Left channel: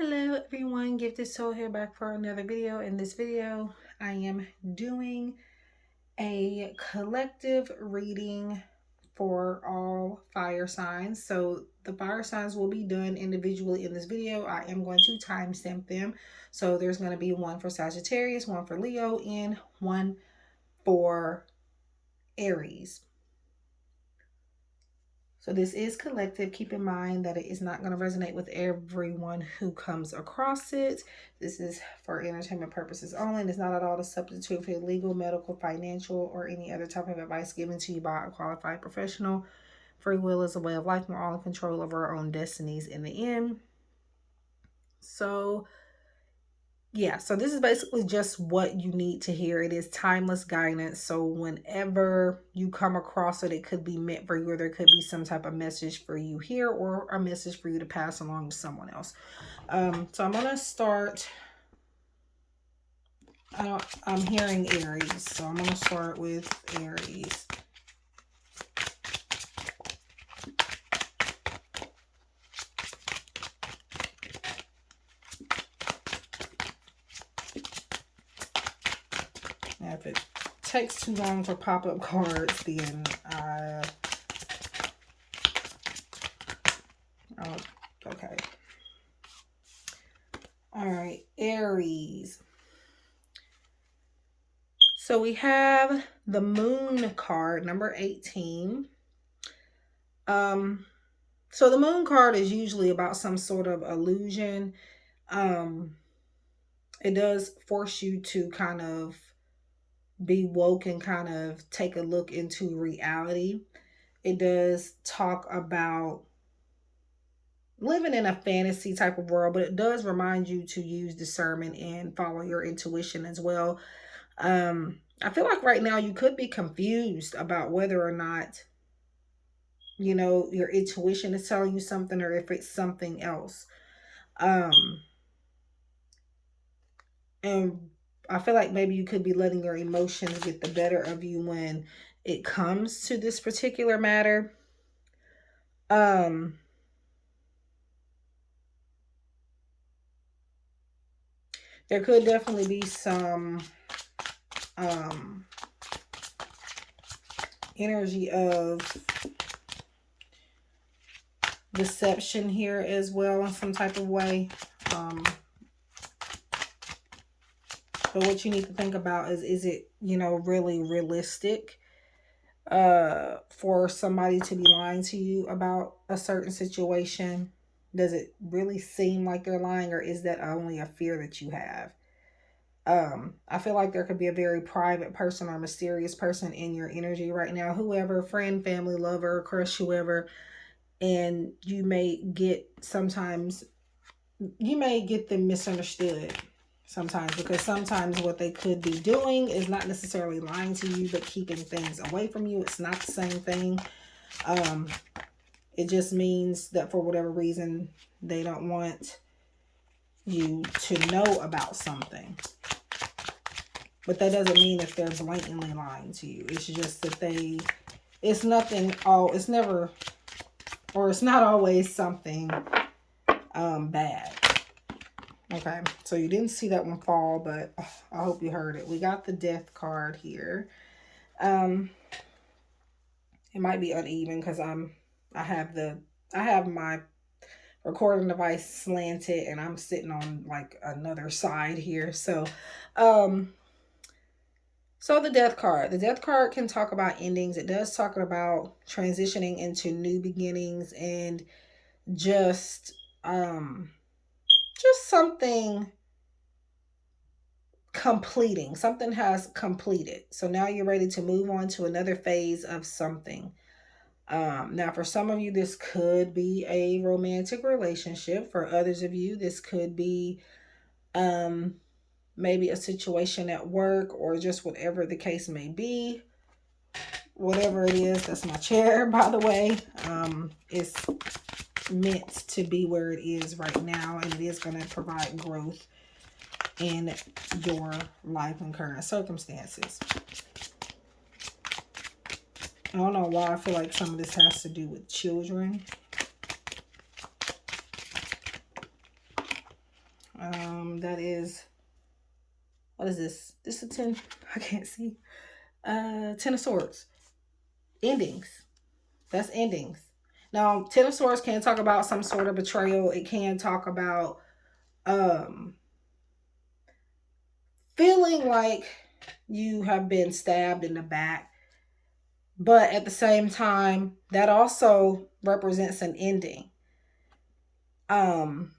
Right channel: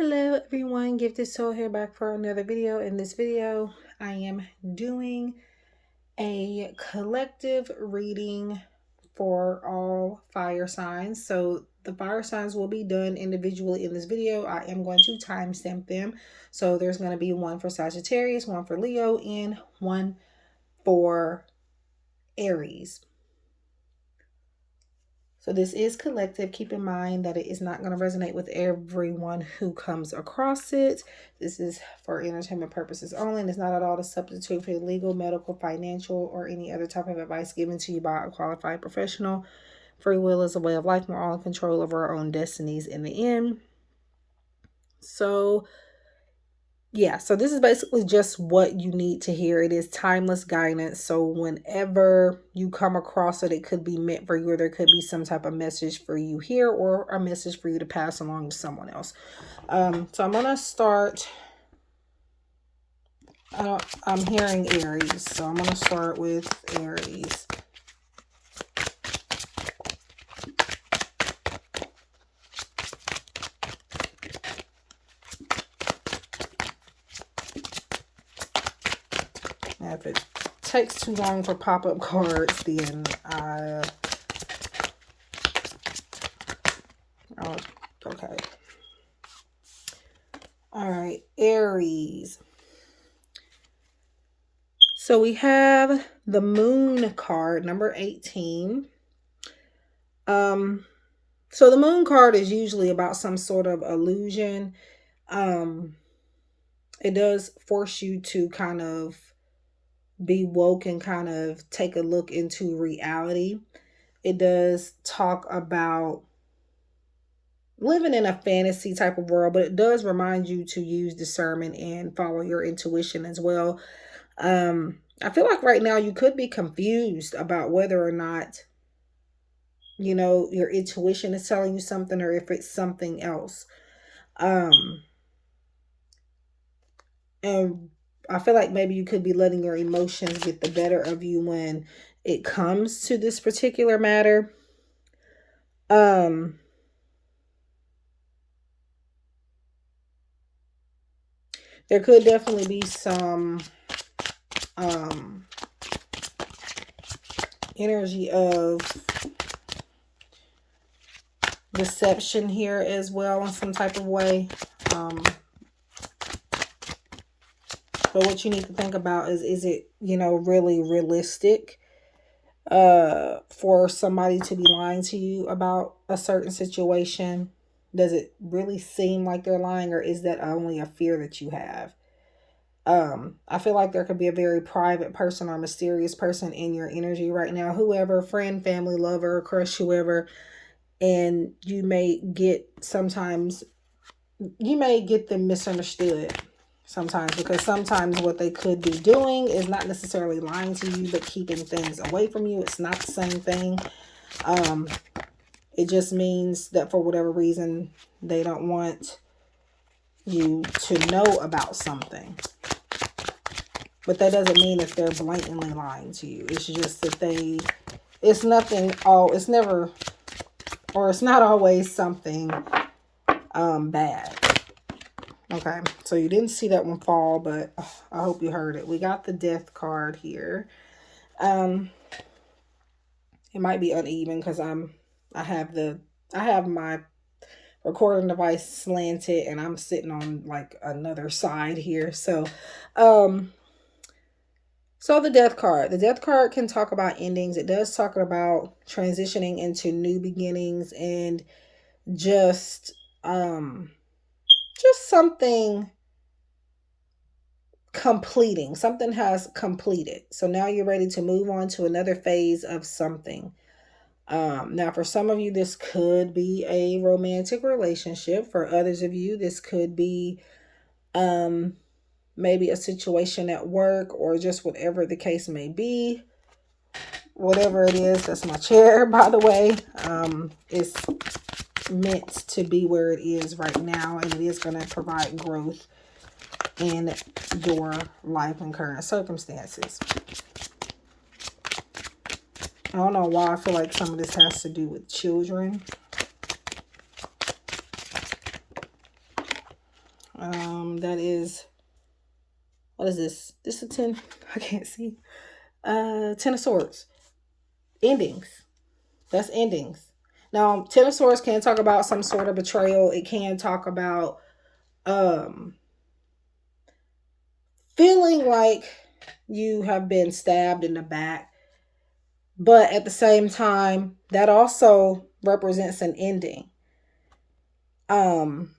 Hello everyone, GiftedSoul here back for another video. In this video, I am doing a collective reading for all fire signs. So the fire signs will be done individually in this video. I am going to timestamp them. So there's going to be one for Sagittarius, one for Leo, and one for Aries. So this is collective. Keep in mind that it is not going to resonate with everyone who comes across it. This is for entertainment purposes only, and it's not at all a substitute for legal, medical, financial, or any other type of advice given to you by a qualified professional. Free will is a way of life. We're all in control of our own destinies in the end. So yeah, so this is basically just what you need to hear. It is timeless guidance. So whenever you come across it, it could be meant for you, or there could be some type of message for you here, or a message for you to pass along to someone else. So I'm going to start. I'm hearing Aries. So I'm going to start with Aries. If it takes too long for pop-up cards, then oh, okay. All right, Aries. So we have the Moon card, number 18. So the Moon card is usually about some sort of illusion. It does force you to kind of be woke and kind of take a look into reality. It does talk about living in a fantasy type of world, but it does remind you to use discernment and follow your intuition as well. I feel like right now you could be confused about whether or not, you know, your intuition is telling you something or if it's something else. And I feel like maybe you could be letting your emotions get the better of you when it comes to this particular matter. There could definitely be some energy of deception here as well in some type of way. But what you need to think about is it, you know, really realistic for somebody to be lying to you about a certain situation? Does it really seem like they're lying, or is that only a fear that you have? I feel like there could be a very private person or mysterious person in your energy right now, whoever, friend, family, lover, crush, whoever, and you may get them misunderstood sometimes, because sometimes what they could be doing is not necessarily lying to you, but keeping things away from you. It's not the same thing. It just means that for whatever reason, they don't want you to know about something. But that doesn't mean if they're blatantly lying to you. It's just that it's not always something bad. Okay, so you didn't see that one fall, but I hope you heard it. We got the Death card here. It might be uneven because I have my recording device slanted and I'm sitting on like another side here. So the Death card. The Death card can talk about endings. It does talk about transitioning into new beginnings and just something completing. Something has completed. So now you're ready to move on to another phase of something. Now, for some of you, this could be a romantic relationship. For others of you, this could be maybe a situation at work, or just whatever the case may be. Whatever it is, that's my chair, by the way. It's meant to be where it is right now, and it is going to provide growth in your life and current circumstances. I don't know why I feel like some of this has to do with children. What is this? This is a 10. I can't see. 10 of Swords. Endings. That's endings. Now, Ten of Swords can talk about some sort of betrayal. It can talk about feeling like you have been stabbed in the back. But at the same time, that also represents an ending. Um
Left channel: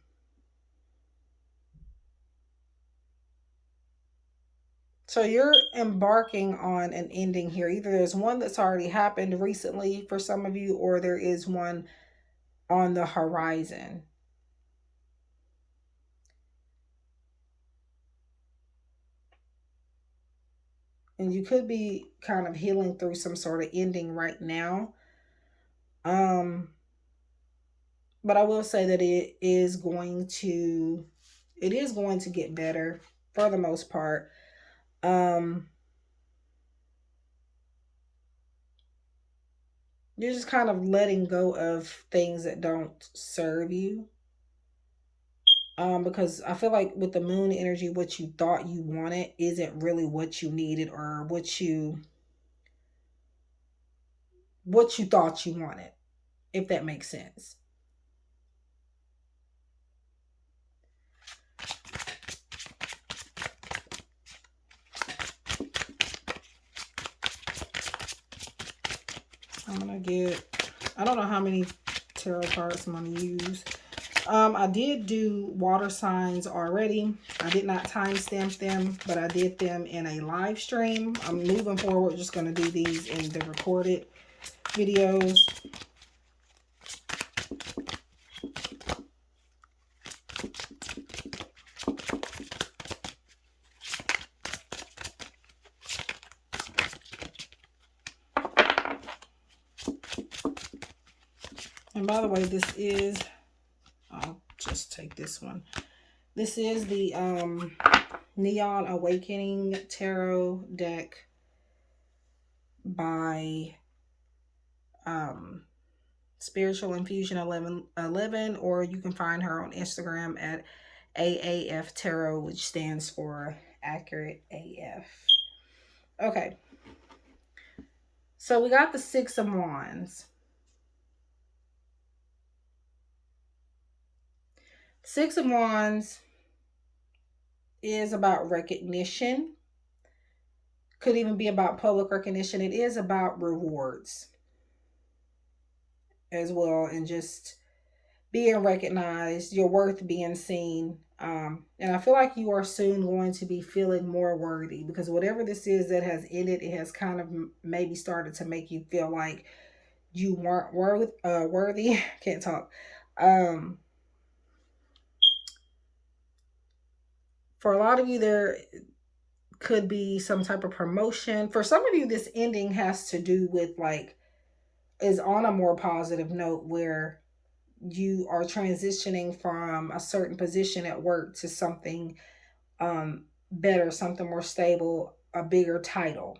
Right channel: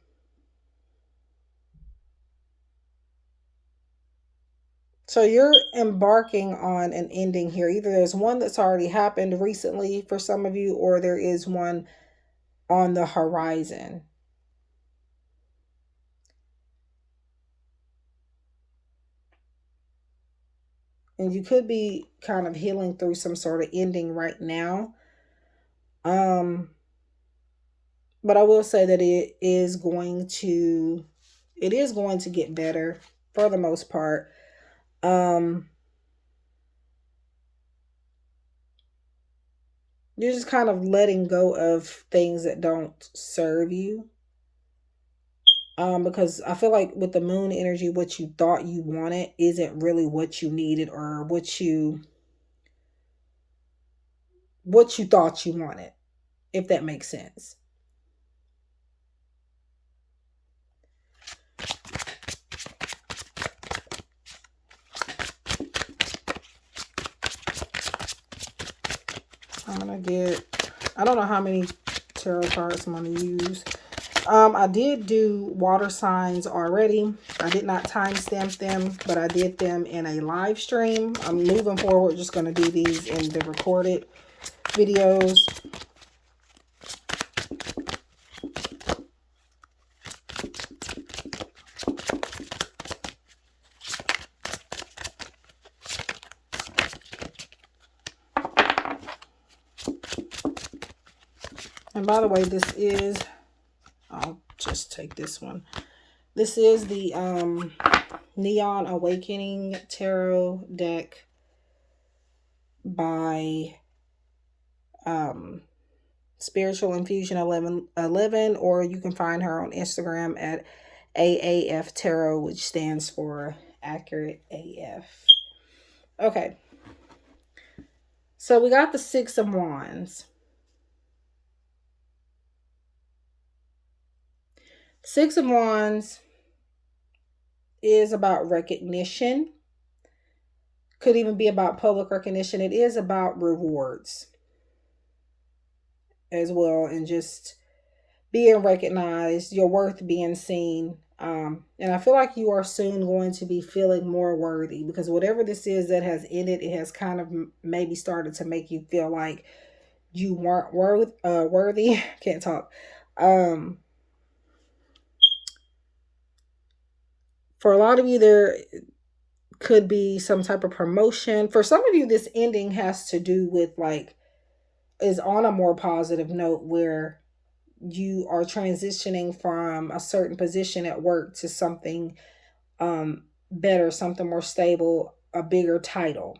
so you're embarking on an ending here. Either there's one that's already happened recently for some of you, or there is one on the horizon. And you could be kind of healing through some sort of ending right now. But I will say that it is going to get better for the most part. You're just kind of letting go of things that don't serve you. Because I feel like with the moon energy, what you thought you wanted isn't really what you needed, or what you thought you wanted, if that makes sense. I don't know how many tarot cards I'm gonna use. I did do water signs already. I did not timestamp them, but I did them in a live stream. I'm moving forward, just gonna do these in the recorded videos. And by the way, I'll just take this one. This is the Neon Awakening Tarot deck by Spiritual Infusion 11, or you can find her on Instagram at AAF Tarot, which stands for Accurate AF. Okay. So we got the Six of Wands. Six of Wands is about recognition. Could even be about public recognition. It is about rewards as well, and just being recognized, your worth being seen. And I feel like you are soon going to be feeling more worthy, because whatever this is that has ended, it has kind of maybe started to make you feel like you weren't worthy. Can't talk. For a lot of you, there could be some type of promotion. For some of you, this ending has to do with is on a more positive note, where you are transitioning from a certain position at work to something better, something more stable, a bigger title.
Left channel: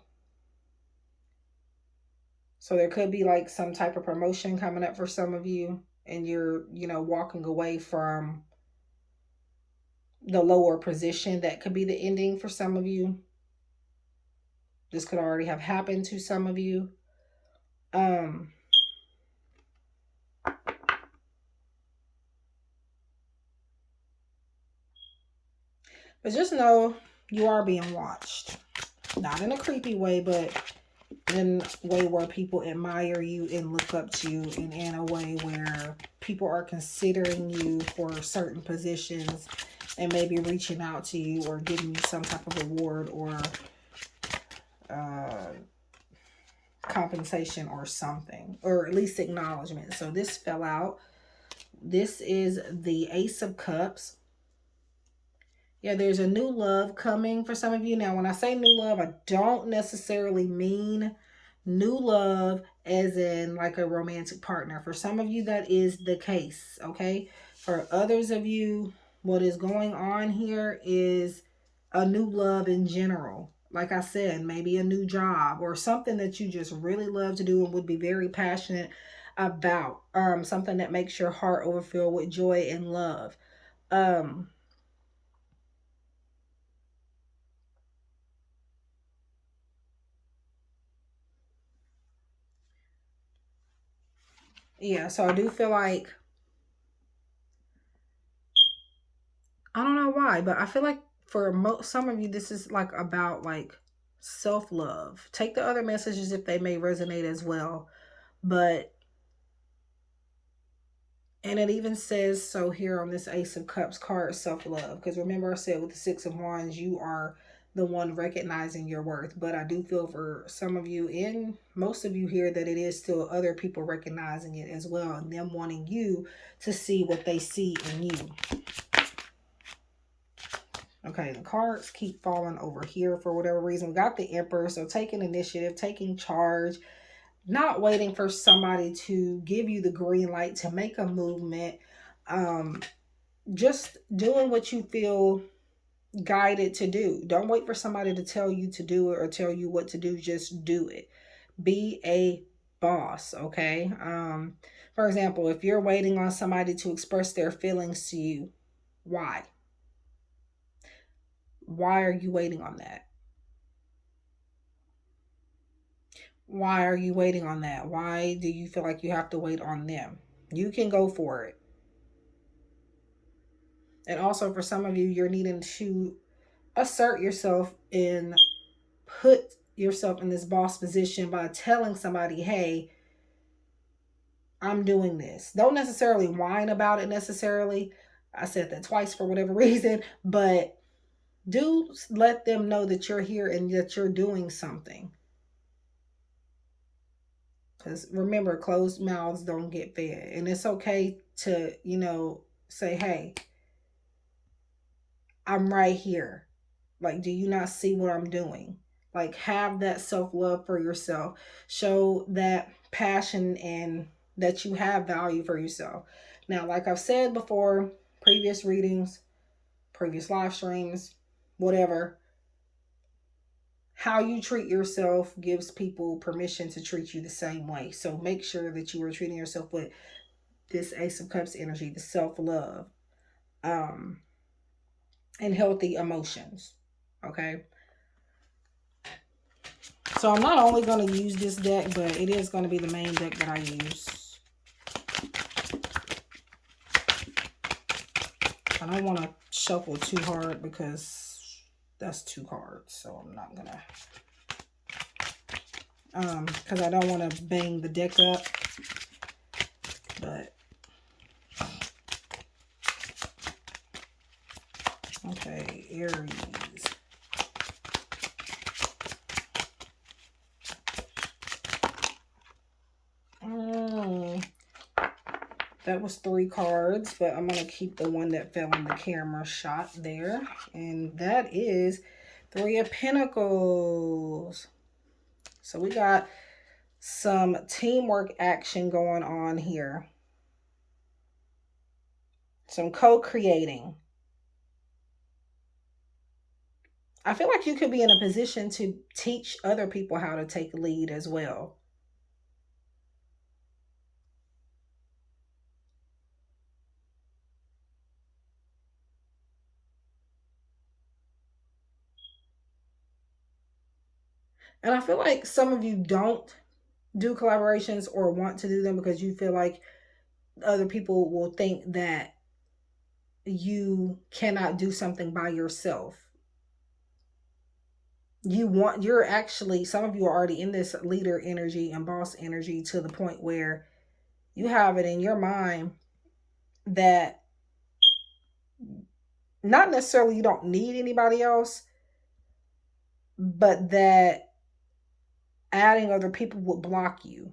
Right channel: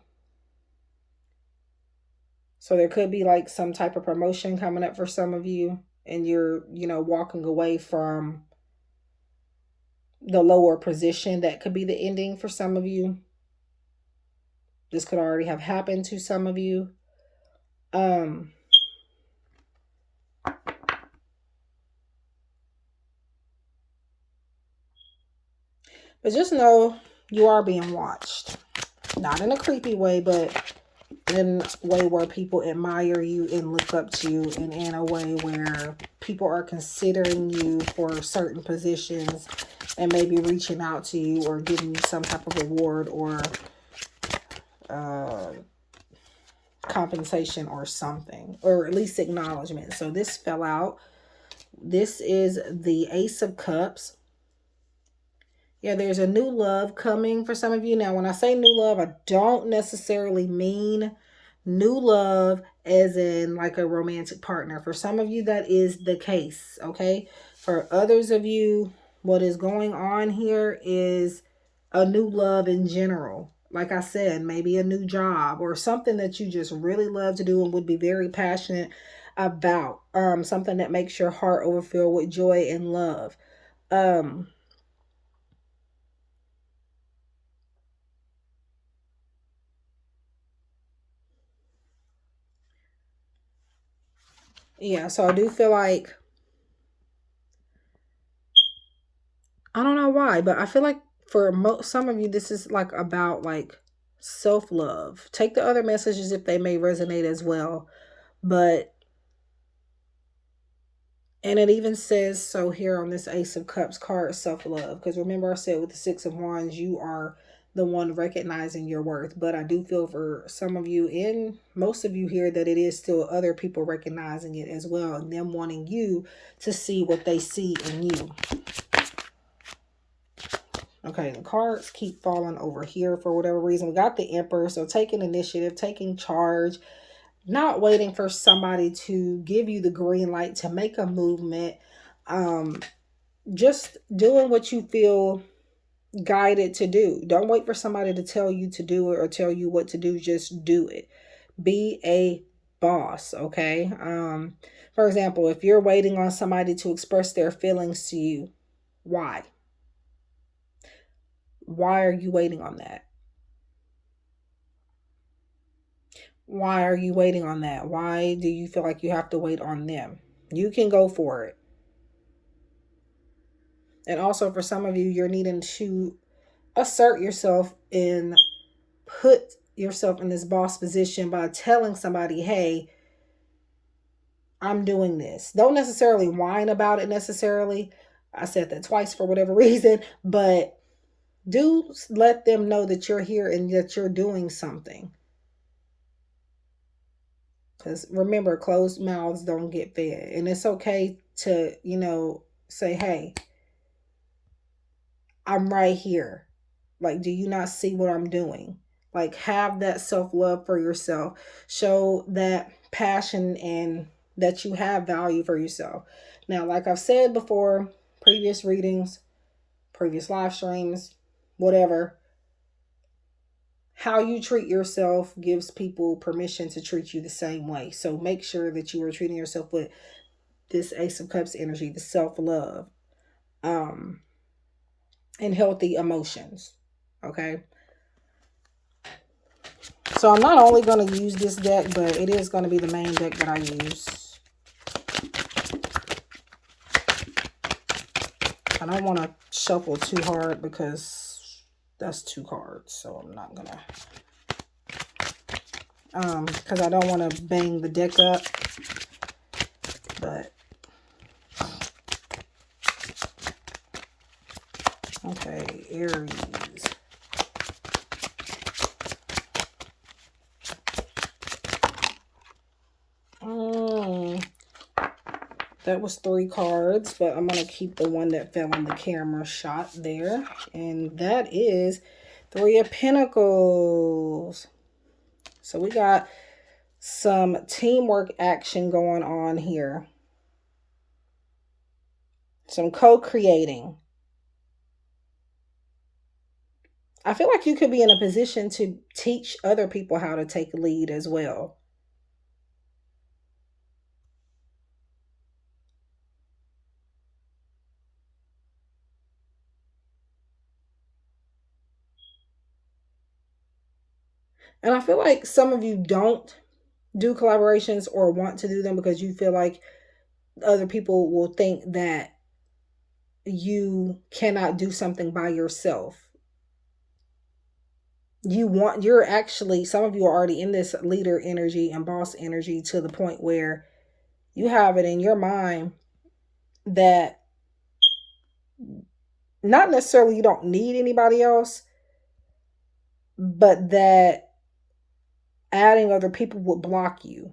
So there could be like some type of promotion coming up for some of you, and you're, walking away from the lower position. That could be the ending for some of you. This could already have happened to some of you. But just know you are being watched. Not in a creepy way, but in a way where people admire you and look up to you, and in a way where people are considering you for certain positions and maybe reaching out to you or giving you some type of award or compensation or something, or at least acknowledgement. So this fell out. This is the Ace of Cups. Yeah, there's a new love coming for some of you. Now, when I say new love, I don't necessarily mean new love as in like a romantic partner. For some of you, that is the case, okay? For others of you, what is going on here is a new love in general. Like I said, maybe a new job or something that you just really love to do and would be very passionate about. Something that makes your heart overfill with joy and love. Yeah, so I do feel like, I don't know why, but I feel like for some of you, this is like about like self love. Take the other messages if they may resonate as well. But, and it even says so here on this Ace of Cups card, self love. Because remember, I said with the Six of Wands, you are the one recognizing your worth. But I do feel for some of you and most of you here that it is still other people recognizing it as well, and them wanting you to see what they see in you. Okay, the cards keep falling over here for whatever reason. We got the Emperor, so taking initiative, taking charge, not waiting for somebody to give you the green light to make a movement. Just doing what you feel guided to do. Don't wait for somebody to tell you to do it or tell you what to do. Just do it. Be a boss, okay? For example, if you're waiting on somebody to express their feelings to you, why? Why are you waiting on that? Why are you waiting on that? Why do you feel like you have to wait on them? You can go for it. And also, for some of you, you're needing to assert yourself and put yourself in this boss position by telling somebody, hey, I'm doing this. Don't necessarily whine about it necessarily. I said that twice for whatever reason, but do let them know that you're here and that you're doing something. Because remember, closed mouths don't get fed. And it's okay to, say, hey, I'm right here. Like, do you not see what I'm doing? Like, have that self love for yourself. Show that passion and that you have value for yourself. Now, like I've said before, previous readings, previous live streams, whatever, how you treat yourself gives people permission to treat you the same way. So make sure that you are treating yourself with this Ace of Cups energy, the self love, um, and healthy emotions. Okay. So I'm not only going to use this deck, but it is going to be the main deck that I use. I don't want to shuffle too hard because that's 2 cards. So I'm not going to, because I don't want to bang the deck up. But, okay, Aries. That was 3 cards, but I'm going to keep the one that fell in the camera shot there. And that is 3 of Pentacles. So we got some teamwork action going on here. Some co-creating. I feel like you could be in a position to teach other people how to take lead as well. And I feel like some of you don't do collaborations or want to do them because you feel like other people will think that you cannot do something by yourself. You're actually, some of you are already in this leader energy and boss energy to the point where you have it in your mind that not necessarily you don't need anybody else, but that adding other people would block you.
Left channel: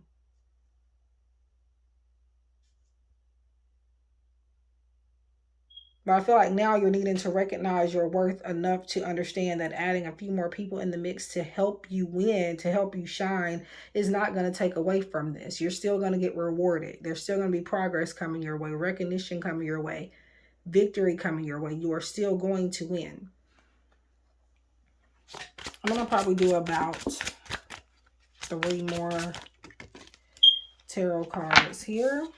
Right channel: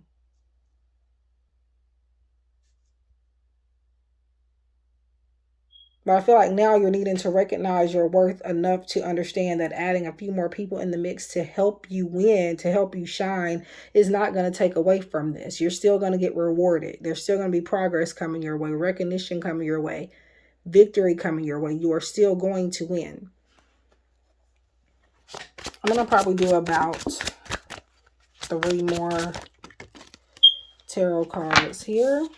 But I feel like now you're needing to recognize your worth enough to understand that adding a few more people in the mix to help you win, to help you shine, is not going to take away from this. You're still going to get rewarded. There's still going to be progress coming your way, recognition coming your way, victory coming your way. You are still going to win. I'm going to probably do about 3 more tarot cards here.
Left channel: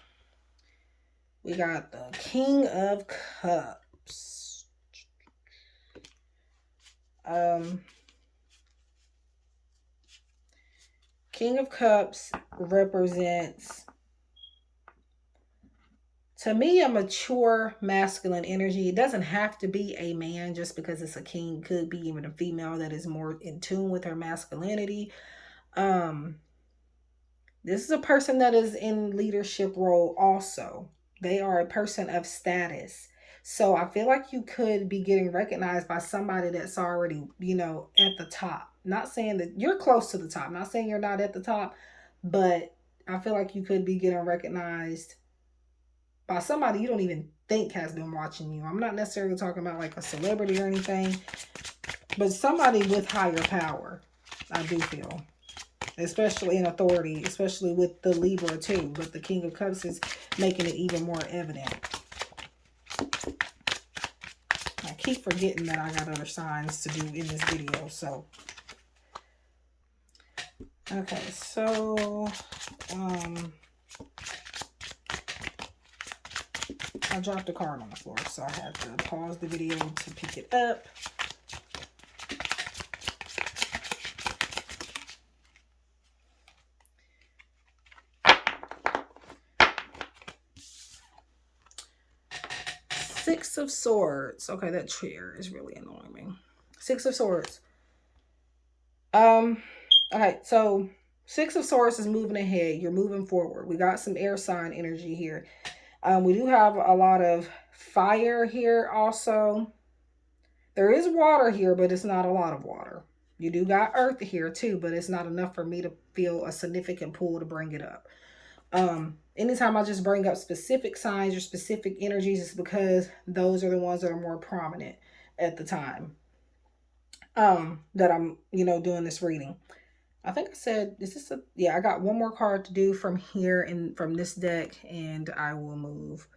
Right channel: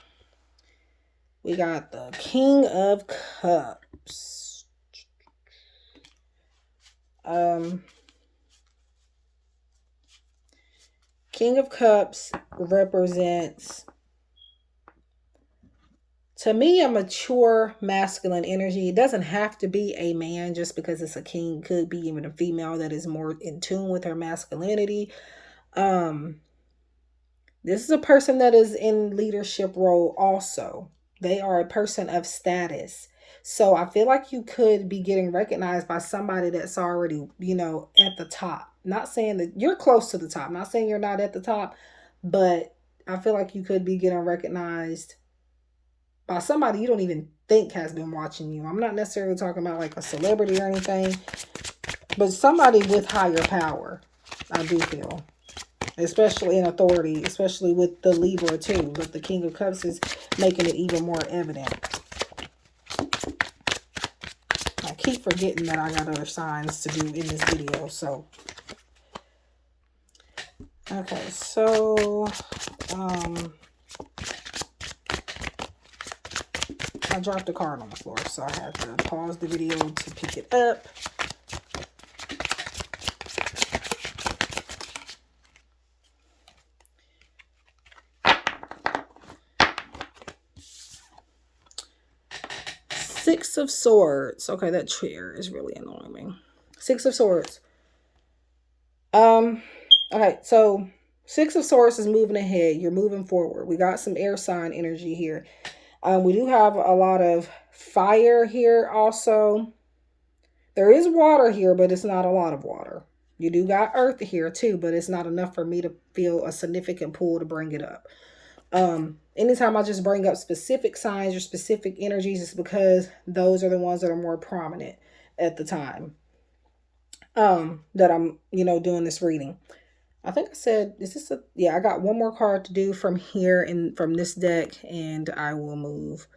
We got the King of Cups. King of Cups represents To me, a mature masculine energy, it doesn't have to be a man just because it's a king. It could be even a female that is more in tune with her masculinity. This is a person that is in leadership role also. They are a person of status. So I feel like you could be getting recognized by somebody that's already, at the top. Not saying that you're close to the top. Not saying you're not at the top, but I feel like you could be getting recognized by somebody you don't even think has been watching you. I'm not necessarily talking about like a celebrity or anything, but somebody with higher power, I do feel. Especially in authority, especially with the Libra too. But the King of Cups is making it even more evident. I keep forgetting that I got other signs to do in this video. So, okay, so I dropped the card on the floor, so I have to pause the video to pick it up. Six of Swords. Okay, that chair is really annoying me. Six of Swords. Okay, so Six of Swords is moving ahead. You're moving forward. We got some air sign energy here. We do have a lot of fire here also. There is water here, but it's not a lot of water. You do got earth here too, but it's not enough for me to feel a significant pull to bring it up. Anytime I just bring up specific signs or specific energies, it's because those are the ones that are more prominent at the time that I'm, doing this reading. I think I said, yeah, I got one more card to do from here and from this deck, and I will move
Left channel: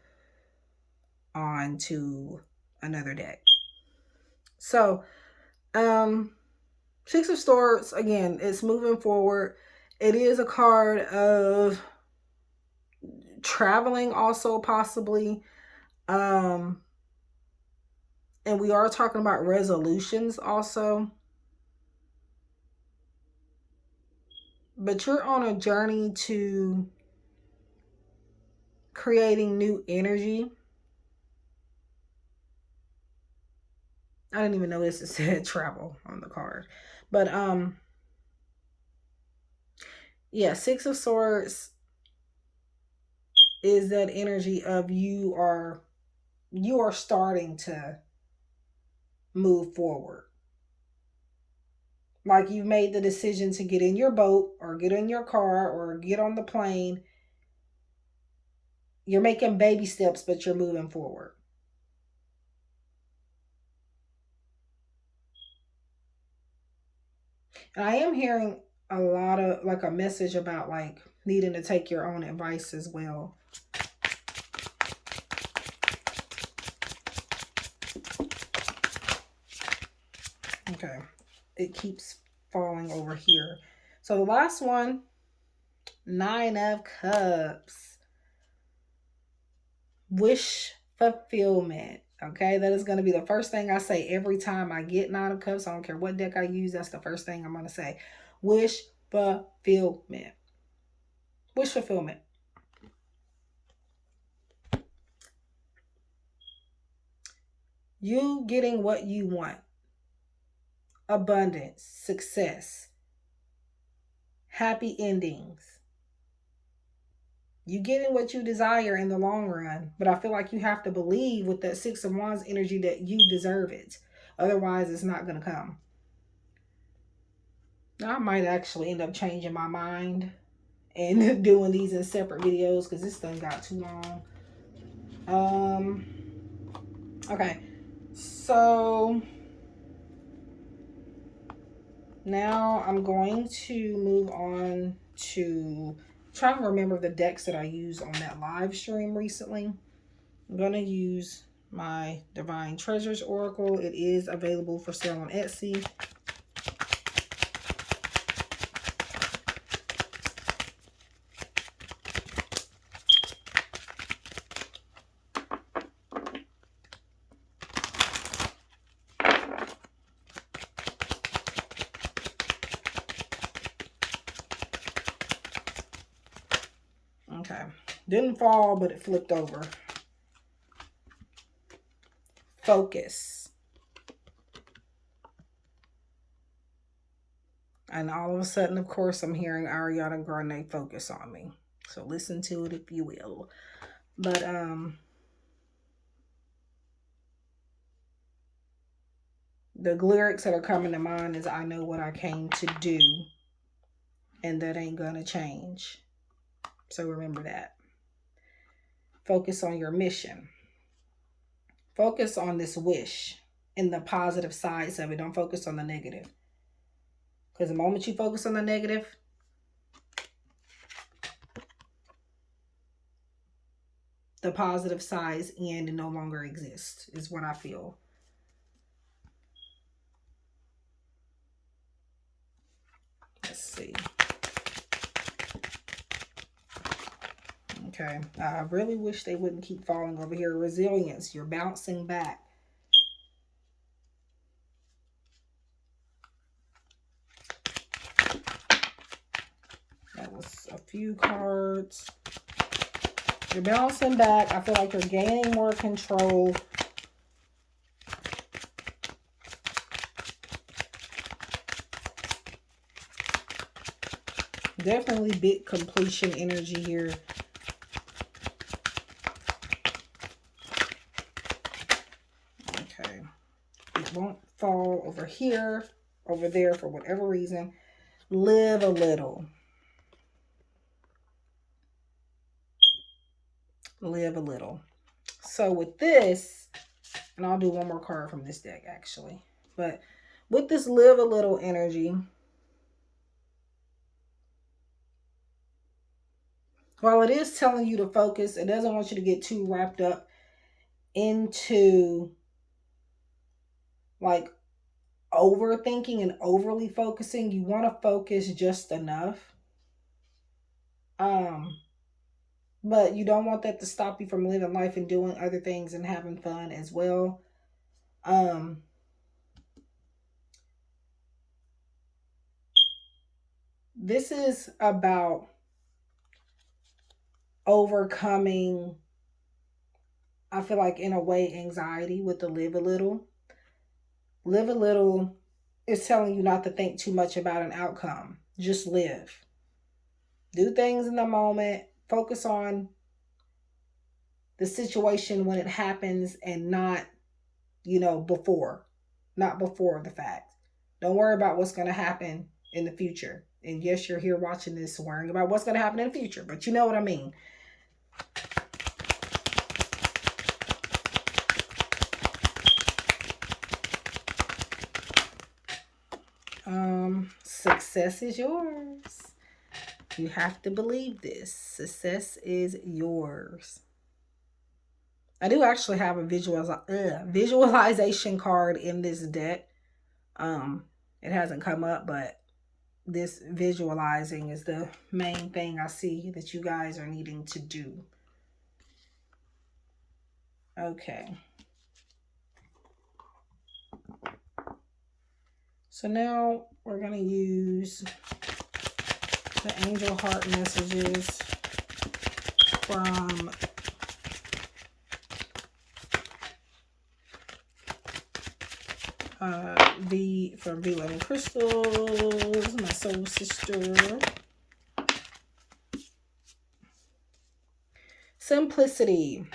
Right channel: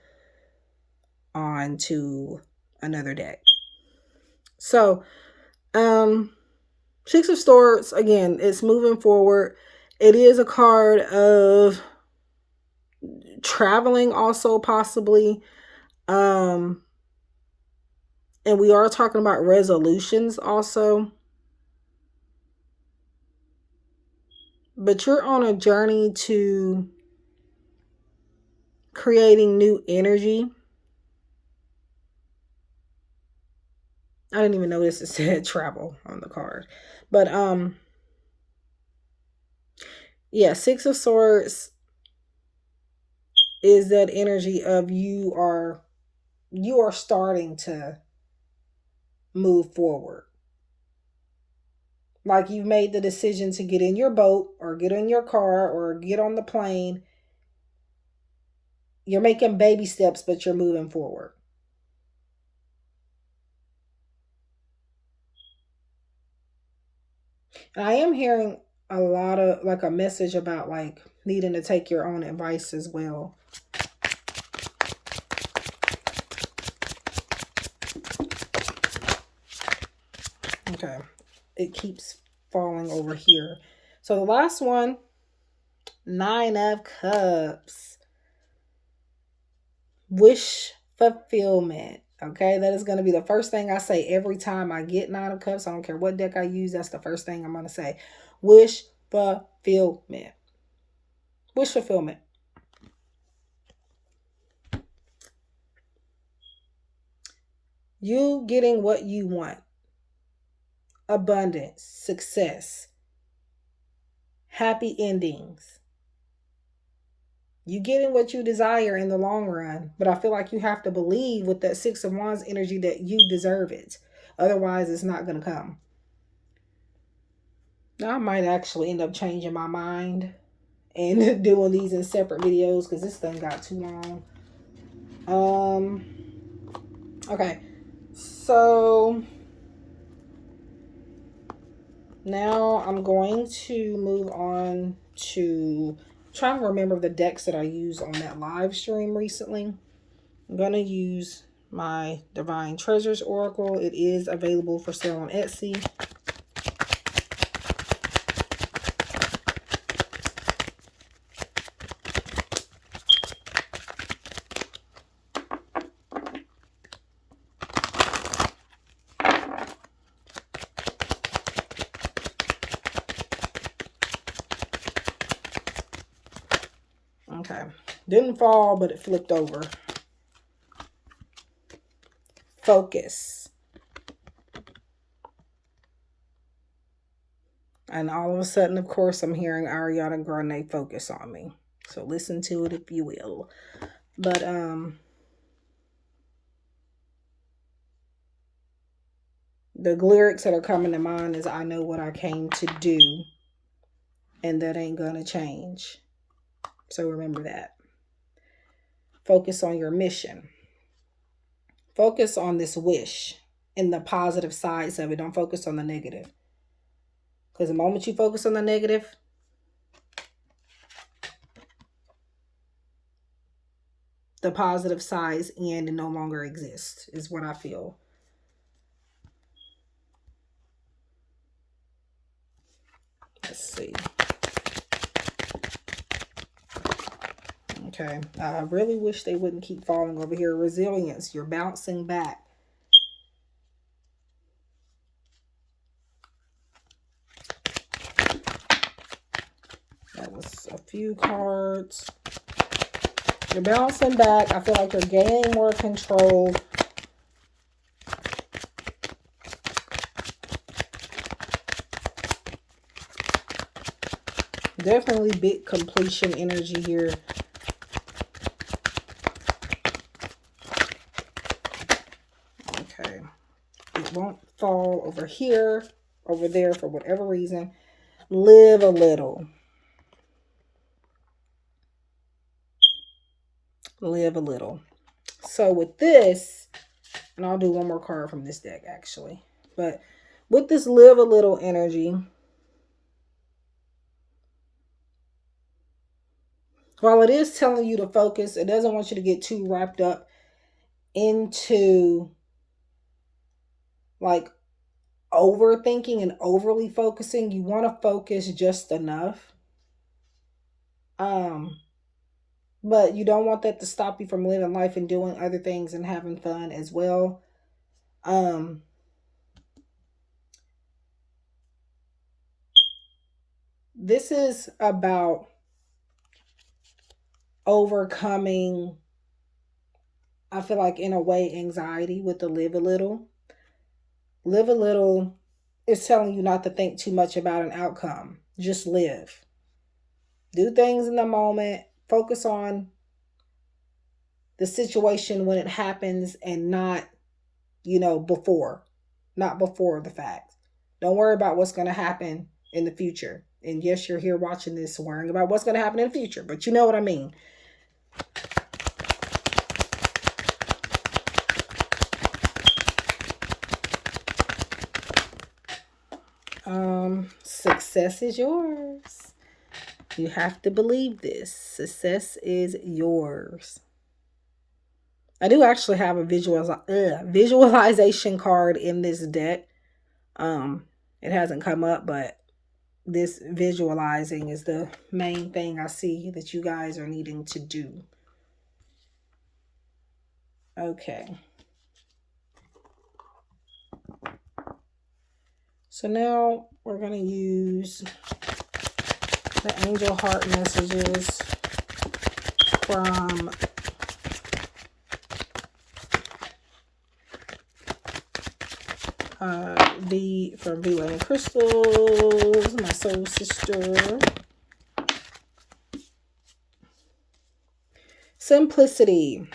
on to another deck. So, Six of Swords, again, it's moving forward. It is a card of traveling also possibly. And we are talking about resolutions also. But you're on a journey to creating new energy. I didn't even notice it said travel on the card. But yeah, Six of Swords is that energy of you are starting to move forward. Like you've made the decision to get in your boat or get in your car or get on the plane. You're making baby steps, but you're moving forward. And I am hearing a lot of like a message about like needing to take your own advice as well. Okay. It keeps falling over here. So the last one, Nine of Cups. Wish fulfillment. Okay, that is going to be the first thing I say every time I get Nine of Cups. I don't care what deck I use. That's the first thing I'm going to say. Wish fulfillment. Wish fulfillment. You getting what you want. Abundance. Success. Happy endings. You getting what you desire in the long run. But I feel like you have to believe with that Six of Wands energy that you deserve it. Otherwise, it's not going to come. Now, I might actually end up changing my mind and doing these in separate videos because this thing got too long. Okay. So now I'm going to move on to try to remember the decks that I used on that live stream recently. I'm going to use my Divine Treasures Oracle. It is available for sale on Etsy. Okay. Didn't fall, but it flipped over. Focus. And all of a sudden, of course, I'm hearing Ariana Grande focus on me. So listen to it if you will. But the lyrics that are coming to mind is, I know what I came to do, and that ain't gonna change. So remember that. Focus on your mission. Focus on this wish and the positive sides of it. Don't focus on the negative. Because the moment you focus on the negative, the positive sides end and no longer exist, is what I feel. Let's see. Okay. I really wish they wouldn't keep falling over here. Resilience. You're bouncing back. That was a few cards. You're bouncing back. I feel like you're gaining more control. Definitely big completion energy here. Okay. It won't fall over here, over there for whatever reason. Live a little. Live a little. So with this, and I'll do one more card from this deck actually, but with this live a little energy, while it is telling you to focus, it doesn't want you to get too wrapped up into like overthinking and overly focusing. You want to focus just enough. But you don't want that to stop you from living life and doing other things and having fun as well. This is about overcoming, I feel like in a way, anxiety with the live a little. Live a little is telling you not to think too much about an outcome. Just live. Do things in the moment. Focus on the situation when it happens and not, before. Not before the fact. Don't worry about what's going to happen in the future. And yes, you're here watching this worrying about what's going to happen in the future. But you know what I mean. Success is yours. You have to believe this. Success is yours. I do actually have a visualization card in this deck. It hasn't come up, but this visualizing is the main thing I see that you guys are needing to do. Okay. So now we're going to use the angel heart messages from from V Crystals, my soul sister. Simplicity.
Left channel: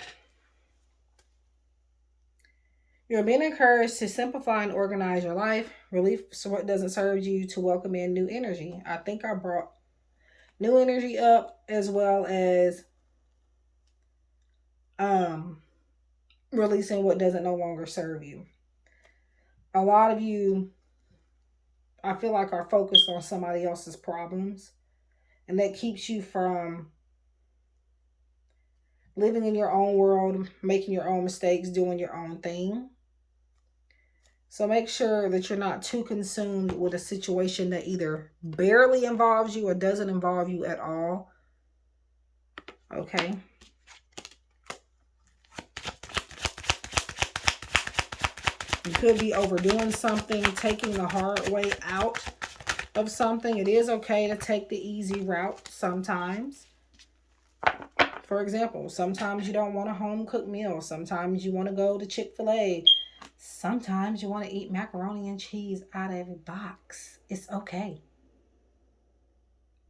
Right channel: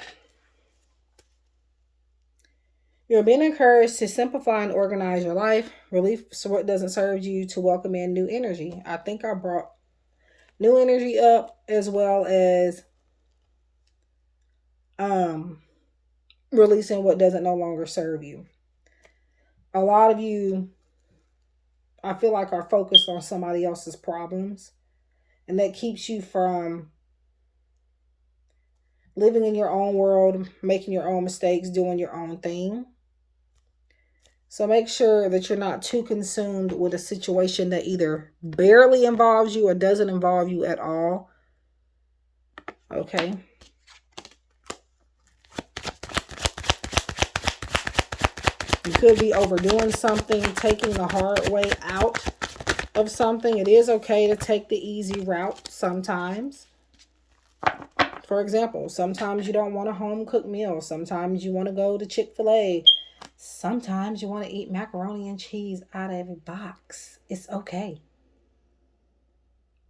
You're being encouraged to simplify and organize your life. Relief so what doesn't serve you, to welcome in new energy. I think I brought new energy up, as well as releasing what doesn't no longer serve you. A lot of you, I feel like, are focused on somebody else's problems, and that keeps you from living in your own world, making your own mistakes, doing your own thing. So make sure that you're not too consumed with a situation that either barely involves you or doesn't involve you at all. Okay. You could be overdoing something, taking the hard way out of something. It is okay to take the easy route sometimes. For example, sometimes you don't want a home cooked meal. Sometimes you want to go to Chick-fil-A. Sometimes you want to eat macaroni and cheese out of a box. It's okay.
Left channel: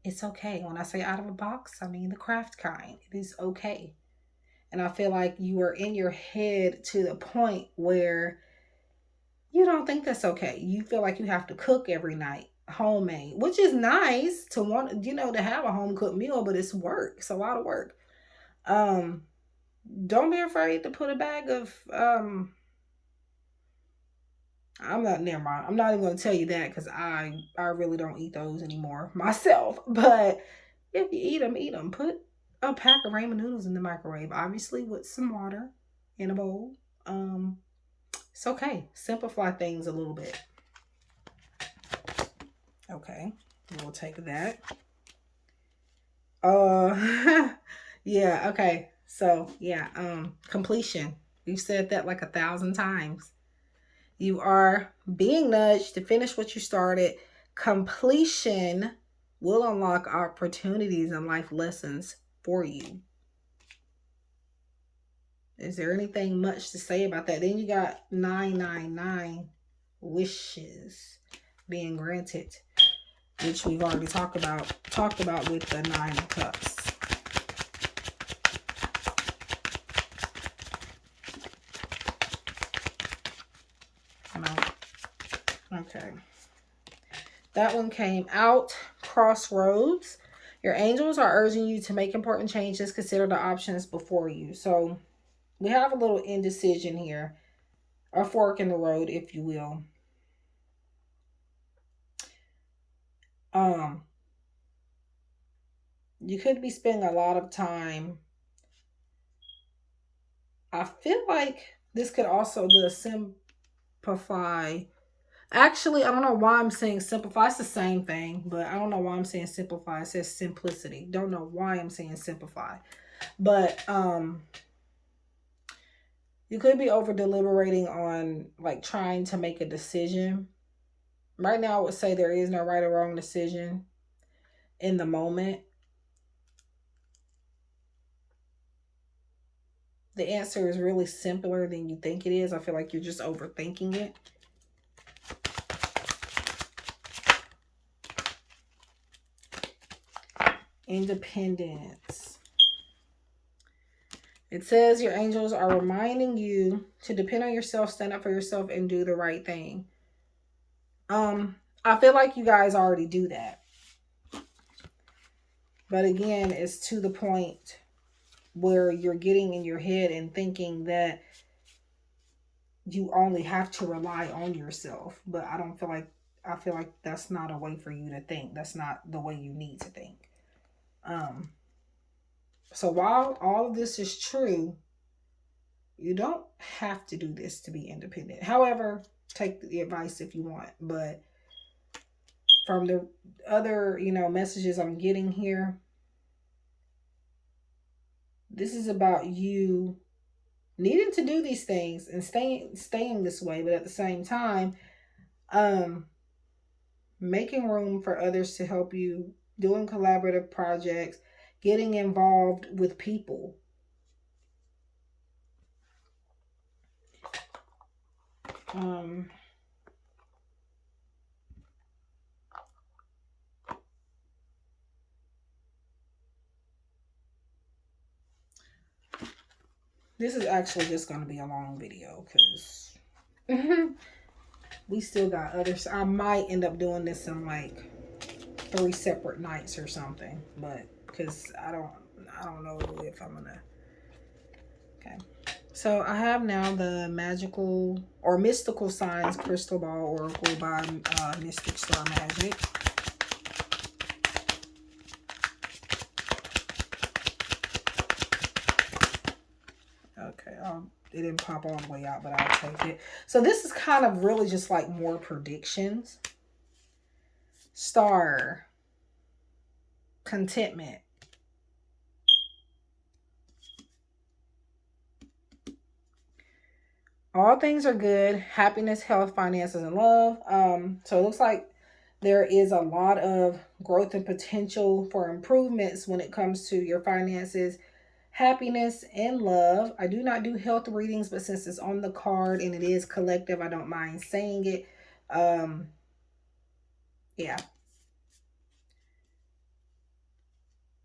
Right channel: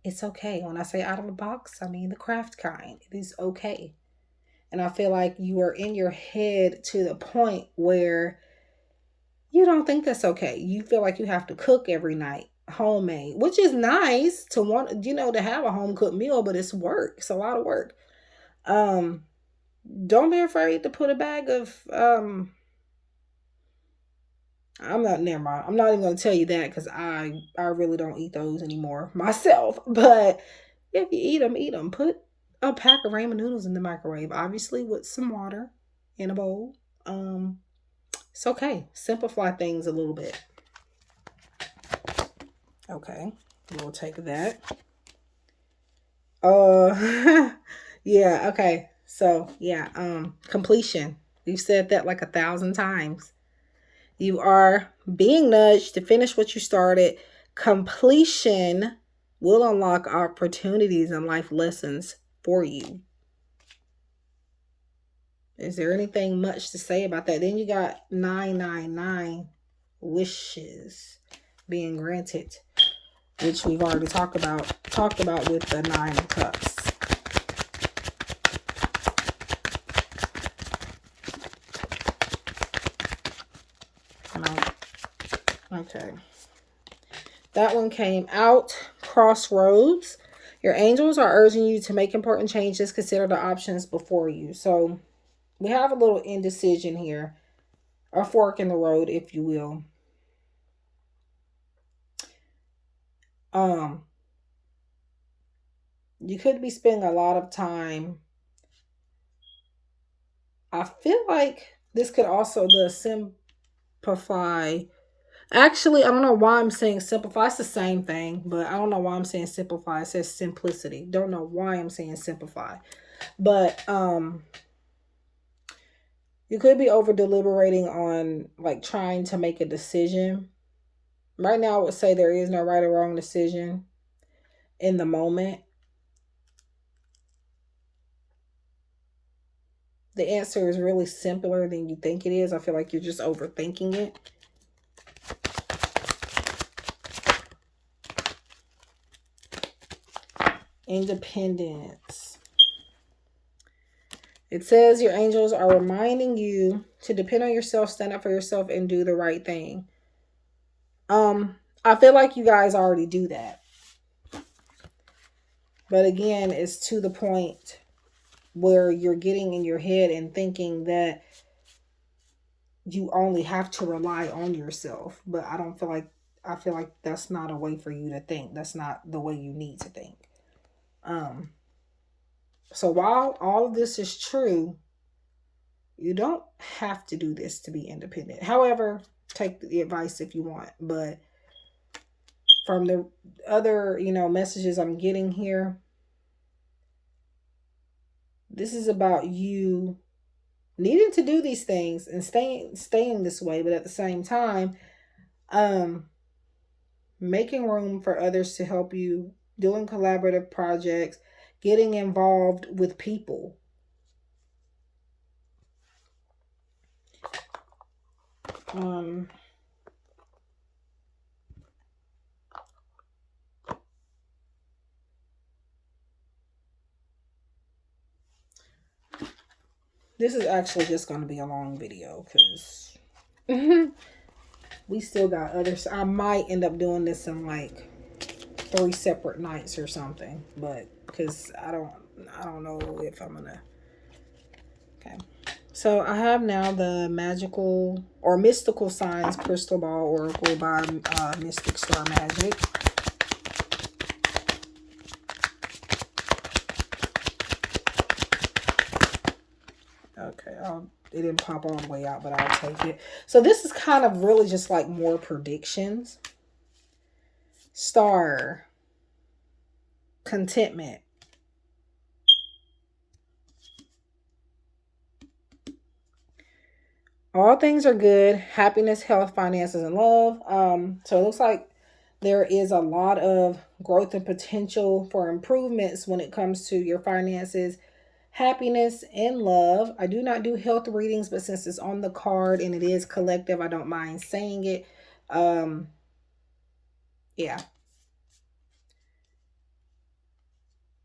It's okay. When I say out of a box, I mean the craft kind. It is okay. And I feel like you are in your head to the point where you don't think that's okay. You feel like you have to cook every night, homemade, which is nice to want, to have a home cooked meal, but it's work. It's a lot of work. Um, don't be afraid to put a bag of I'm not never mind. I'm not even gonna tell you that because I really don't eat those anymore myself. But if you eat them, eat them. Put a pack of ramen noodles in the microwave, obviously with some water in a bowl. It's okay. Simplify things a little bit. Okay, we'll take that. Yeah, okay. So yeah, completion. We've said that like 1,000 times. You are being nudged to finish what you started. Completion will unlock opportunities and life lessons for you. Is there anything much to say about that? Then you got 999 wishes being granted, which we've already talked about with the 9 of Cups. Okay. That one came out. Crossroads. Your angels are urging you to make important changes. Consider the options before you. So we have a little indecision here. A fork in the road, if you will. You could be spending a lot of time. I feel like this could also simplify. Actually, I don't know why I'm saying simplify. It's the same thing, but I don't know why I'm saying simplify. It says simplicity. Don't know why I'm saying simplify. But you could be over deliberating on like trying to make a decision. Right now, I would say there is no right or wrong decision in the moment. The answer is really simpler than you think it is. I feel like you're just overthinking it. Independence. It says your angels are reminding you to depend on yourself, stand up for yourself, and do the right thing. I feel like you guys already do that. But again, it's to the point where you're getting in your head and thinking that you only have to rely on yourself. But I feel like that's not a way for you to think. That's not the way you need to think. So while all of this is true, you don't have to do this to be independent. However, take the advice if you want. But from the other, messages I'm getting here, this is about you needing to do these things and staying this way, but at the same time, making room for others to help you, doing collaborative projects, getting involved with people. This is actually just going to be a long video because we still got others. I might end up doing this in like 3 separate nights or something, but because I don't know if I'm gonna. Okay, so I have now the magical or mystical signs crystal ball oracle by Mystic Star Magic. Okay, it didn't pop all the way out, but I'll take it. So this is kind of really just like more predictions. Star. Contentment. All things are good. Happiness, health, finances, and love. So it looks like there is a lot of growth and potential for improvements when it comes to your finances, happiness, and love. I do not do health readings, but since it's on the card and it is collective, I don't mind saying it. Yeah.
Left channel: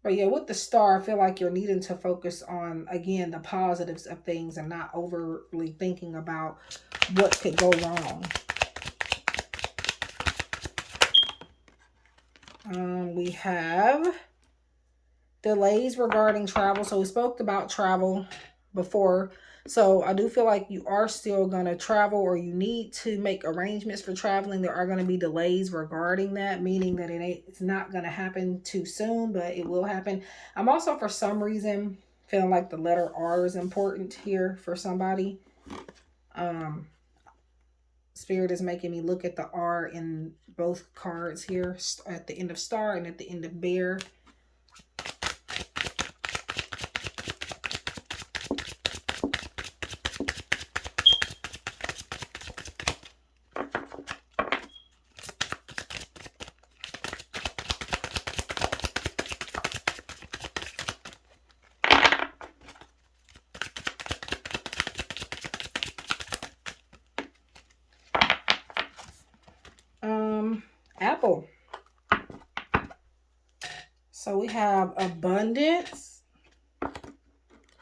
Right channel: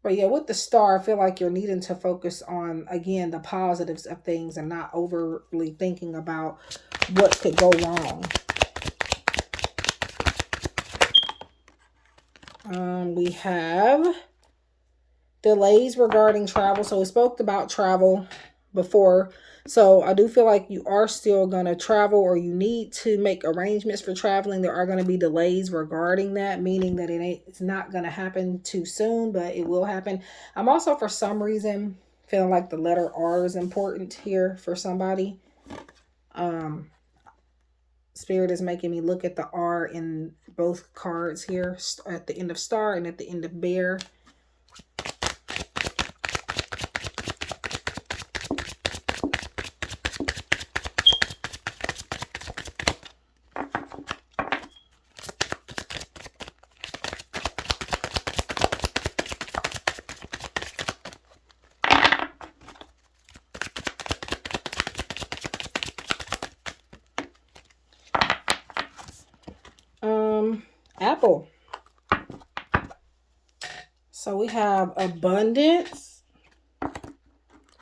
But yeah, with the star, I feel like you're needing to focus on, again, the positives of things and not overly thinking about what could go wrong. We have delays regarding travel. So we spoke about travel before. So I do feel like you are still going to travel, or you need to make arrangements for traveling. There are going to be delays regarding that, meaning that it's not going to happen too soon, but it will happen. I'm also, for some reason, feeling like the letter R is important here for somebody. Spirit is making me look at the R in both cards here, at the end of star and at the end of bear. Apple. So we have abundance.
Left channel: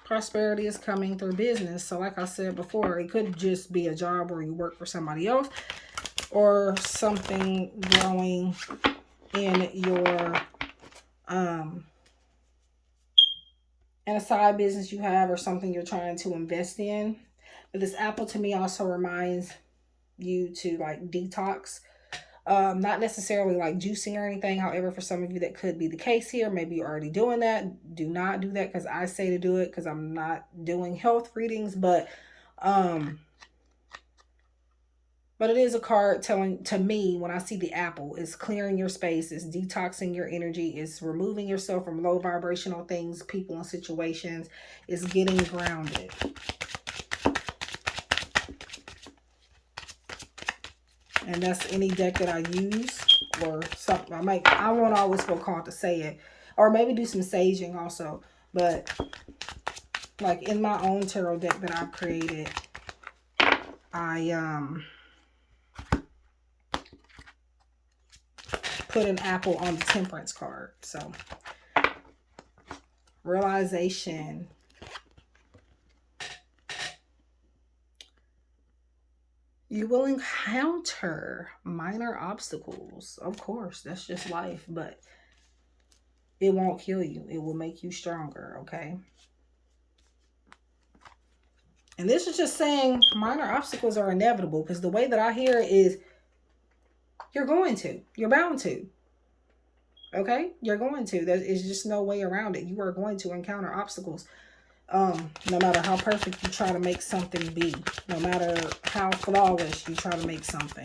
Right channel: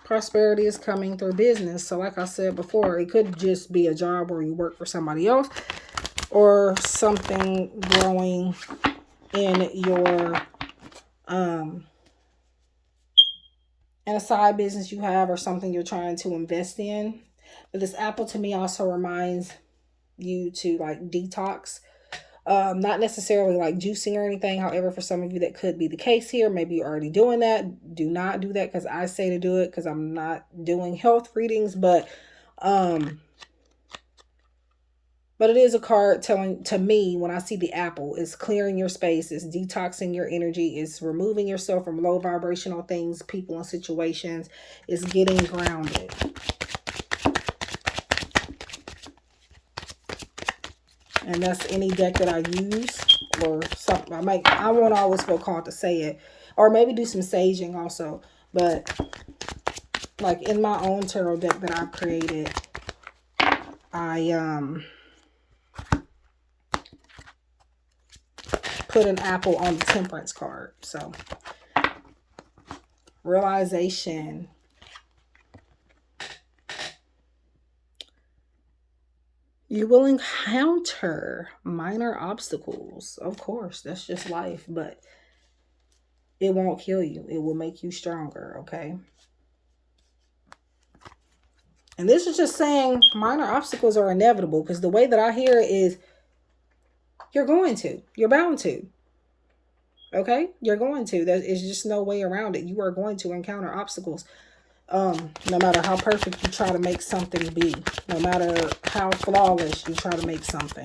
Prosperity is coming through business. So like I said before, it could just be a job where you work for somebody else, or something growing in your in a side business you have, or something you're trying to invest in. But this apple to me also reminds you to like detox. Not necessarily like juicing or anything. However, for some of you that could be the case here. Maybe you're already doing that. Do not do that, because I say to do it, because I'm not doing health readings. But it is a card telling to me, when I see the apple, is clearing your space, is detoxing your energy, is removing yourself from low vibrational things, people, and situations, is getting grounded. And that's any deck that I use, or something. I won't always feel called to say it, or maybe do some saging also. But like in my own tarot deck that I've created, I put an apple on the Temperance card. So realization. You will encounter minor obstacles. Of course, that's just life, but it won't kill you. It will make you stronger, okay? And this is just saying minor obstacles are inevitable, because the way that I hear it is you're going to. You're bound to. Okay? You're going to. There is just no way around it. You are going to encounter obstacles. No matter how perfect you try to make something be, no matter how flawless you try to make something.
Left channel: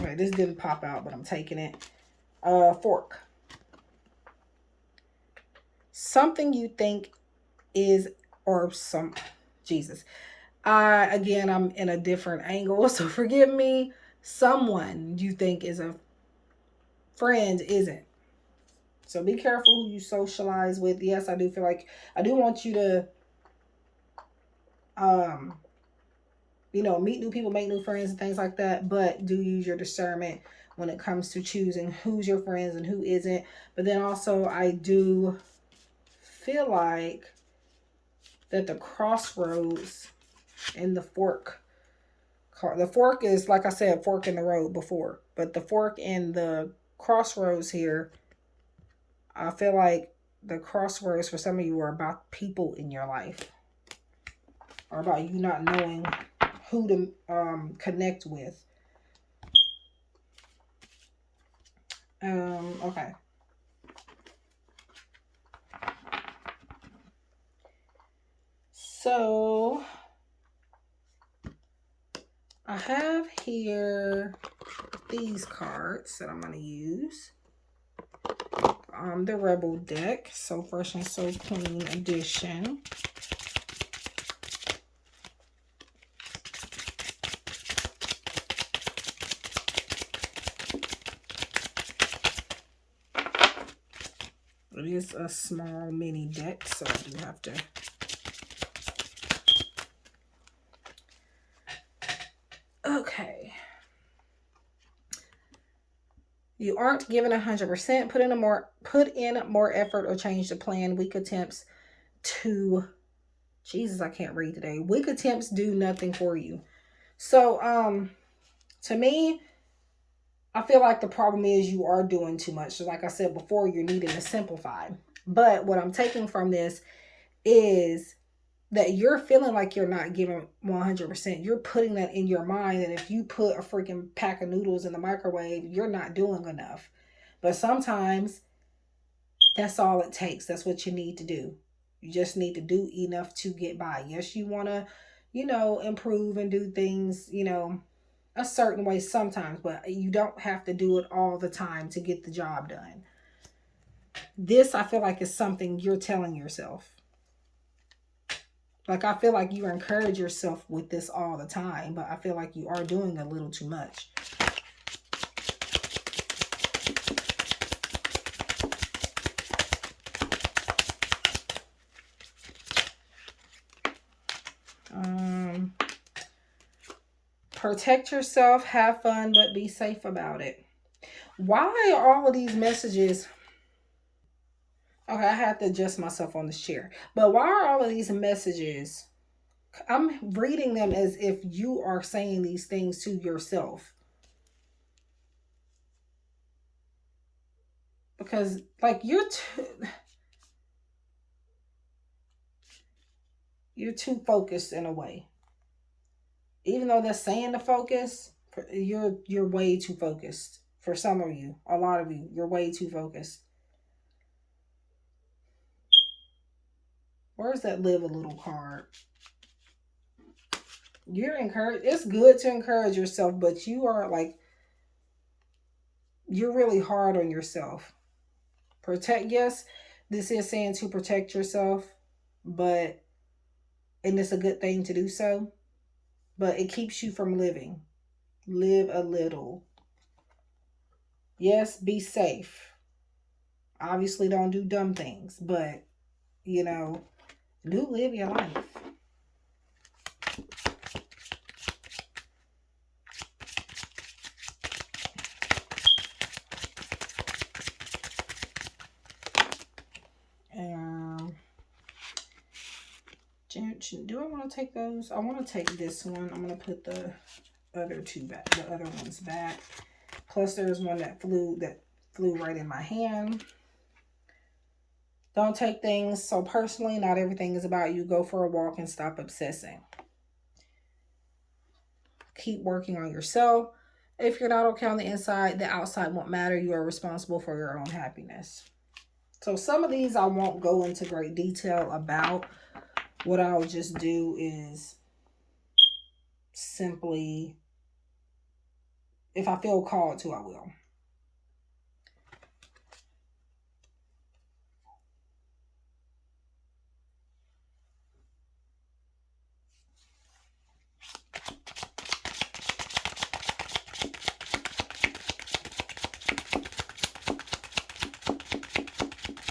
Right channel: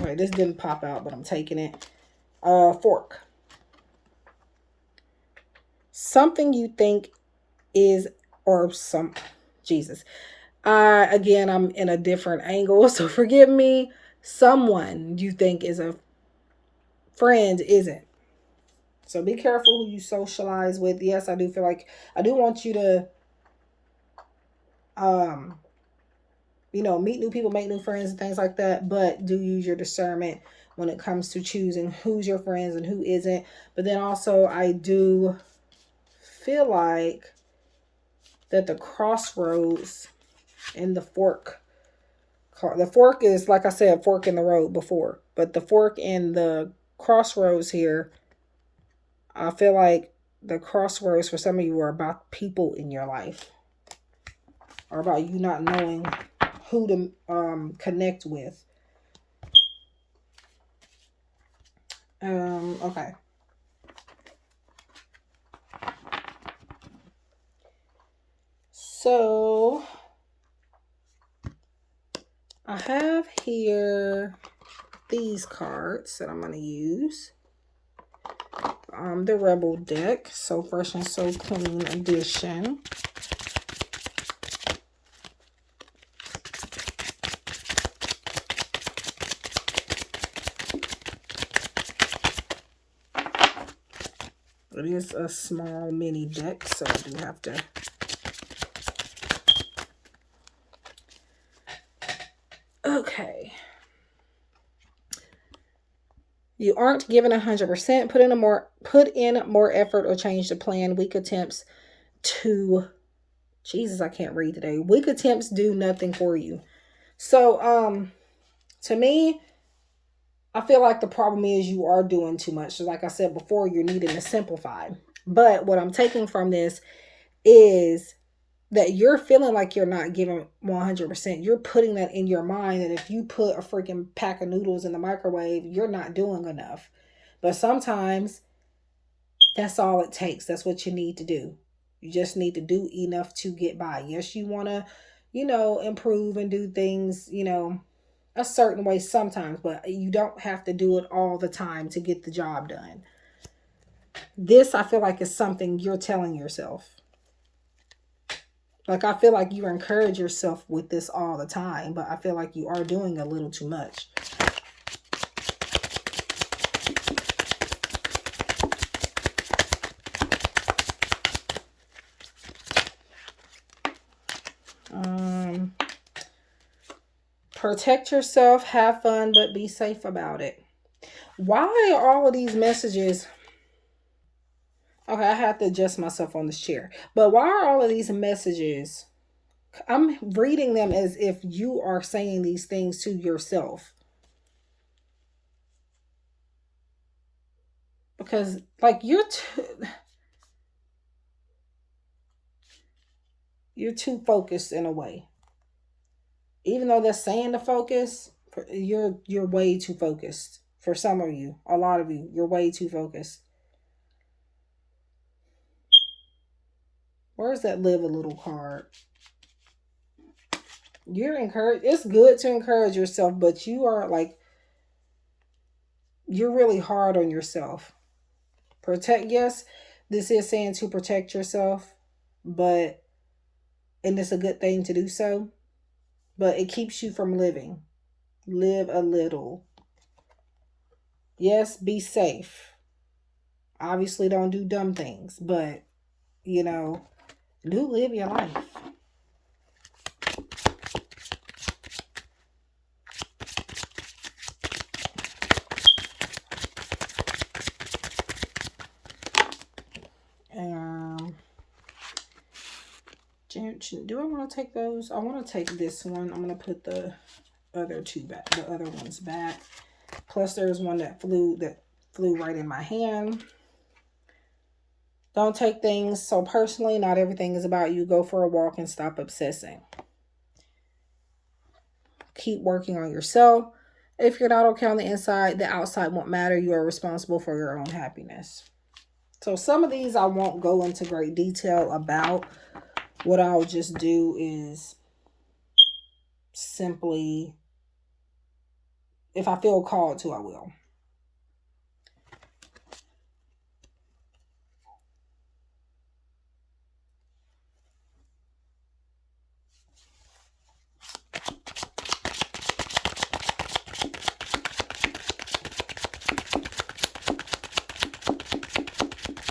Okay, this didn't pop out, but I'm taking it. Fork. Something you think is, or some, Jesus. Again, I'm in a different angle, so forgive me. Someone you think is a friend isn't. So be careful who you socialize with. Yes, I do feel like I do want you to, meet new people, make new friends, and things like that. But do use your discernment when it comes to choosing who's your friends and who isn't. But then also, I do feel like that the crossroads and the fork. The fork is, like I said, fork in the road before. But the fork and the crossroads here, I feel like the crossroads for some of you are about people in your life, or about you not knowing who to connect with. Okay. So I have here these cards that I'm going to use. The Rebel deck, So Fresh and So Clean edition. It is a small mini deck, so I do have to... Okay. You aren't given 100%. Put in more effort or change the plan. Weak attempts to... Jesus, I can't read today. Weak attempts do nothing for you. So, to me, I feel like the problem is you are doing too much. So like I said before, you're needing to simplify. But what I'm taking from this is that you're feeling like you're not giving 100%. You're putting that in your mind. And if you put a freaking pack of noodles in the microwave, you're not doing enough. But sometimes that's all it takes. That's what you need to do. You just need to do enough to get by. Yes, you want to, improve and do things, a certain way sometimes, but you don't have to do it all the time to get the job done. This, I feel like, is something you're telling yourself. Like, I feel like you encourage yourself with this all the time, but I feel like you are doing a little too much. Protect yourself, have fun, but be safe about it. Why are all of these messages... Okay, I have to adjust myself on this chair. But why are all of these messages... I'm reading them as if you are saying these things to yourself. Because, like, you're too focused in a way. Even though they're saying to focus, you're way too focused. For some of you, a lot of you, you're way too focused. Where's that live a little card? You're encouraged. It's good to encourage yourself, but you are like, you're really hard on yourself. Yes, this is saying to protect yourself, and it's a good thing to do so, but it keeps you from living. Live a little. Yes, be safe. Obviously, don't do dumb things, but, do live your life. Do I want to take those? I want to take this one. I'm going to put the other two back, the other ones back. Plus there's one that flew right in my hand. Don't take things so personally. Not everything is about you. Go for a walk and stop obsessing. Keep working on yourself. If you're not okay on the inside, the outside won't matter. You are responsible for your own happiness. So some of these I won't go into great detail about. What I'll just do is simply, if I feel called to, I will.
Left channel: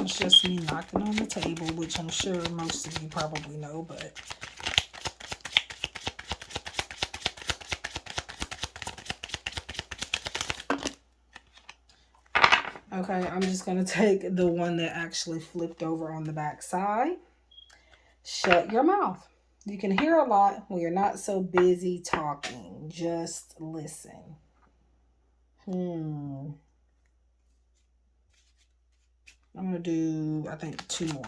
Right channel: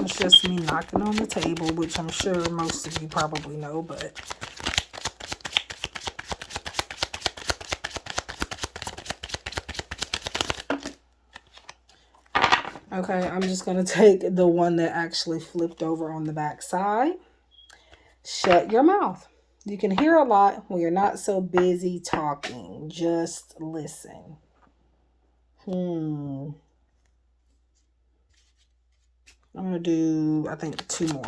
It's just me knocking on the table, which I'm sure most of you probably know, but... Okay, I'm just going to take the one that actually flipped over on the back side. Shut your mouth. You can hear a lot when you're not so busy talking. Just listen. I'm going to do, I think, 2 more.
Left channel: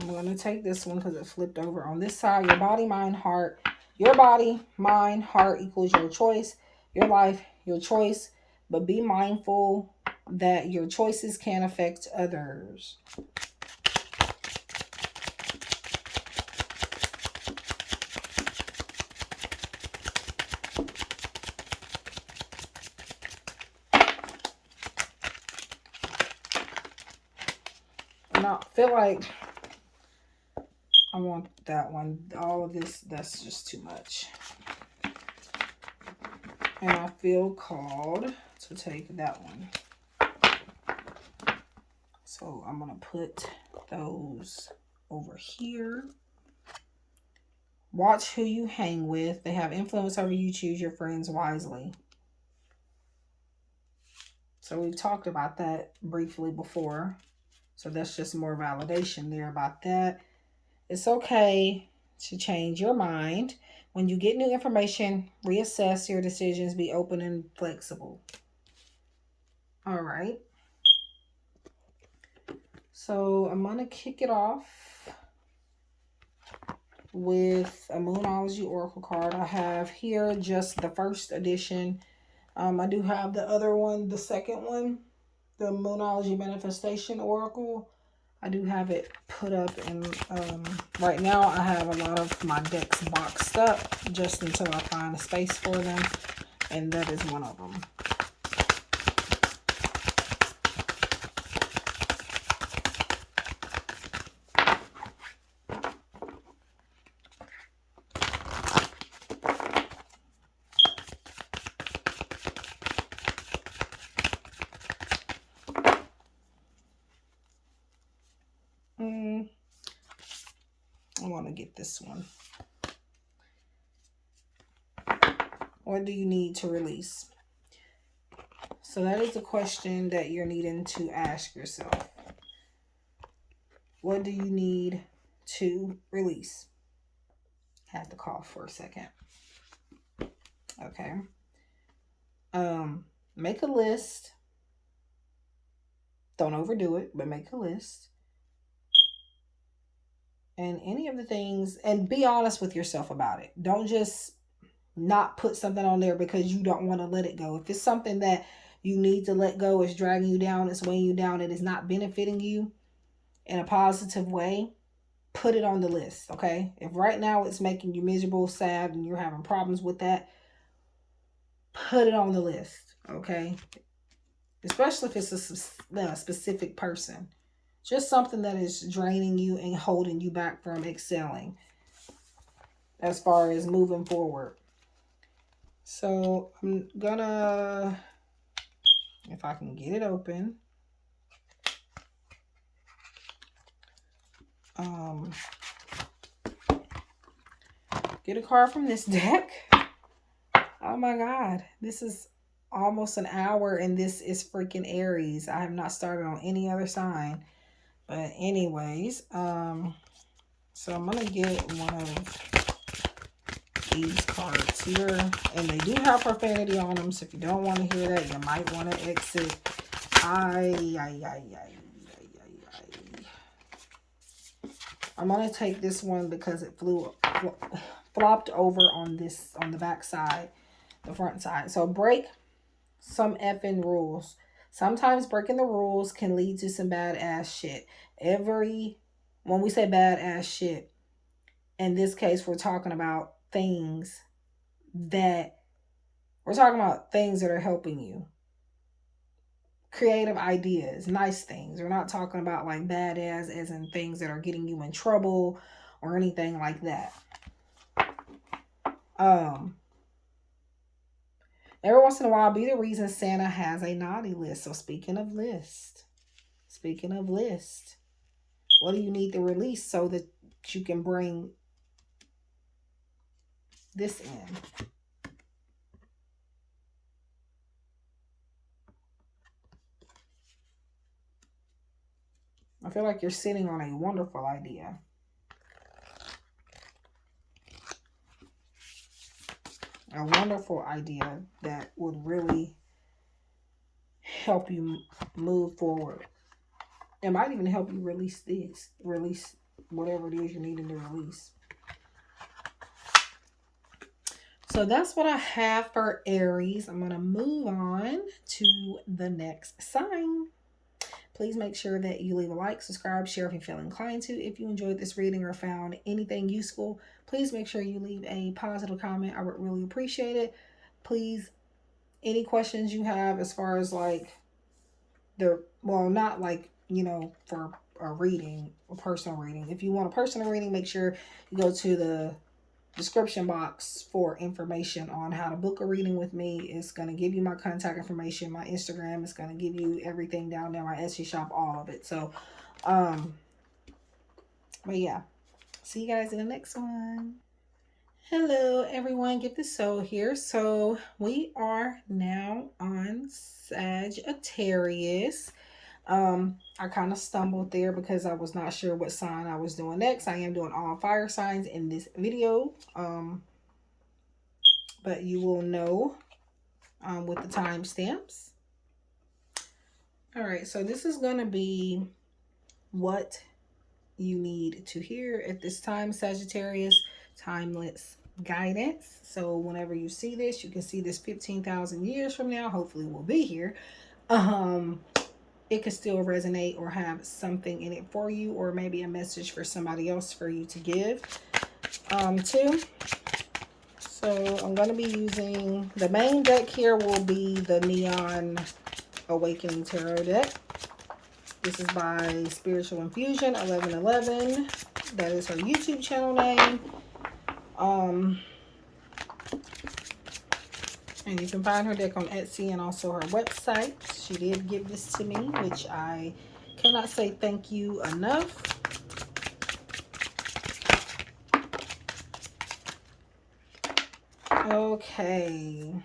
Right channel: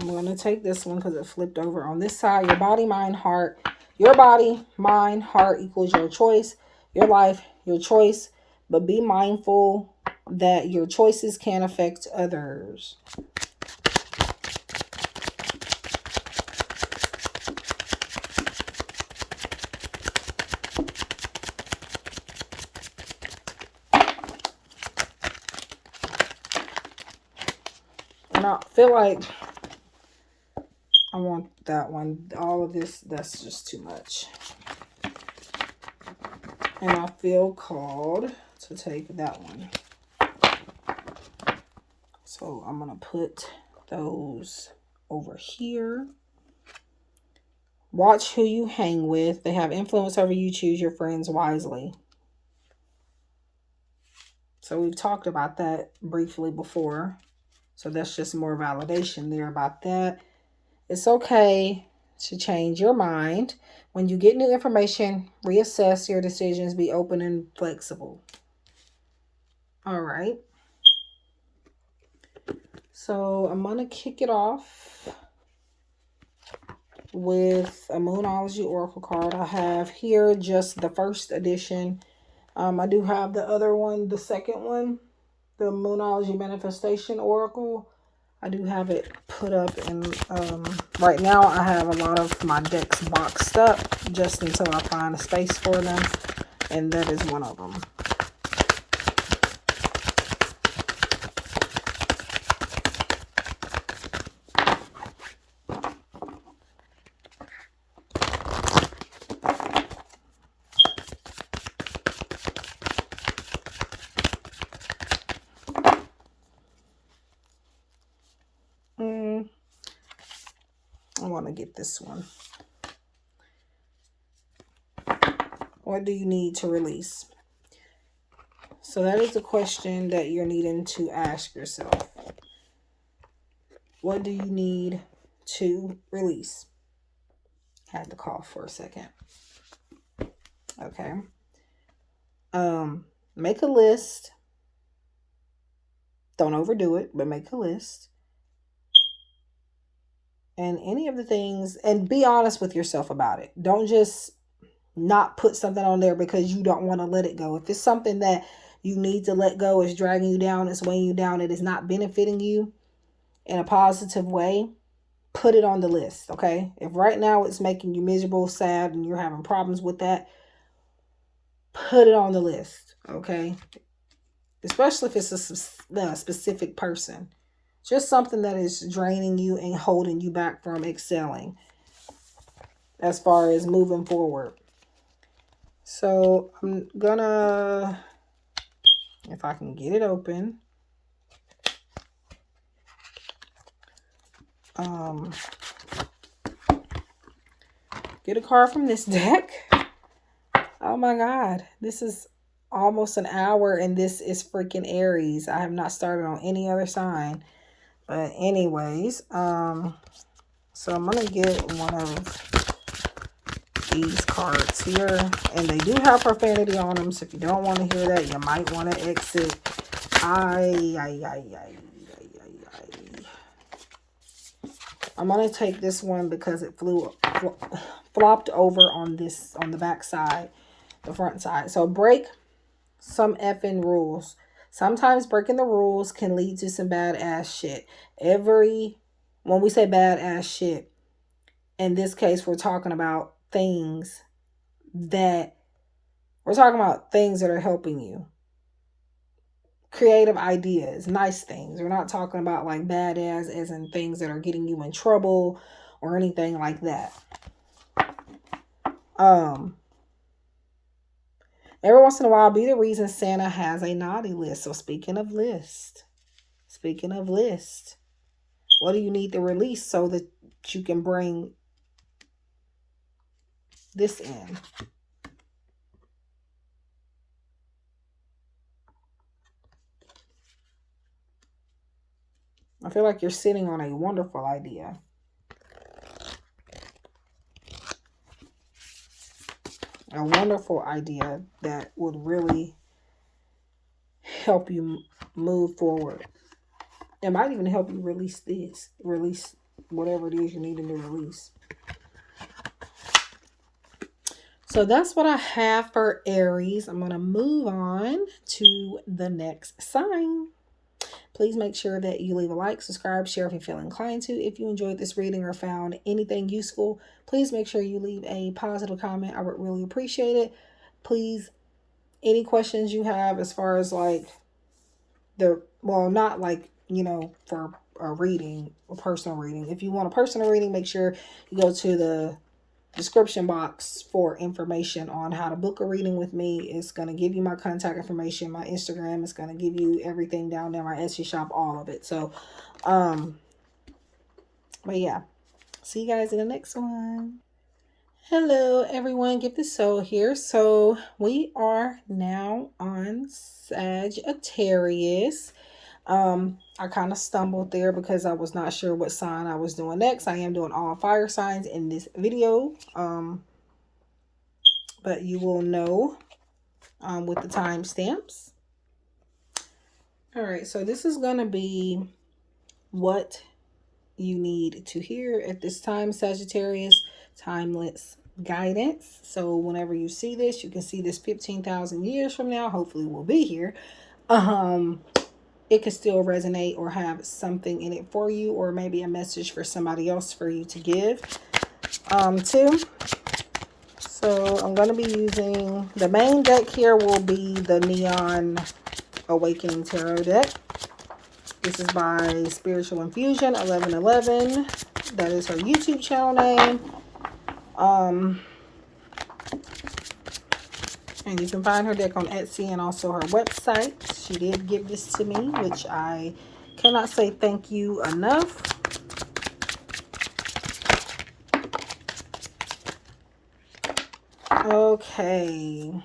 I'm going to take this one because it flipped over on this side. Your body, mind, heart. Your body, mind, heart equals your choice. Your life, your choice. But be mindful that your choices can affect others. feel like I want that one. All of this, that's just too much. And I feel called to take that one. So I'm going to put those over here. Watch who you hang with. They have influence over you. Choose your friends wisely. So we've talked about that briefly before. So that's just more validation there about that. It's okay to change your mind. When you get new information, reassess your decisions. Be open and flexible. All right. So I'm going to kick it off with a Moonology Oracle card. I have here just the first edition. I do have the other one, the second one, the Moonology Manifestation Oracle. I do have it put up, and right now I have a lot of my decks boxed up just until I find a space for them, and that is one of them. I want to get this one. What do you need to release? So that is the question that you're needing to ask yourself. What do you need to release? Had to cough for a second. Okay. Make a list. Don't overdo it, but make a list. And any of the things, and be honest with yourself about it. Don't just not put something on there because you don't want to let it go. If it's something that you need to let go, is dragging you down, it's weighing you down, it is not benefiting you in a positive way, put it on the list, okay? If right now it's making you miserable, sad, and you're having problems with that, put it on the list, okay? Especially if it's a specific person. Just something that is draining you and holding you back from excelling as far as moving forward. So I'm gonna, if I can get it open, get a card from this deck. Oh my God, this is almost an hour and this is freaking Aries. I have not started on any other sign. But anyways, so I'm gonna get one of these cards here, and they do have profanity on them, so if you don't want to hear that, you might want to exit. I'm gonna take this one because it flopped over on the back side, the front side. So break some effing rules. Sometimes breaking the rules can lead to some badass shit. When we say badass shit, in this case, we're talking about things that are helping you. Creative ideas, nice things. We're not talking about like badass as in things that are getting you in trouble or anything like that. Every once in a while, be the reason Santa has a naughty list. So speaking of list, what do you need to release so that you can bring this in? I feel like you're sitting on a wonderful idea. A wonderful idea that would really help you move forward. It might even help you release whatever it is you're needing to release. So that's what I have for Aries. I'm going to move on to the next sign. Please make sure that you leave a like, subscribe, share if you feel inclined to. If you enjoyed this reading or found anything useful, please make sure you leave a positive comment. I would really appreciate it. Please, any questions you have as far as like not like, for a reading, a personal reading. If you want a personal reading, make sure you go to the description box for information on how to book a reading with me. It's going to give you my contact information, my Instagram. It's going to give you everything down there, my Etsy shop, all of it. So, but yeah, see you guys in the next one. Hello everyone, GiftedSoul here. So we are now on Sagittarius. I kind of stumbled there because I was not sure what sign I was doing next. I am doing all fire signs in this video. But you will know with the timestamps. All right, so this is going to be what you need to hear at this time, Sagittarius. Timeless guidance. So whenever you see this, you can see this 15,000 years from now. Hopefully we'll be here. It could still resonate or have something in it for you, or maybe a message for somebody else for you to give to. So I'm going to be using, the main deck here will be the Neon Awakening Tarot deck. This is by Spiritual Infusion 1111. That is her YouTube channel name. And you can find her deck on Etsy and also her website. She did give this to me, which I cannot say thank you enough. Okay.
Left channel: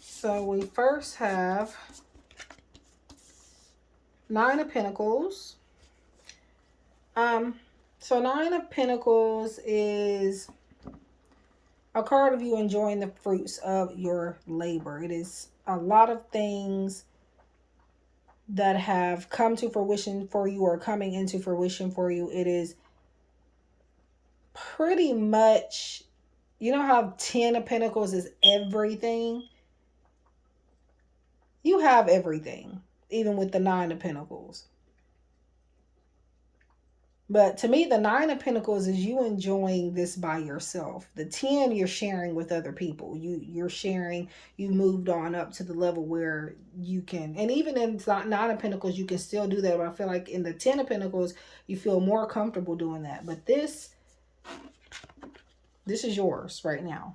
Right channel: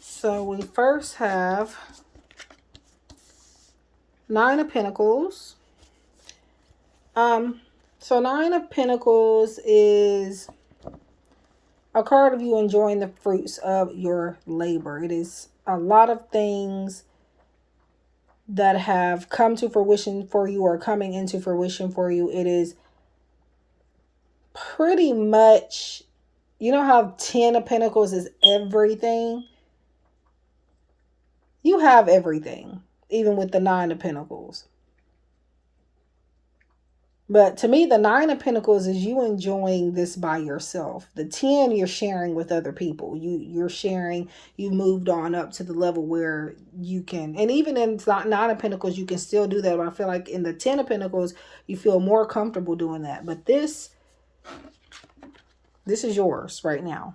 So we first have Nine of Pentacles. So Nine of Pentacles is a card of you enjoying the fruits of your labor. It is a lot of things that have come to fruition for you or coming into fruition for you. It is pretty much, you know how 10 of Pentacles is everything? You have everything, even with the Nine of Pentacles. But to me, the Nine of Pentacles is you enjoying this by yourself. The 10, you're sharing with other people. You're sharing, you moved on up to the level where you can, and even in Nine of Pentacles, you can still do that. But I feel like in the 10 of Pentacles, you feel more comfortable doing that. But this is yours right now.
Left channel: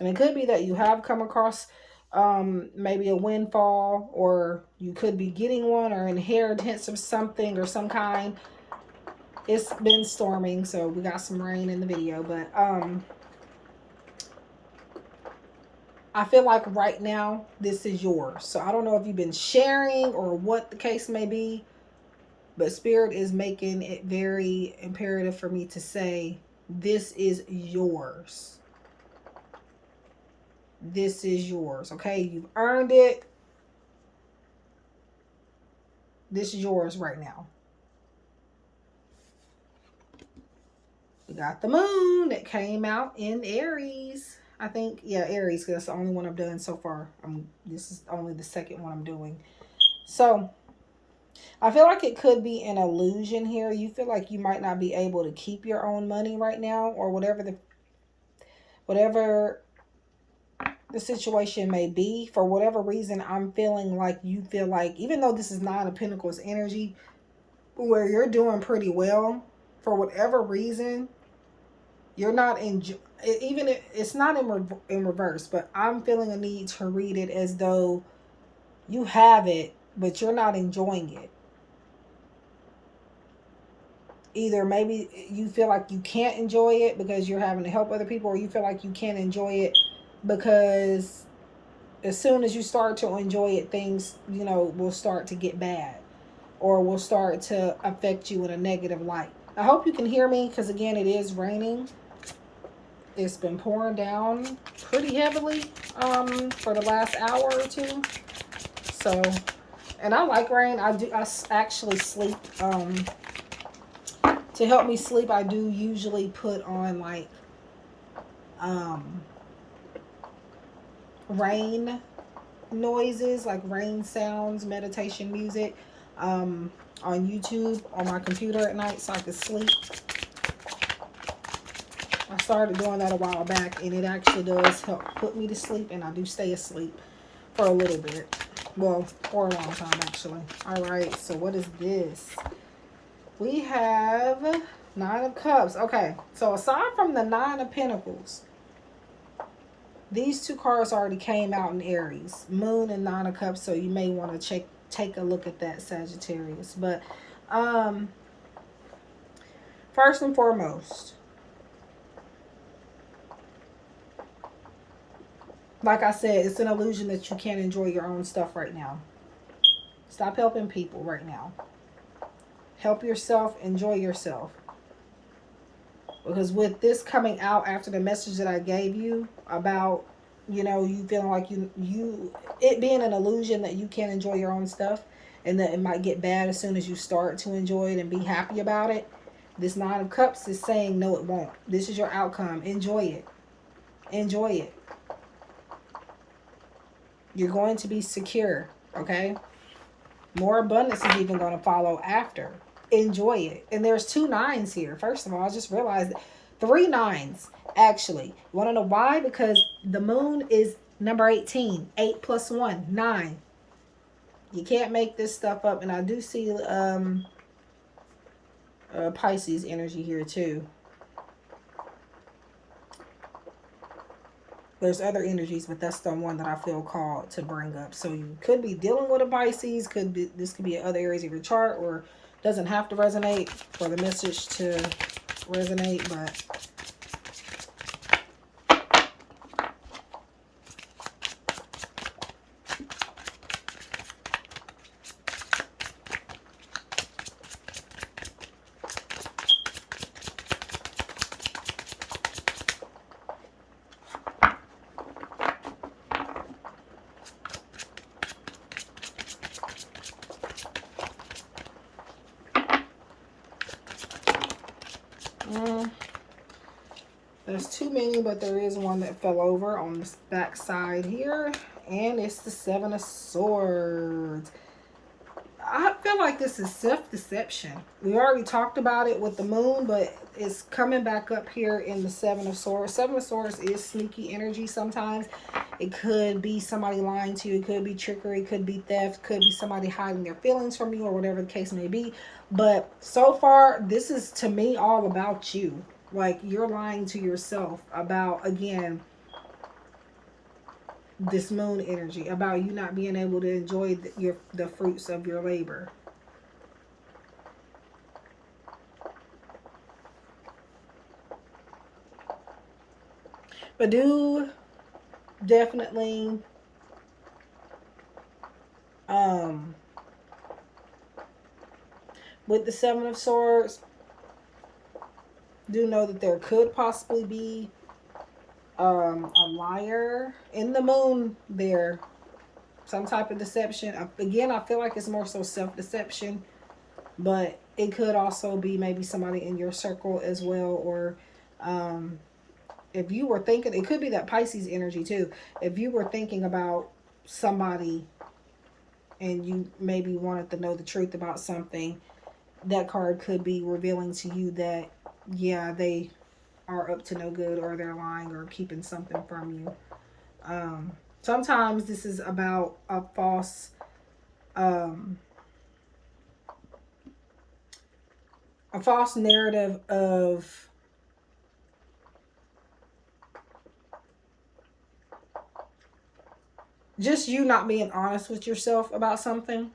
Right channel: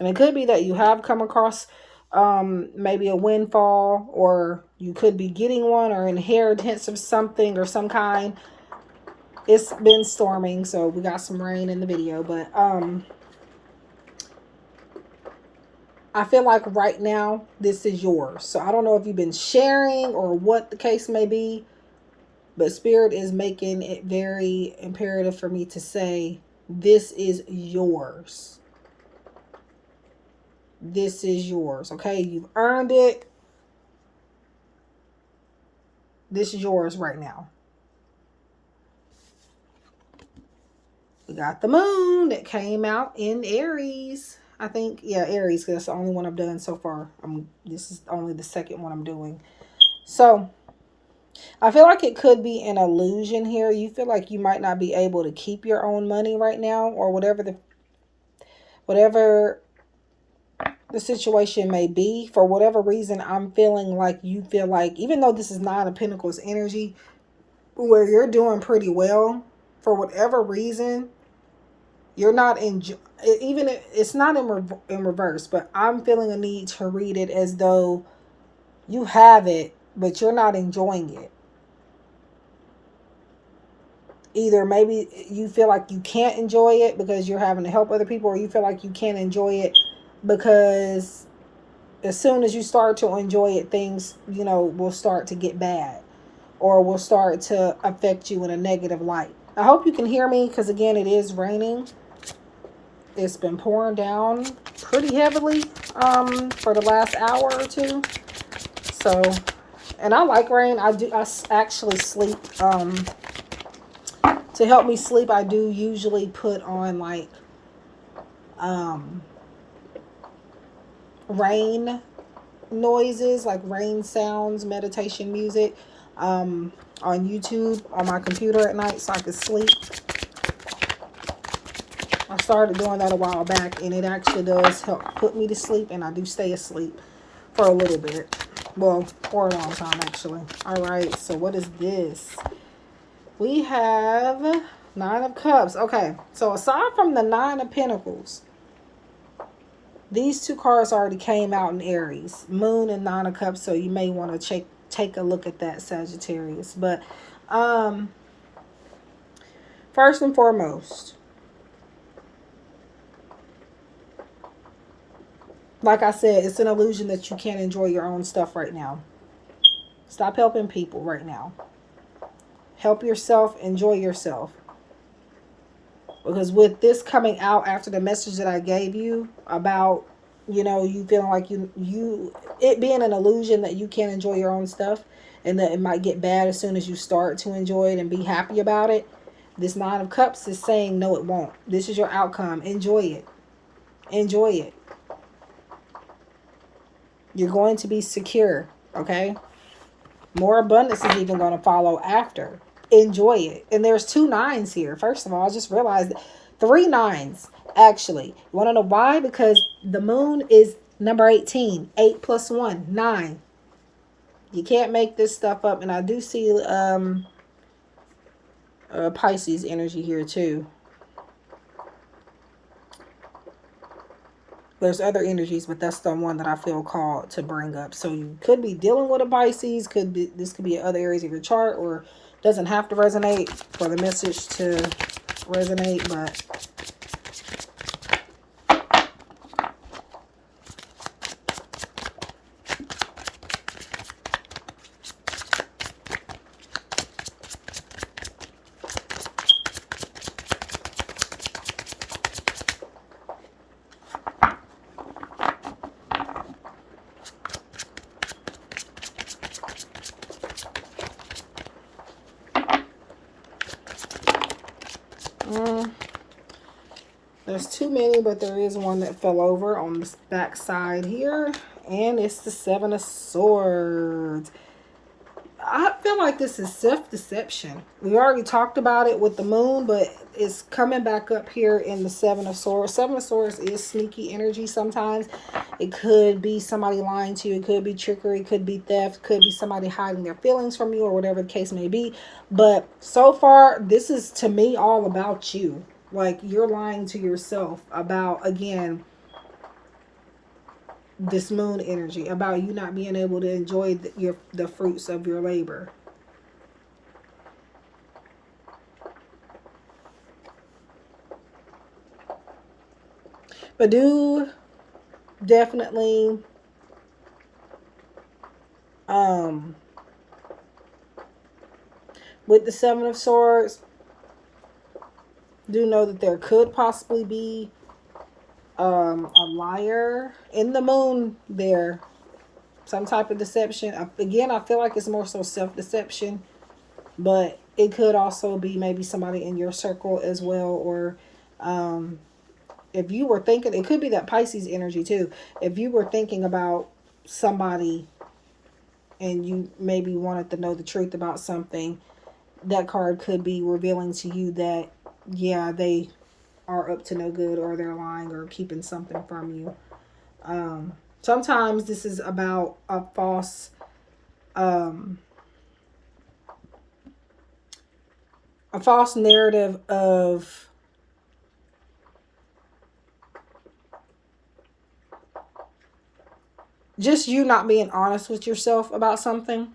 And it could be that you have come across maybe a windfall, or you could be getting one, or inheritance of something or some kind. It's been storming, so we got some rain in the video, but I feel like right now this is yours. So I don't know if you've been sharing or what the case may be, but Spirit is making it very imperative for me to say this is yours. This is yours, okay? You've earned it. This is yours right now. We got the moon that came out in Aries. I think, yeah, Aries, because that's the only one I've done so far. This is only the second one I'm doing. So, I feel like it could be an illusion here. You feel like you might not be able to keep your own money right now, or whatever the situation may be. For whatever reason, I'm feeling like you feel like, even though this is Nine of Pentacles energy, where you're doing pretty well, for whatever reason, you're not even if it's not in reverse, but I'm feeling a need to read it as though you have it, but you're not enjoying it. Either maybe you feel like you can't enjoy it because you're having to help other people, or you feel like you can't enjoy it because as soon as you start to enjoy it, things, you know, will start to get bad, or will start to affect you in a negative light. I hope you can hear me, because again, it is raining. It's been pouring down pretty heavily for the last hour or two. So, and I like rain. I actually sleep. To help me sleep, I do usually put on like rain noises, like rain sounds, meditation music on YouTube on my computer at night so I could sleep. I started doing that a while back, and it actually does help put me to sleep, and I do stay asleep for a little bit. Well, for a long time, actually. All right, so what is this? We have Nine of Cups. Okay, so aside from the Nine of Pentacles, these two cards already came out in Aries, Moon and Nine of Cups, so you may want to take a look at that, Sagittarius. But first and foremost, like I said, it's an illusion that you can't enjoy your own stuff right now. Stop helping people right now. Help yourself, enjoy yourself. Because with this coming out after the message that I gave you about, you know, you feeling like it being an illusion that you can't enjoy your own stuff and that it might get bad as soon as you start to enjoy it and be happy about it. This Nine of Cups is saying, no, it won't. This is your outcome. Enjoy it. Enjoy it. You're going to be secure, okay? More abundance is even going to follow after. Enjoy it. And there's 2 9s here. First of all, I just realized 3 9s, actually. You want to know why? Because the moon is number 18. 8 plus 1, 9. You can't make this stuff up. And I do see Pisces energy here too. There's other energies, but that's the one that I feel called to bring up. So you could be dealing with a Pisces. This could be in other areas of your chart, or doesn't have to resonate for the message to resonate, but there's too many, but there is one that fell over on the back side here, and it's the 7 of Swords. I feel like this is self-deception. We already talked about it with the moon, but it's coming back up here in the 7 of Swords. 7 of Swords is sneaky energy sometimes. It could be somebody lying to you. It could be trickery. It could be theft. It could be somebody hiding their feelings from you, or whatever the case may be. But so far, this is, to me, all about you. Like, you're lying to yourself about, again, this moon energy, about you not being able to enjoy the fruits of your labor. But do definitely with the 7 of Swords, do know that there could possibly be a liar in the moon there. Some type of deception. Again, I feel like it's more so self-deception, but it could also be maybe somebody in your circle as well, or if you were thinking, it could be that Pisces energy too. If you were thinking about somebody and you maybe wanted to know the truth about something, that card could be revealing to you that, yeah, they are up to no good, or they're lying or keeping something from you. Sometimes this is about a false narrative of just you not being honest with yourself about something.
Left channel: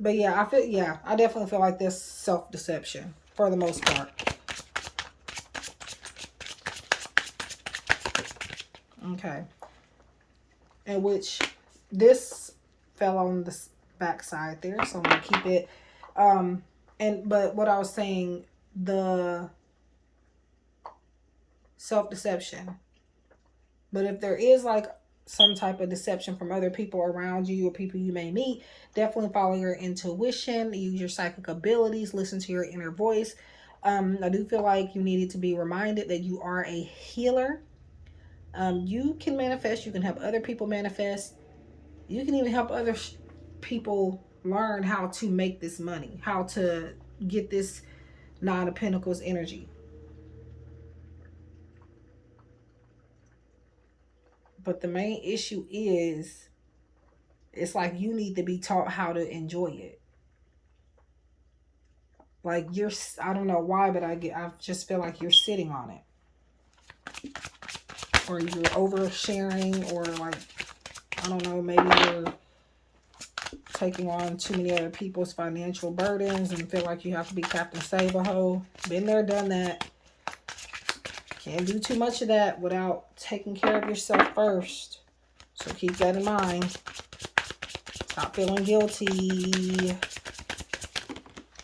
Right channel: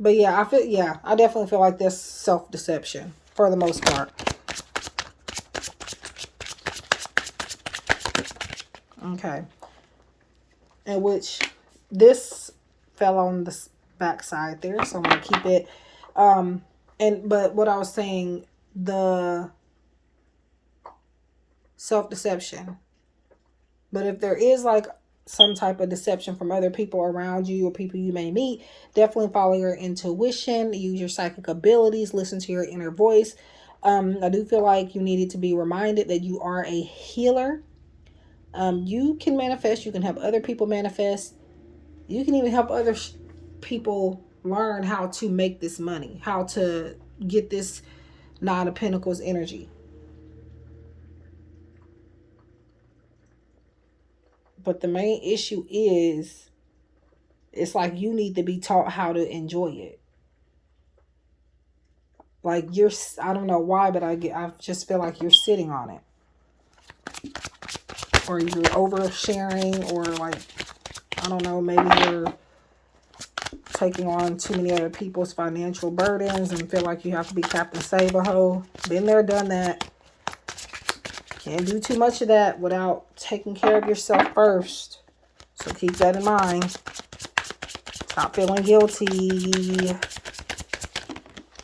But yeah, I definitely feel like that's self-deception for the most part. Okay. And which this fell on the back side there, so I'm going to keep it. But what I was saying, the self-deception. But if there is like some type of deception from other people around you or people you may meet, definitely follow your intuition, use your psychic abilities, listen to your inner voice. I do feel like you needed to be reminded that you are a healer. You can manifest. You can help other people manifest. You can even help other people learn how to make this money, how to get this Nine of Pentacles energy. But the main issue is, it's like you need to be taught how to enjoy it. Like I don't know why, but I just feel like you're sitting on it. Or you're oversharing, or like, I don't know, maybe you're taking on too many other people's financial burdens and feel like you have to be Captain Save-A-Ho. Been there, done that. Can't do too much of that without taking care of yourself first. So keep that in mind. Stop feeling guilty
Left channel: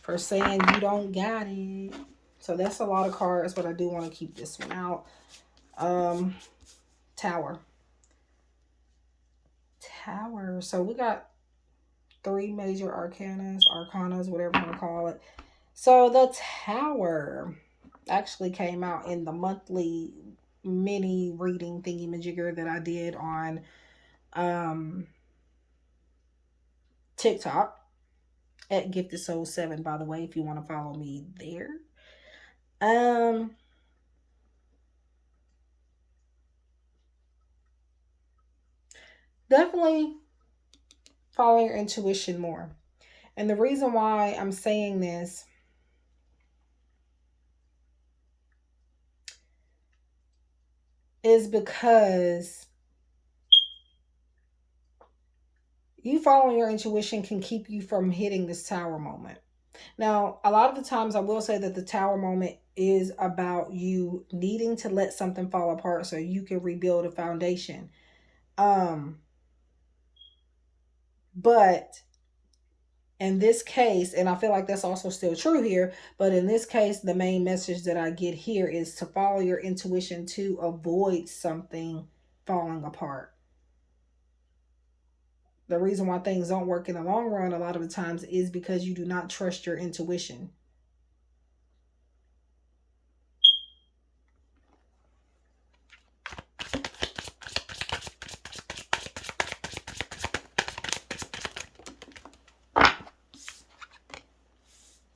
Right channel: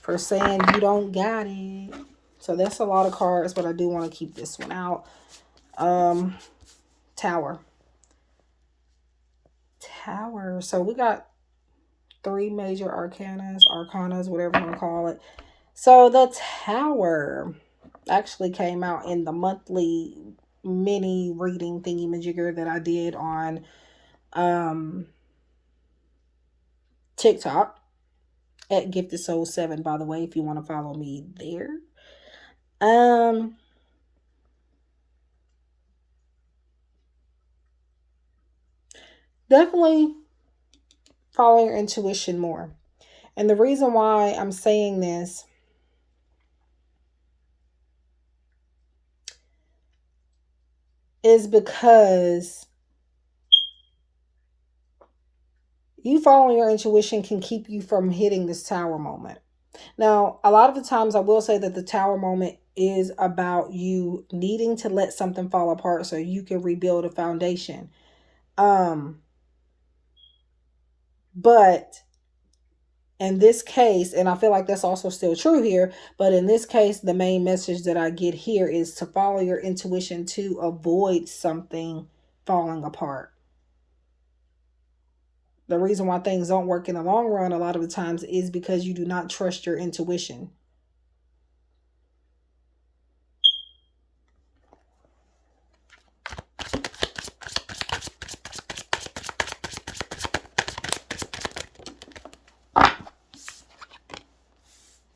for saying you don't got it. So that's a lot of cards, but I do want to keep this one out. Tower. Tower. So we got 3 major arcanas, whatever you want to call it. So the Tower actually came out in the monthly mini reading thingy-majigger that I did on TikTok at GiftedSoul7, by the way, if you want to follow me there. Definitely follow your intuition more. And the reason why I'm saying this is because you following your intuition can keep you from hitting this Tower moment. Now, a lot of the times I will say that the Tower moment is about you needing to let something fall apart so you can rebuild a foundation. But in this case, and I feel like that's also still true here, but in this case, the main message that I get here is to follow your intuition to avoid something falling apart. The reason why things don't work in the long run a lot of the times is because you do not trust your intuition.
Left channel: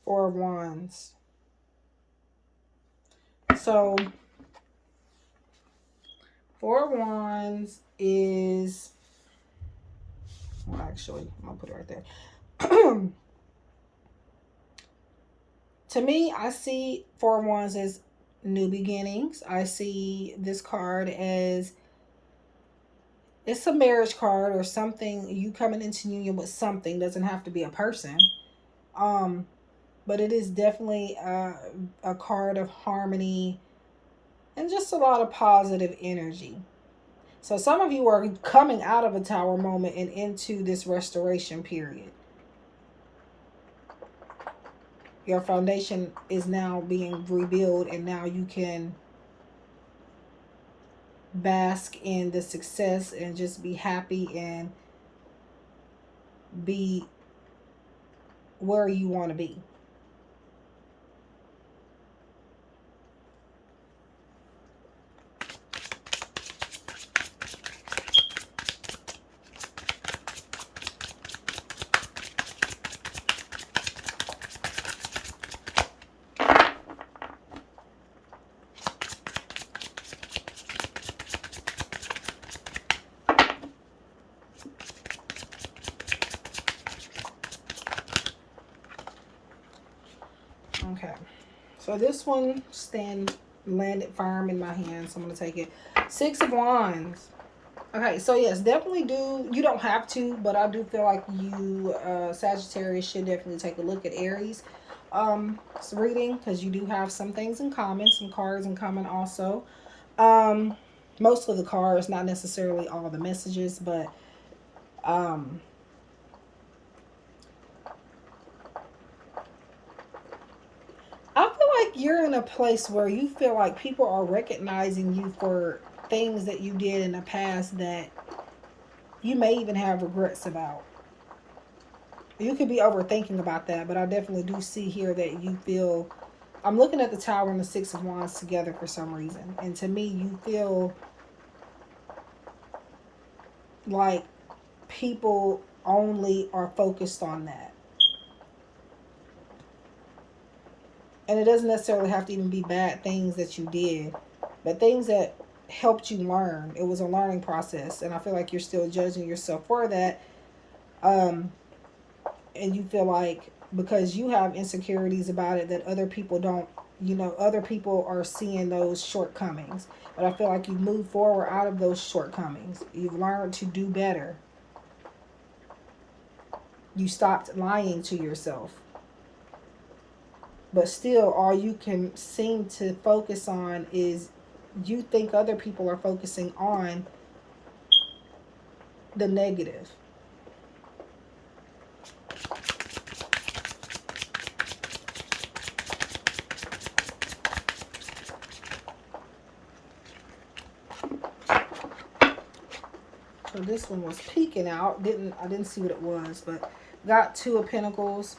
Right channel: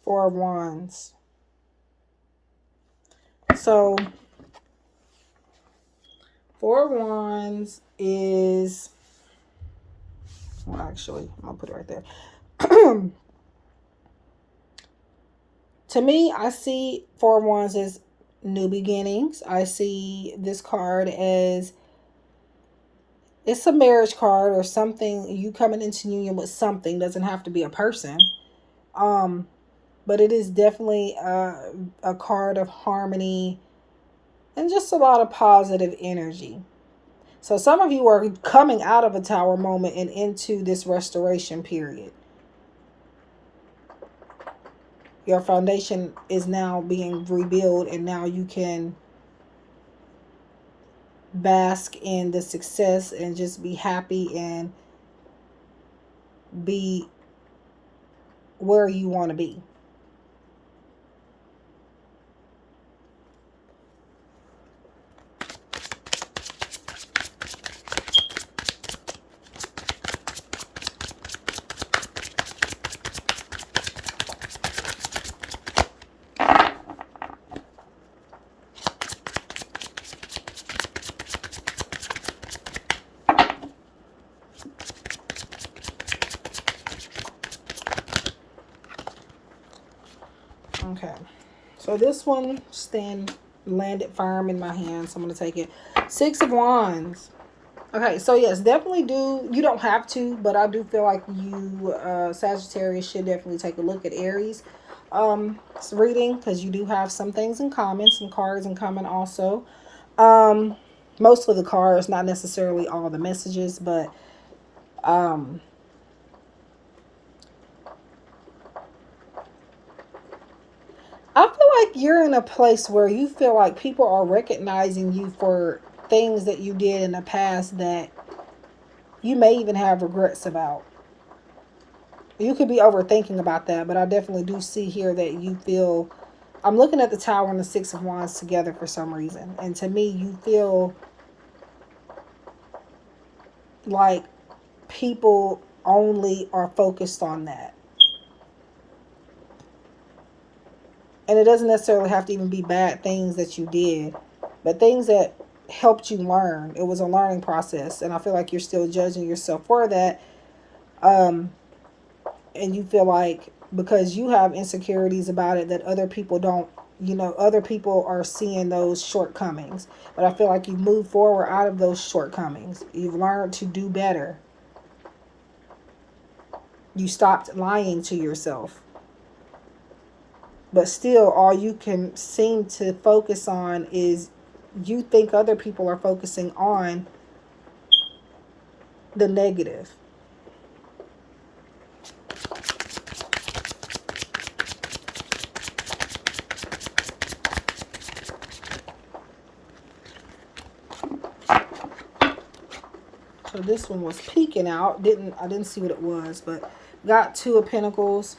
Four of Wands. So, Four of Wands is, well, actually, I'll put it right there. To me, I see Four of Wands as new beginnings. I see this card as, it's a marriage card or something. You coming into union with something, doesn't have to be a person. But it is definitely a card of harmony and just a lot of positive energy. So some of you are coming out of a Tower moment and into this restoration period. Your foundation is now being rebuilt, and now you can bask in the success and just be happy and be where you want to be. Okay, so this one landed firm in my hand, so I'm going to take it. Six of Wands. Okay, so yes, definitely you don't have to, but I do feel like you, Sagittarius, should definitely take a look at Aries reading, because you do have some things in common, some cards in common also. Most of the cards, not necessarily all the messages, but I feel like you're in a place where you feel like people are recognizing you for things that you did in the past that you may even have regrets about. You could be overthinking about that, but I definitely do see here that you feel, I'm looking at the Tower and the Six of Wands together for some reason. And to me, you feel like people only are focused on that. And it doesn't necessarily have to even be bad things that you did, but things that helped you learn. It was a learning process, and I feel like you're still judging yourself for that. And you feel like because you have insecurities about it that other people don't, other people are seeing those shortcomings. But I feel like you move forward out of those shortcomings. You've learned to do better. You stopped lying to yourself. But still, all you can seem to focus on is you think other people are focusing on the negative. So this one was peeking out. I didn't see what it was, but got Two of Pentacles.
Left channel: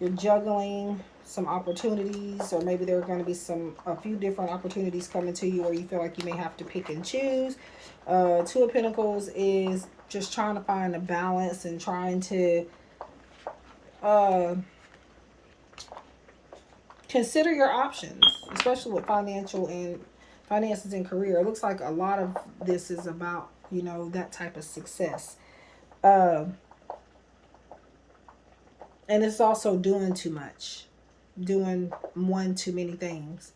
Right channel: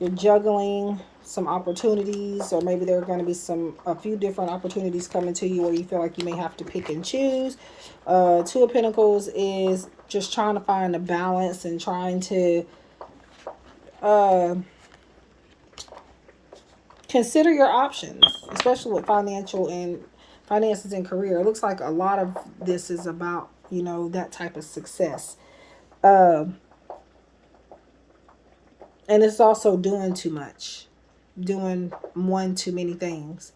You're juggling some opportunities, or maybe there are going to be a few different opportunities coming to you, or you feel like you may have to pick and choose. Two of Pentacles is just trying to find a balance and trying to consider your options, especially with finances and career. It looks like a lot of this is about, that type of success. And it's also doing too much, doing one too many things.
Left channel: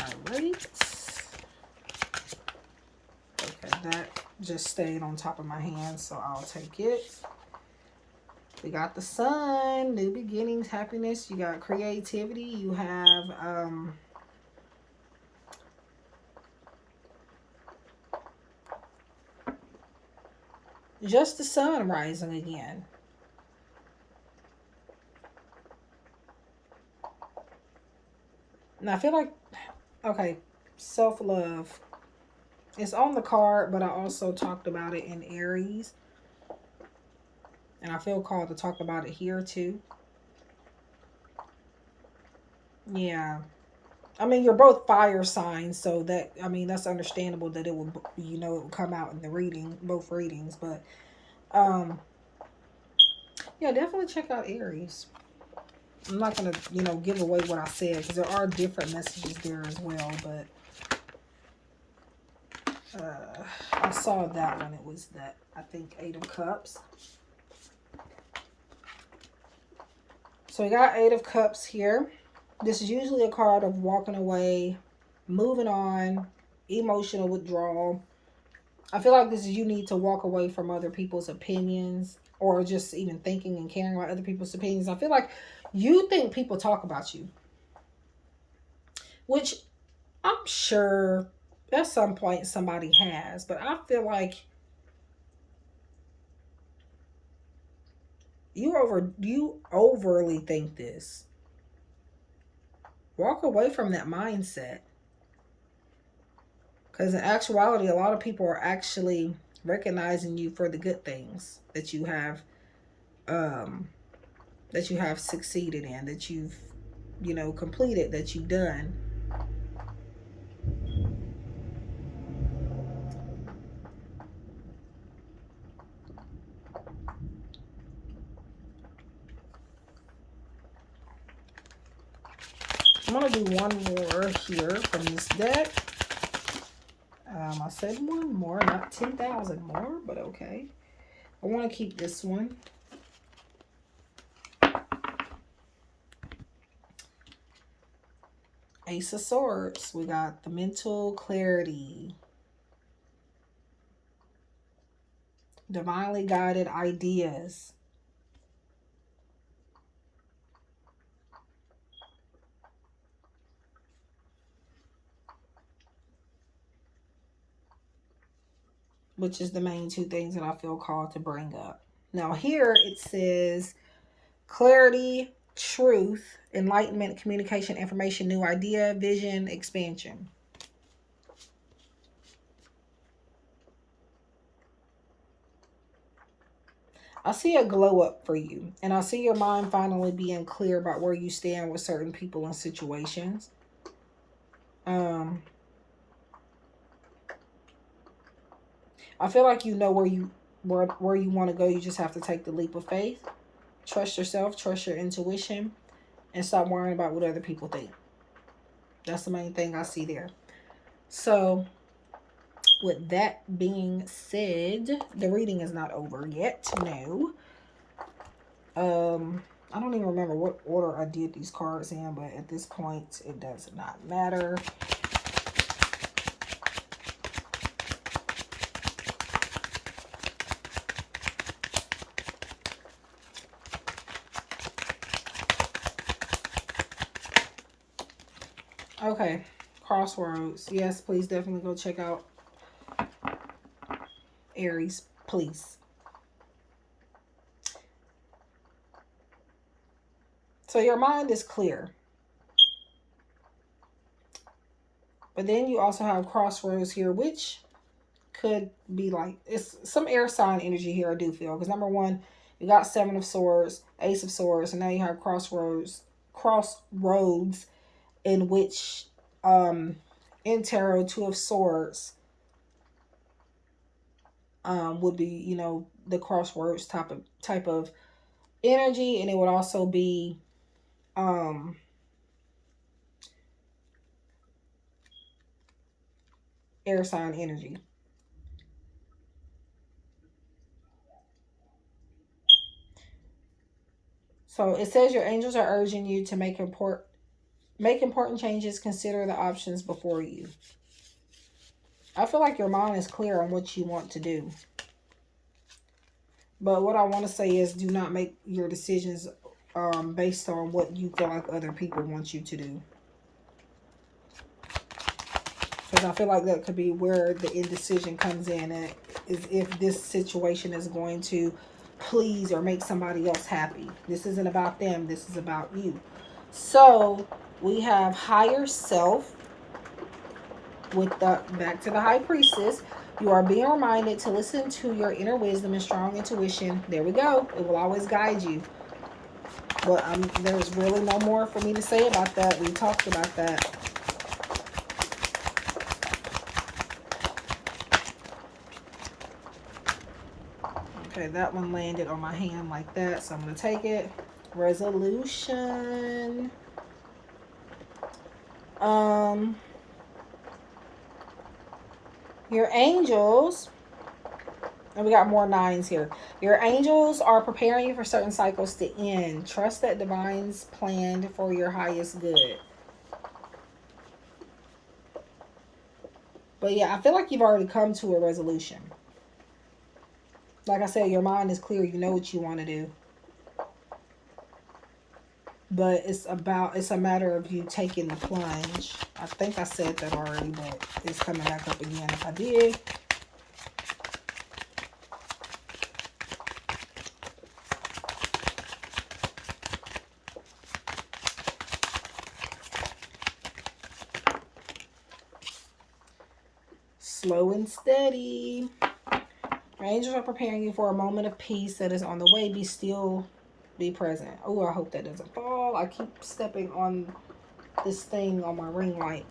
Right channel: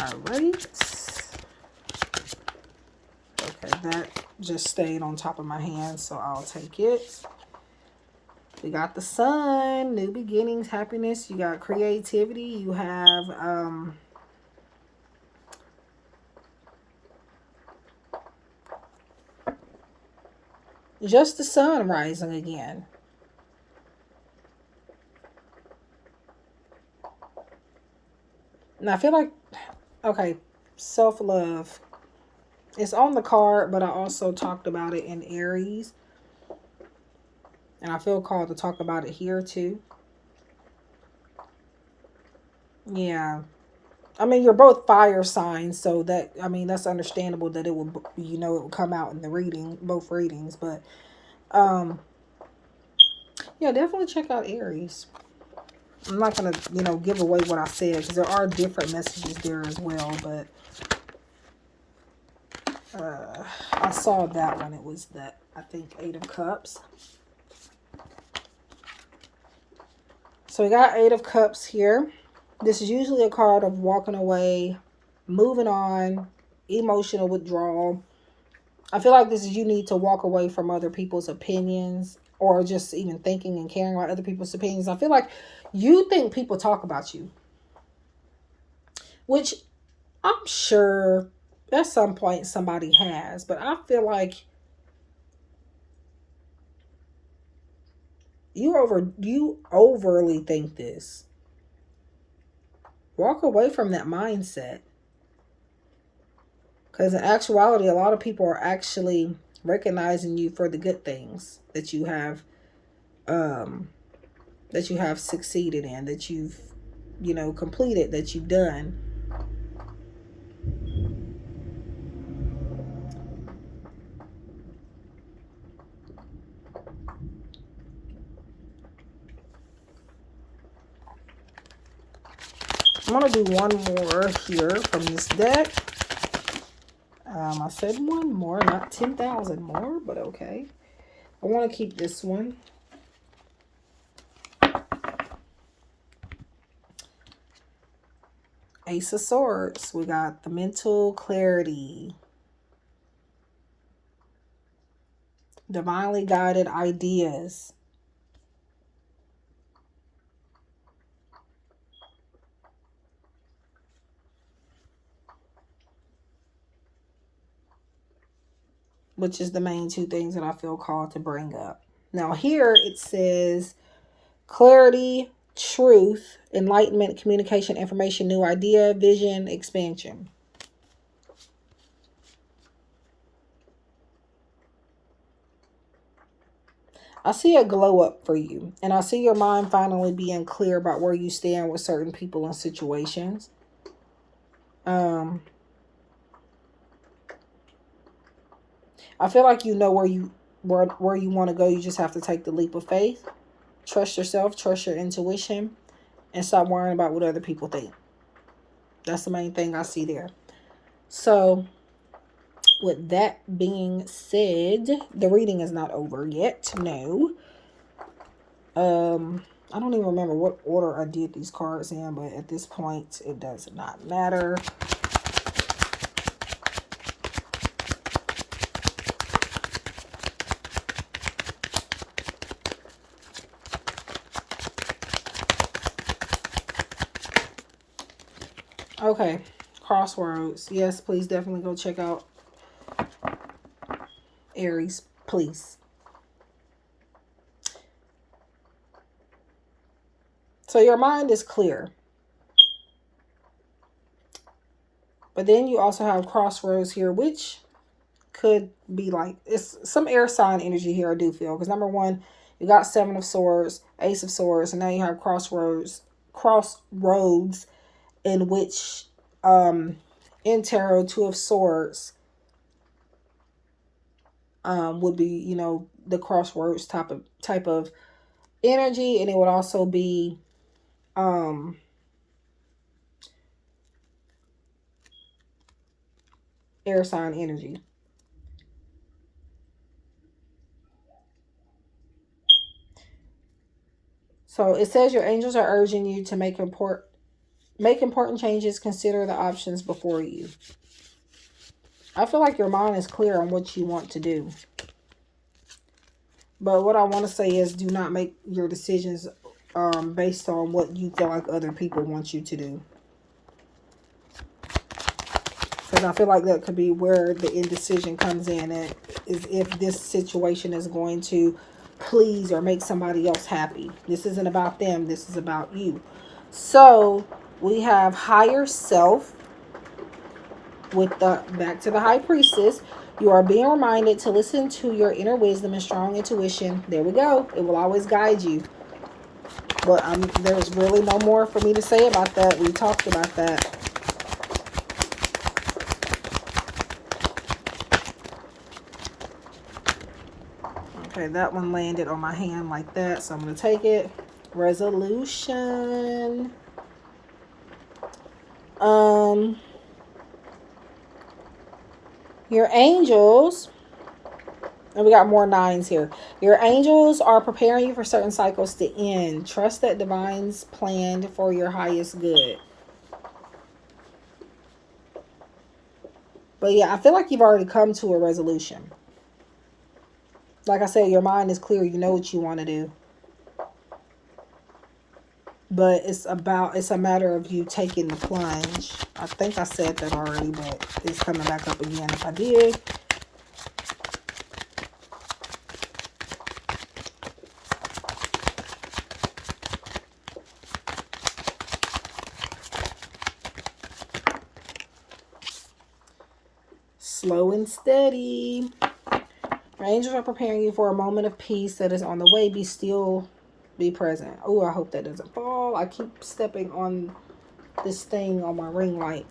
All right. Okay, that just stayed on top of my hand, so I'll take it. We got the Sun, new beginnings, happiness. You got creativity. You have just the Sun rising again. And I feel like, okay, self-love. It's on the card, but I also talked about it in Aries. And I feel called to talk about it here too. Yeah. I mean, you're both fire signs, so that, that's understandable that it will, it will come out in the reading, both readings. But, yeah, definitely check out Aries. I'm not going to, give away what I said, because there are different messages there as well. But I saw that one. It was I think, 8 of Cups. So we got 8 of Cups here. This is usually a card of walking away, moving on, emotional withdrawal. I feel like this is you need to walk away from other people's opinions, or just even thinking and caring about other people's opinions. I feel like you think people talk about you, which I'm sure at some point somebody has, but I feel like you overly think this. Walk away from that mindset. Because in actuality, a lot of people are actually recognizing you for the good things that you have succeeded in, that you've, completed, that you've done. I'm going to do one more here from this deck. I said one more, not 10,000 more, but okay. I want to keep this one. Ace of Swords. We got the mental clarity. Divinely guided ideas. Which is the main two things that I feel called to bring up. Now here it says clarity, truth, enlightenment, communication, information, new idea, vision, expansion. I see a glow up for you, and I see your mind finally being clear about where you stand with certain people and situations. I feel like you know where you where you want to go. You just have to take the leap of faith. Trust yourself, trust your intuition, and stop worrying about what other people think. That's the main thing I see there. So, with that being said, the reading is not over yet. No. I don't even remember what order I did these cards in, but at this point, it does not matter. Okay, Crossroads. Yes, please definitely go check out Aries, please. So your mind is clear. But then you also have Crossroads here, which could be like, it's some air sign energy here, I do feel. Because number one, you got Seven of Swords, Ace of Swords, and now you have Crossroads, in which in tarot, Two of Swords would be, you know, the crossroads type of energy, and it would also be air sign energy. So it says your angels are urging you to make important changes. Consider the options before you. I feel like your mind is clear on what you want to do. But what I want to say is, do not make your decisions based on what you feel like other people want you to do. Because I feel like that could be where the indecision comes in. At, is if this situation is going to please or make somebody else happy. This isn't about them. This is about you. So we have higher self with the back to the High Priestess. You are being reminded to listen to your inner wisdom and strong intuition. There we go. It will always guide you. But there's really no more for me to say about that. We talked about that. Okay, that one landed on my hand like that, so I'm going to take it. Resolution. Your angels, and we got more nines here. Your angels are preparing you for certain cycles to end. Trust that divine's planned for your highest good. But yeah, I feel like you've already come to a resolution. Like I said, your mind is clear. You know what you want to do. But it's a matter of you taking the plunge. I think I said that already, but it's coming back up again if I did. Slow and steady. Your angels are preparing you for a moment of peace that is on the way. Be still, be present. Oh, I hope that doesn't fall. I keep stepping on this thing on my ring light.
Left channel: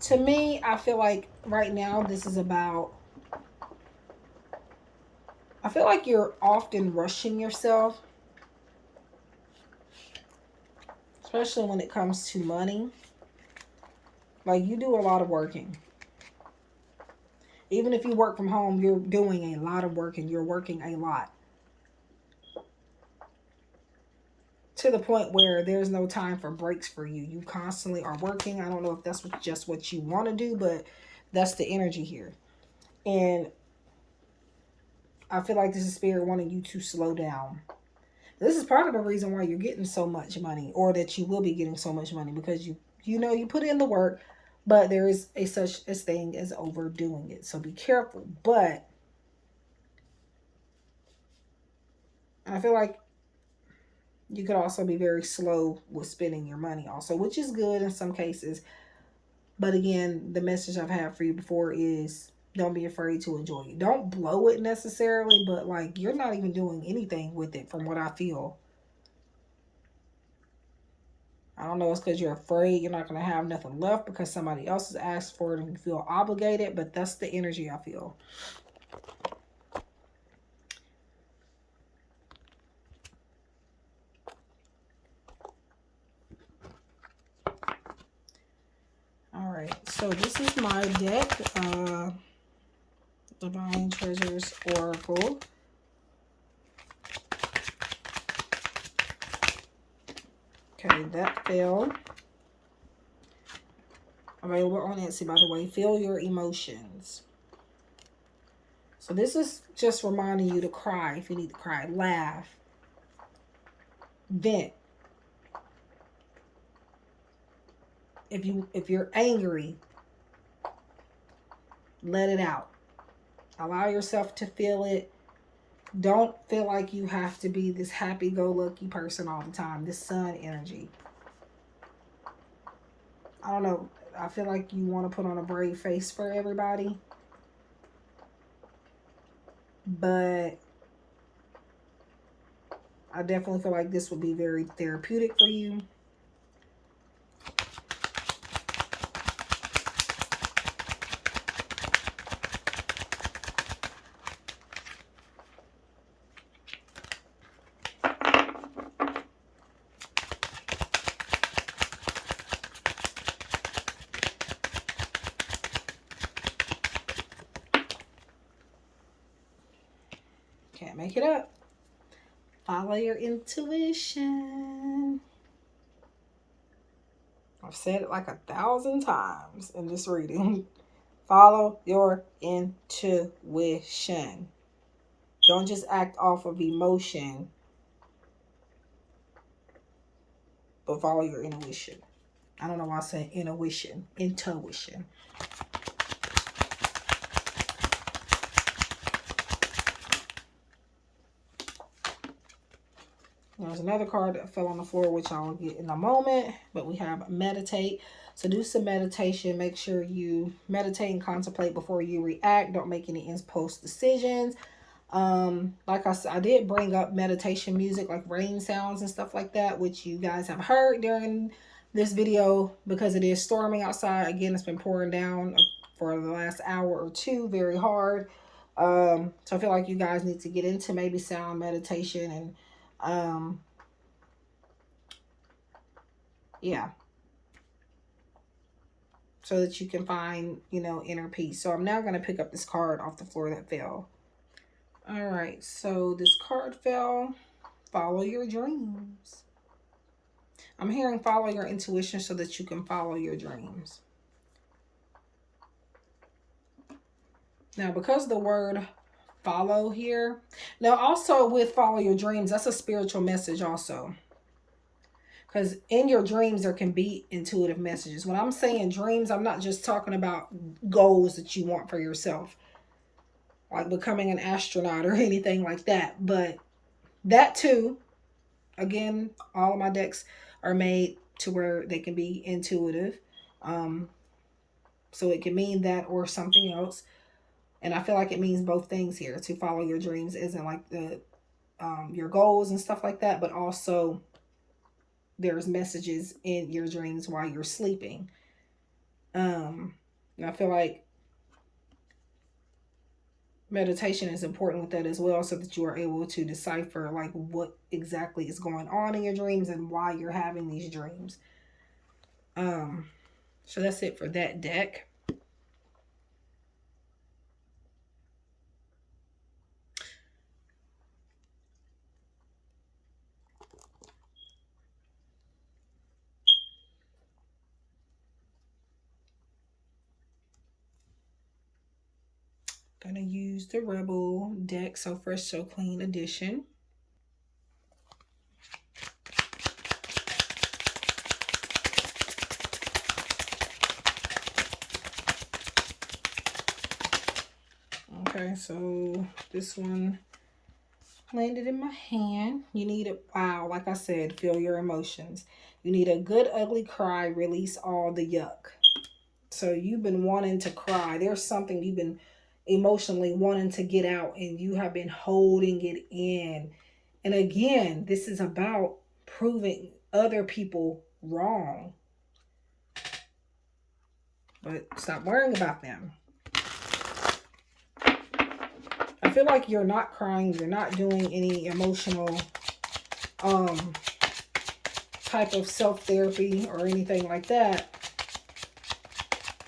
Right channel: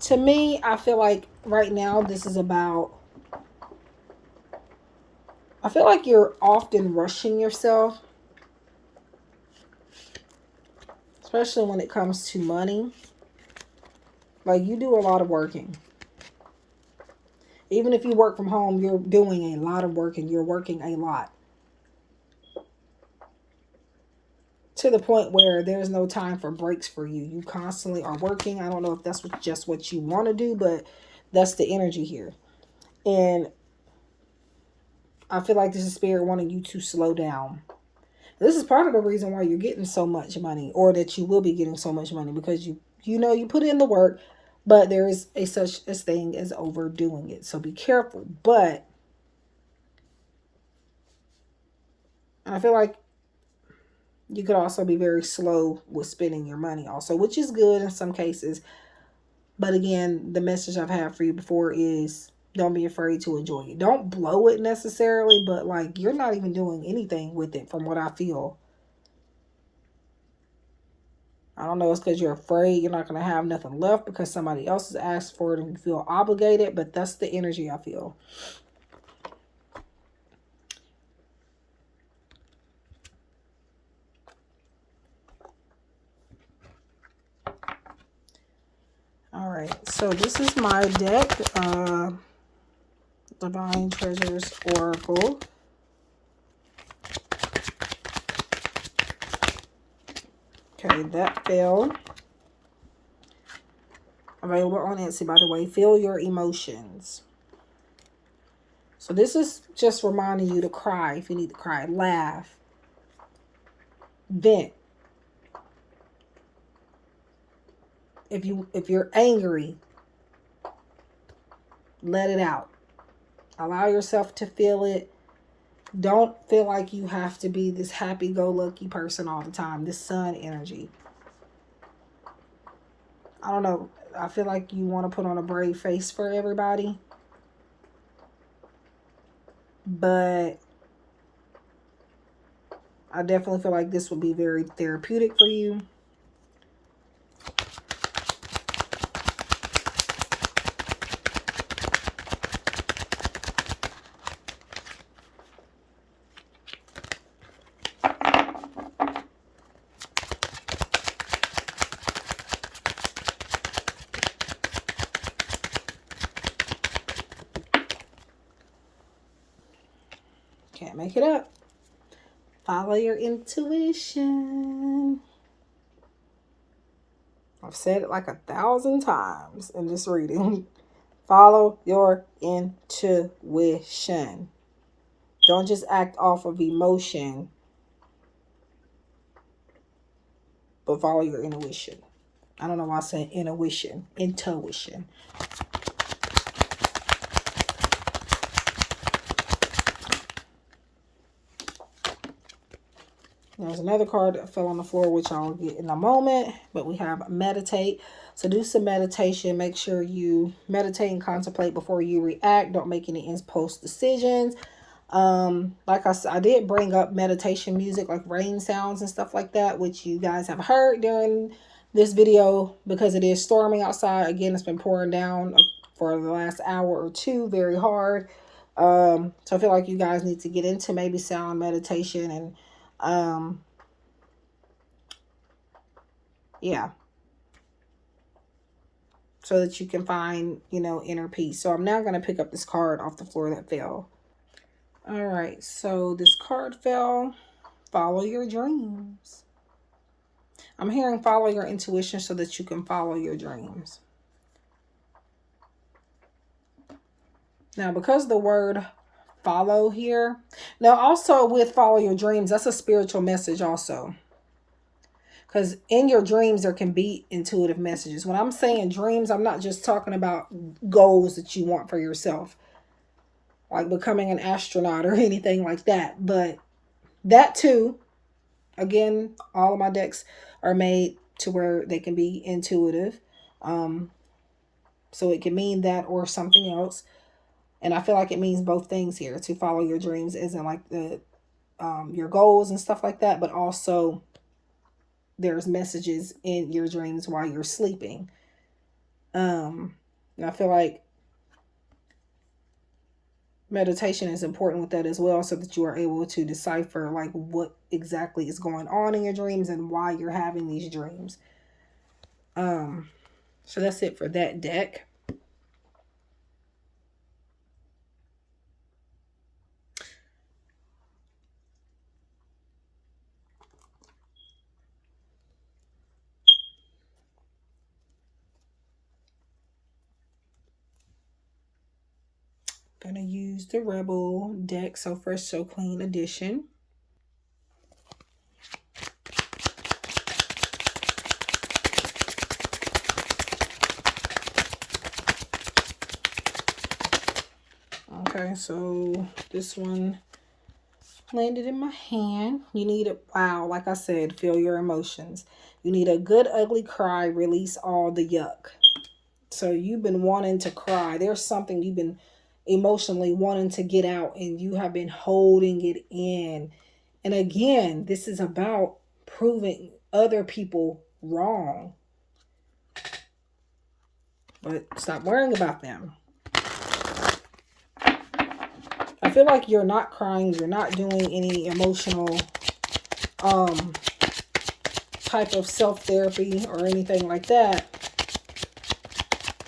To me, I feel like right now this is about, I feel like you're often rushing yourself, especially when it comes to money. Like, you do a lot of working. Even if you work from home, you're doing a lot of work and you're working a lot. To the point where there's no time for breaks for you. You constantly are working. I don't know if that's just what you want to do, but that's the energy here. And I feel like this is spirit wanting you to slow down. This is part of the reason why you're getting so much money, or that you will be getting so much money, because you put in the work, but there is such a thing as overdoing it. So be careful. But I feel like you could also be very slow with spending your money also, which is good in some cases. But again, the message I've had for you before is, don't be afraid to enjoy it. Don't blow it necessarily, but like, you're not even doing anything with it from what I feel. I don't know, it's because you're afraid you're not going to have nothing left because somebody else has asked for it and you feel obligated, but that's the energy I feel. All right, so this is my deck, Divine Treasures Oracle. Okay, that fell. Available on Etsy, by the way. Feel your emotions. So this is just reminding you to cry if you need to cry. Laugh. Vent. If you're angry, let it out. Allow yourself to feel it. Don't feel like you have to be this happy-go-lucky person all the time. This sun energy. I don't know. I feel like you want to put on a brave face for everybody. But I definitely feel like this would be very therapeutic for you. Can't make it up. Follow your intuition. I've said it like 1,000 times in this reading. Follow your intuition. Don't just act off of emotion, but follow your intuition. I don't know why I said intuition. Intuition. There's another card that fell on the floor, which I'll get in a moment. But we have meditate. So do some meditation. Make sure you meditate and contemplate before you react. Don't make any impulse decisions. Like I said, I did bring up meditation music, like rain sounds and stuff like that, which you guys have heard during this video because it is storming outside. Again, it's been pouring down for the last hour or two very hard. So I feel like you guys need to get into maybe sound meditation and yeah, so that you can find, you know, inner peace. So I'm now going to pick up this card off the floor that fell. All right, so this card fell. Follow your dreams. I'm hearing follow your intuition so that you can follow your dreams. Now, because the word follow here, now also with follow your dreams, that's a spiritual message also. Because in your dreams, there can be intuitive messages. When I'm saying dreams, I'm not just talking about goals that you want for yourself, like becoming an astronaut or anything like that. But that too, again, all of my decks are made to where they can be intuitive. So it can mean that or something else. And I feel like it means both things here. To follow your dreams isn't like the your goals and stuff like that, but also there's messages in your dreams while you're sleeping. And I feel like meditation is important with that as well, so that you are able to decipher like what exactly is going on in your dreams and why you're having these dreams. So that's it for that deck. Gonna use the Rebel deck, so Fresh So Clean edition. Okay, so this one landed in my hand. You need a, wow, like I said, feel your emotions. You need a good ugly cry, release all the yuck. So you've been wanting to cry. There's something you've been emotionally wanting to get out and you have been holding it in. And again, this is about proving other people wrong. But stop worrying about them. I feel like you're not crying. You're not doing any emotional type of self-therapy or anything like that.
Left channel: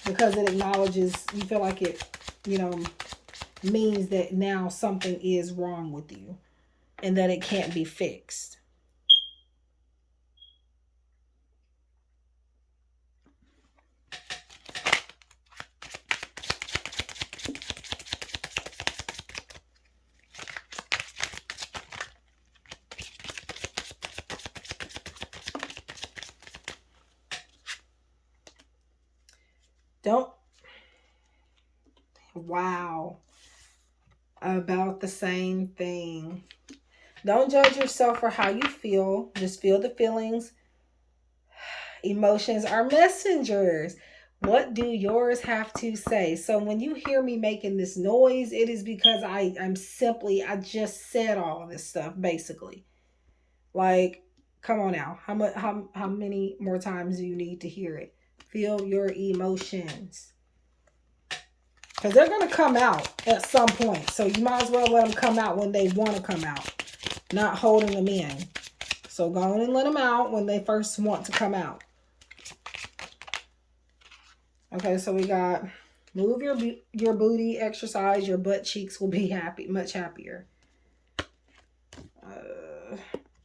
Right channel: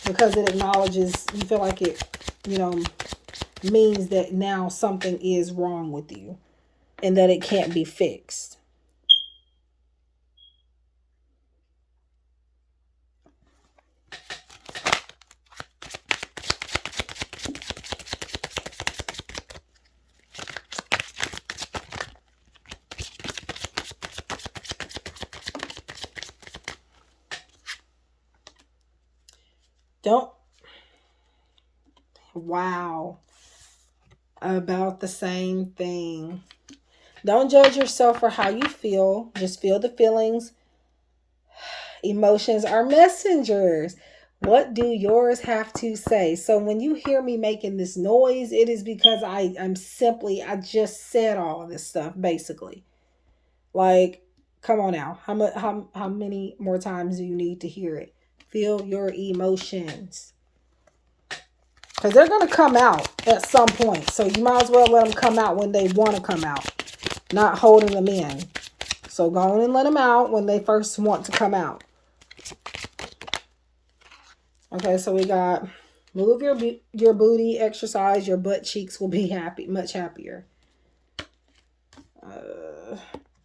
Because it acknowledges, you feel like it, you know, means that now something is wrong with you. And that it can't be fixed. Don't. Wow. About the same thing. Don't judge yourself for how you feel. Just feel the feelings. Emotions are messengers. What do yours have to say? So when you hear me making this noise, it is because I just said all of this stuff, basically. Like, come on now. How many more times do you need to hear it? Feel your emotions. Because they're going to come out at some point. So you might as well let them come out when they want to come out. Not holding them in. So go on and let them out when they first want to come out. Okay, so we got move your booty, exercise, your butt cheeks will be much happier.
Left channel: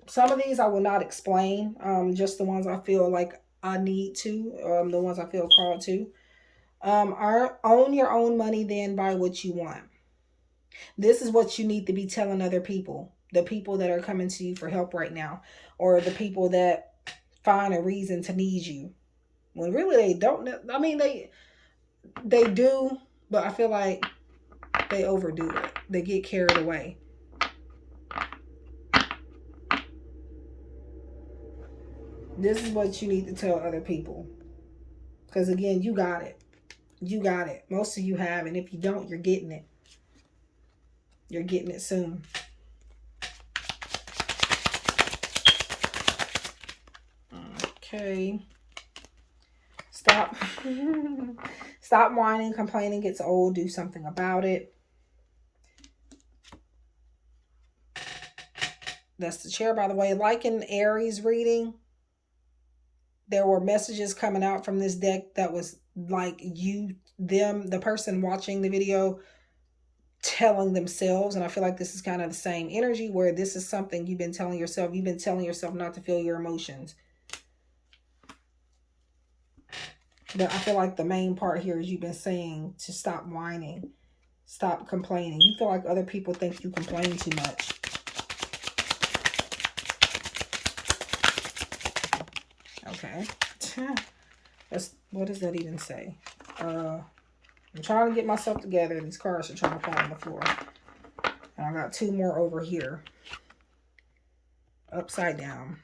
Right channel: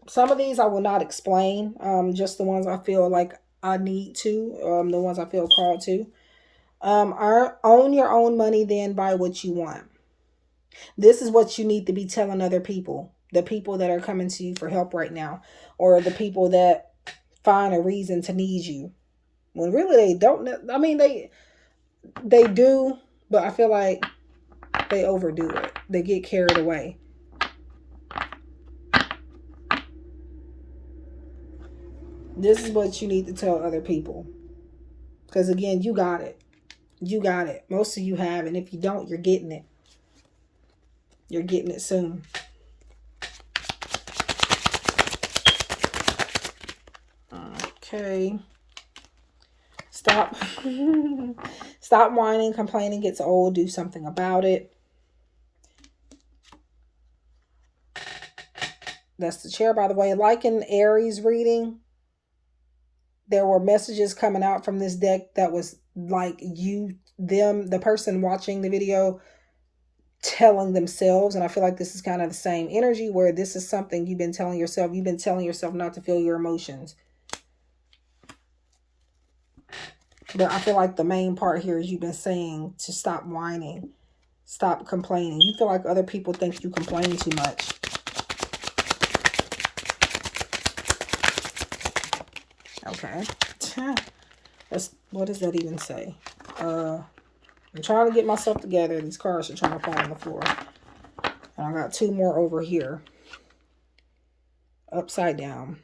Some of these I will not explain. Just the ones I feel like I need to. The ones I feel called to. Own your own money, then buy what you want. This is what you need to be telling other people. The people that are coming to you for help right now. Or the people that find a reason to need you. When really they don't. I mean, they do, but I feel like they overdo it. They get carried away. This is what you need to tell other people. Because again, you got it. You got it. Most of you have. And if you don't, you're getting it. You're getting it soon. Okay. Stop. Stop whining. Complaining gets old. Do something about it. That's the chair, by the way. Like in Aries reading, there were messages coming out from this deck that was like the person watching the video telling themselves. And I feel like this is kind of the same energy where this is something you've been telling yourself. You've been telling yourself not to feel your emotions. But I feel like the main part here is you've been saying to stop whining. Stop complaining. You feel like other people think you complain too much. Okay. What does that even say? I'm trying to get myself together. These cards are trying to fall on the floor. And I got two more over here. Upside down.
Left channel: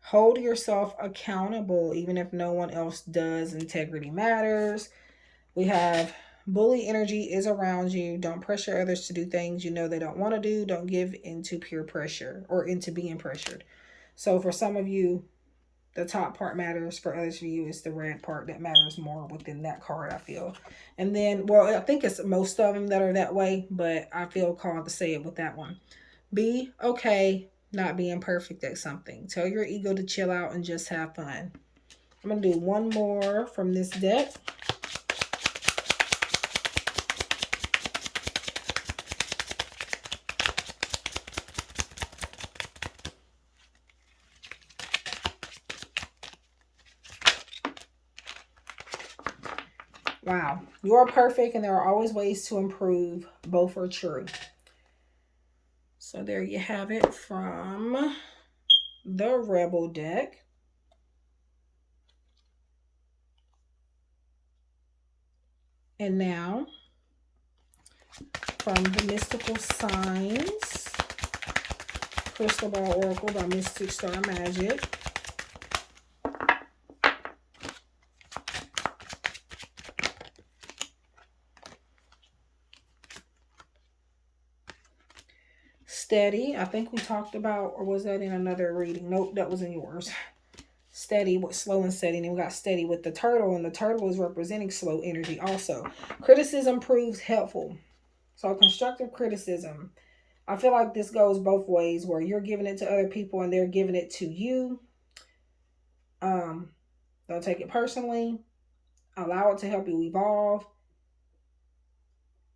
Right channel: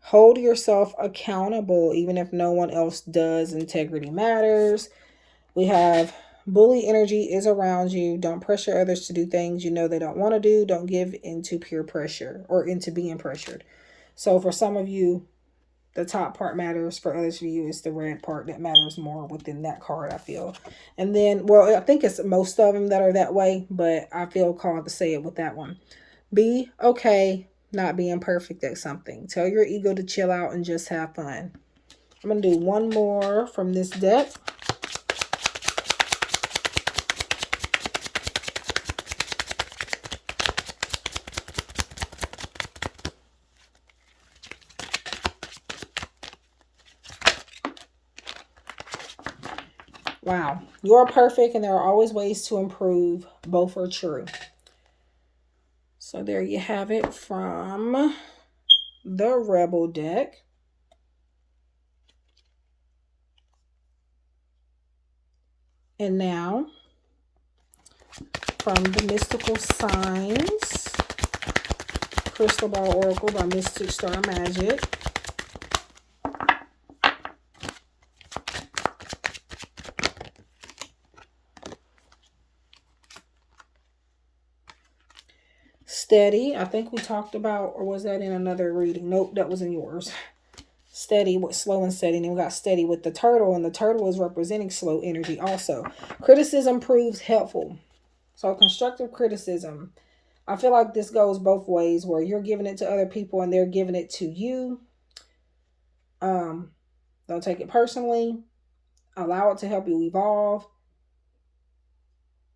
Hold yourself accountable even if no one else does. Integrity matters. We have bully energy is around you. Don't pressure others to do things you know they don't want to do. Don't give into peer pressure or into being pressured. So for some of you, the top part matters. For others of you, it's the red part that matters more within that card, I feel. And then, well, I think it's most of them that are that way, but I feel called to say it with that one. Be okay not being perfect at something. Tell your ego to chill out and just have fun. I'm going to do one more from this deck. Wow. You're perfect and there are always ways to improve. Both are true. So there you have it from the Rebel deck. And now from the Mystical Signs, Crystal Ball Oracle by Mystic Star Magic. Steady, I think we talked about, or was that in another reading? Nope, that was in yours. Steady with slow and steady. And then we got steady with the turtle, and the turtle is representing slow energy also. Criticism proves helpful. So constructive criticism. I feel like this goes both ways, where you're giving it to other people and they're giving it to you. Don't take it personally. Allow it to help you evolve.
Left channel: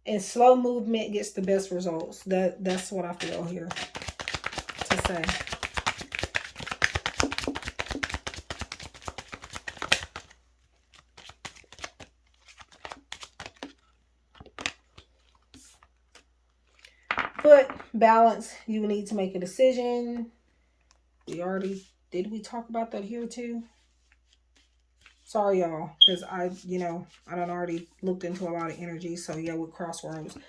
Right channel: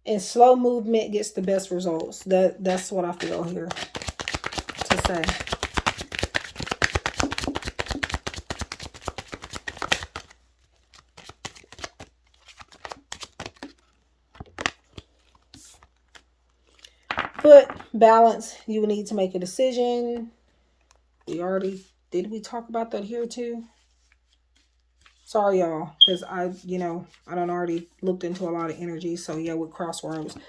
And slow movement gets the best results. That's what I feel here to say. But balance, you need to make a decision. Did we talk about that here too? Sorry, y'all, because I done already looked into a lot of energy. So yeah, with crosswords.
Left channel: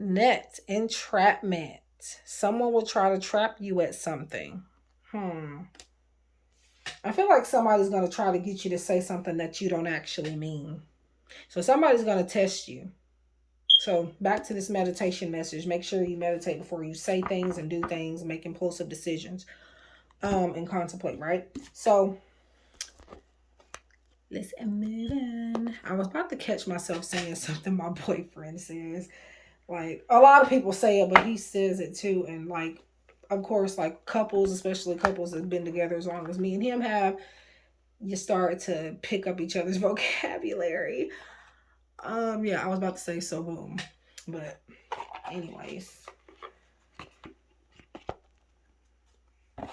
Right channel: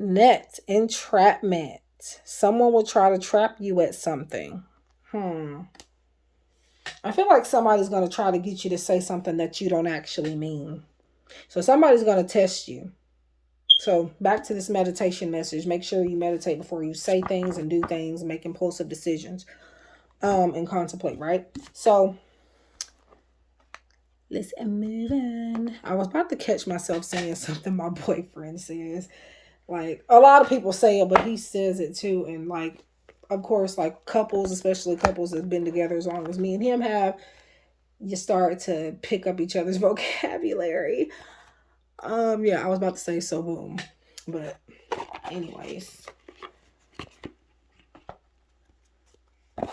Net entrapment. Someone will try to trap you at something. I feel like somebody's going to try to get you to say something that you don't actually mean. So somebody's going to test you. So back to this meditation message. Make sure you meditate before you say things and do things, make impulsive decisions, and contemplate, right? So let's move on. I was about to catch myself saying something my boyfriend says. Like, a lot of people say it, but he says it too. And like, of course, like couples, especially couples that have been together as long as me and him have, you start to pick up each other's vocabulary. Yeah, I was about to say so boom. But anyways. I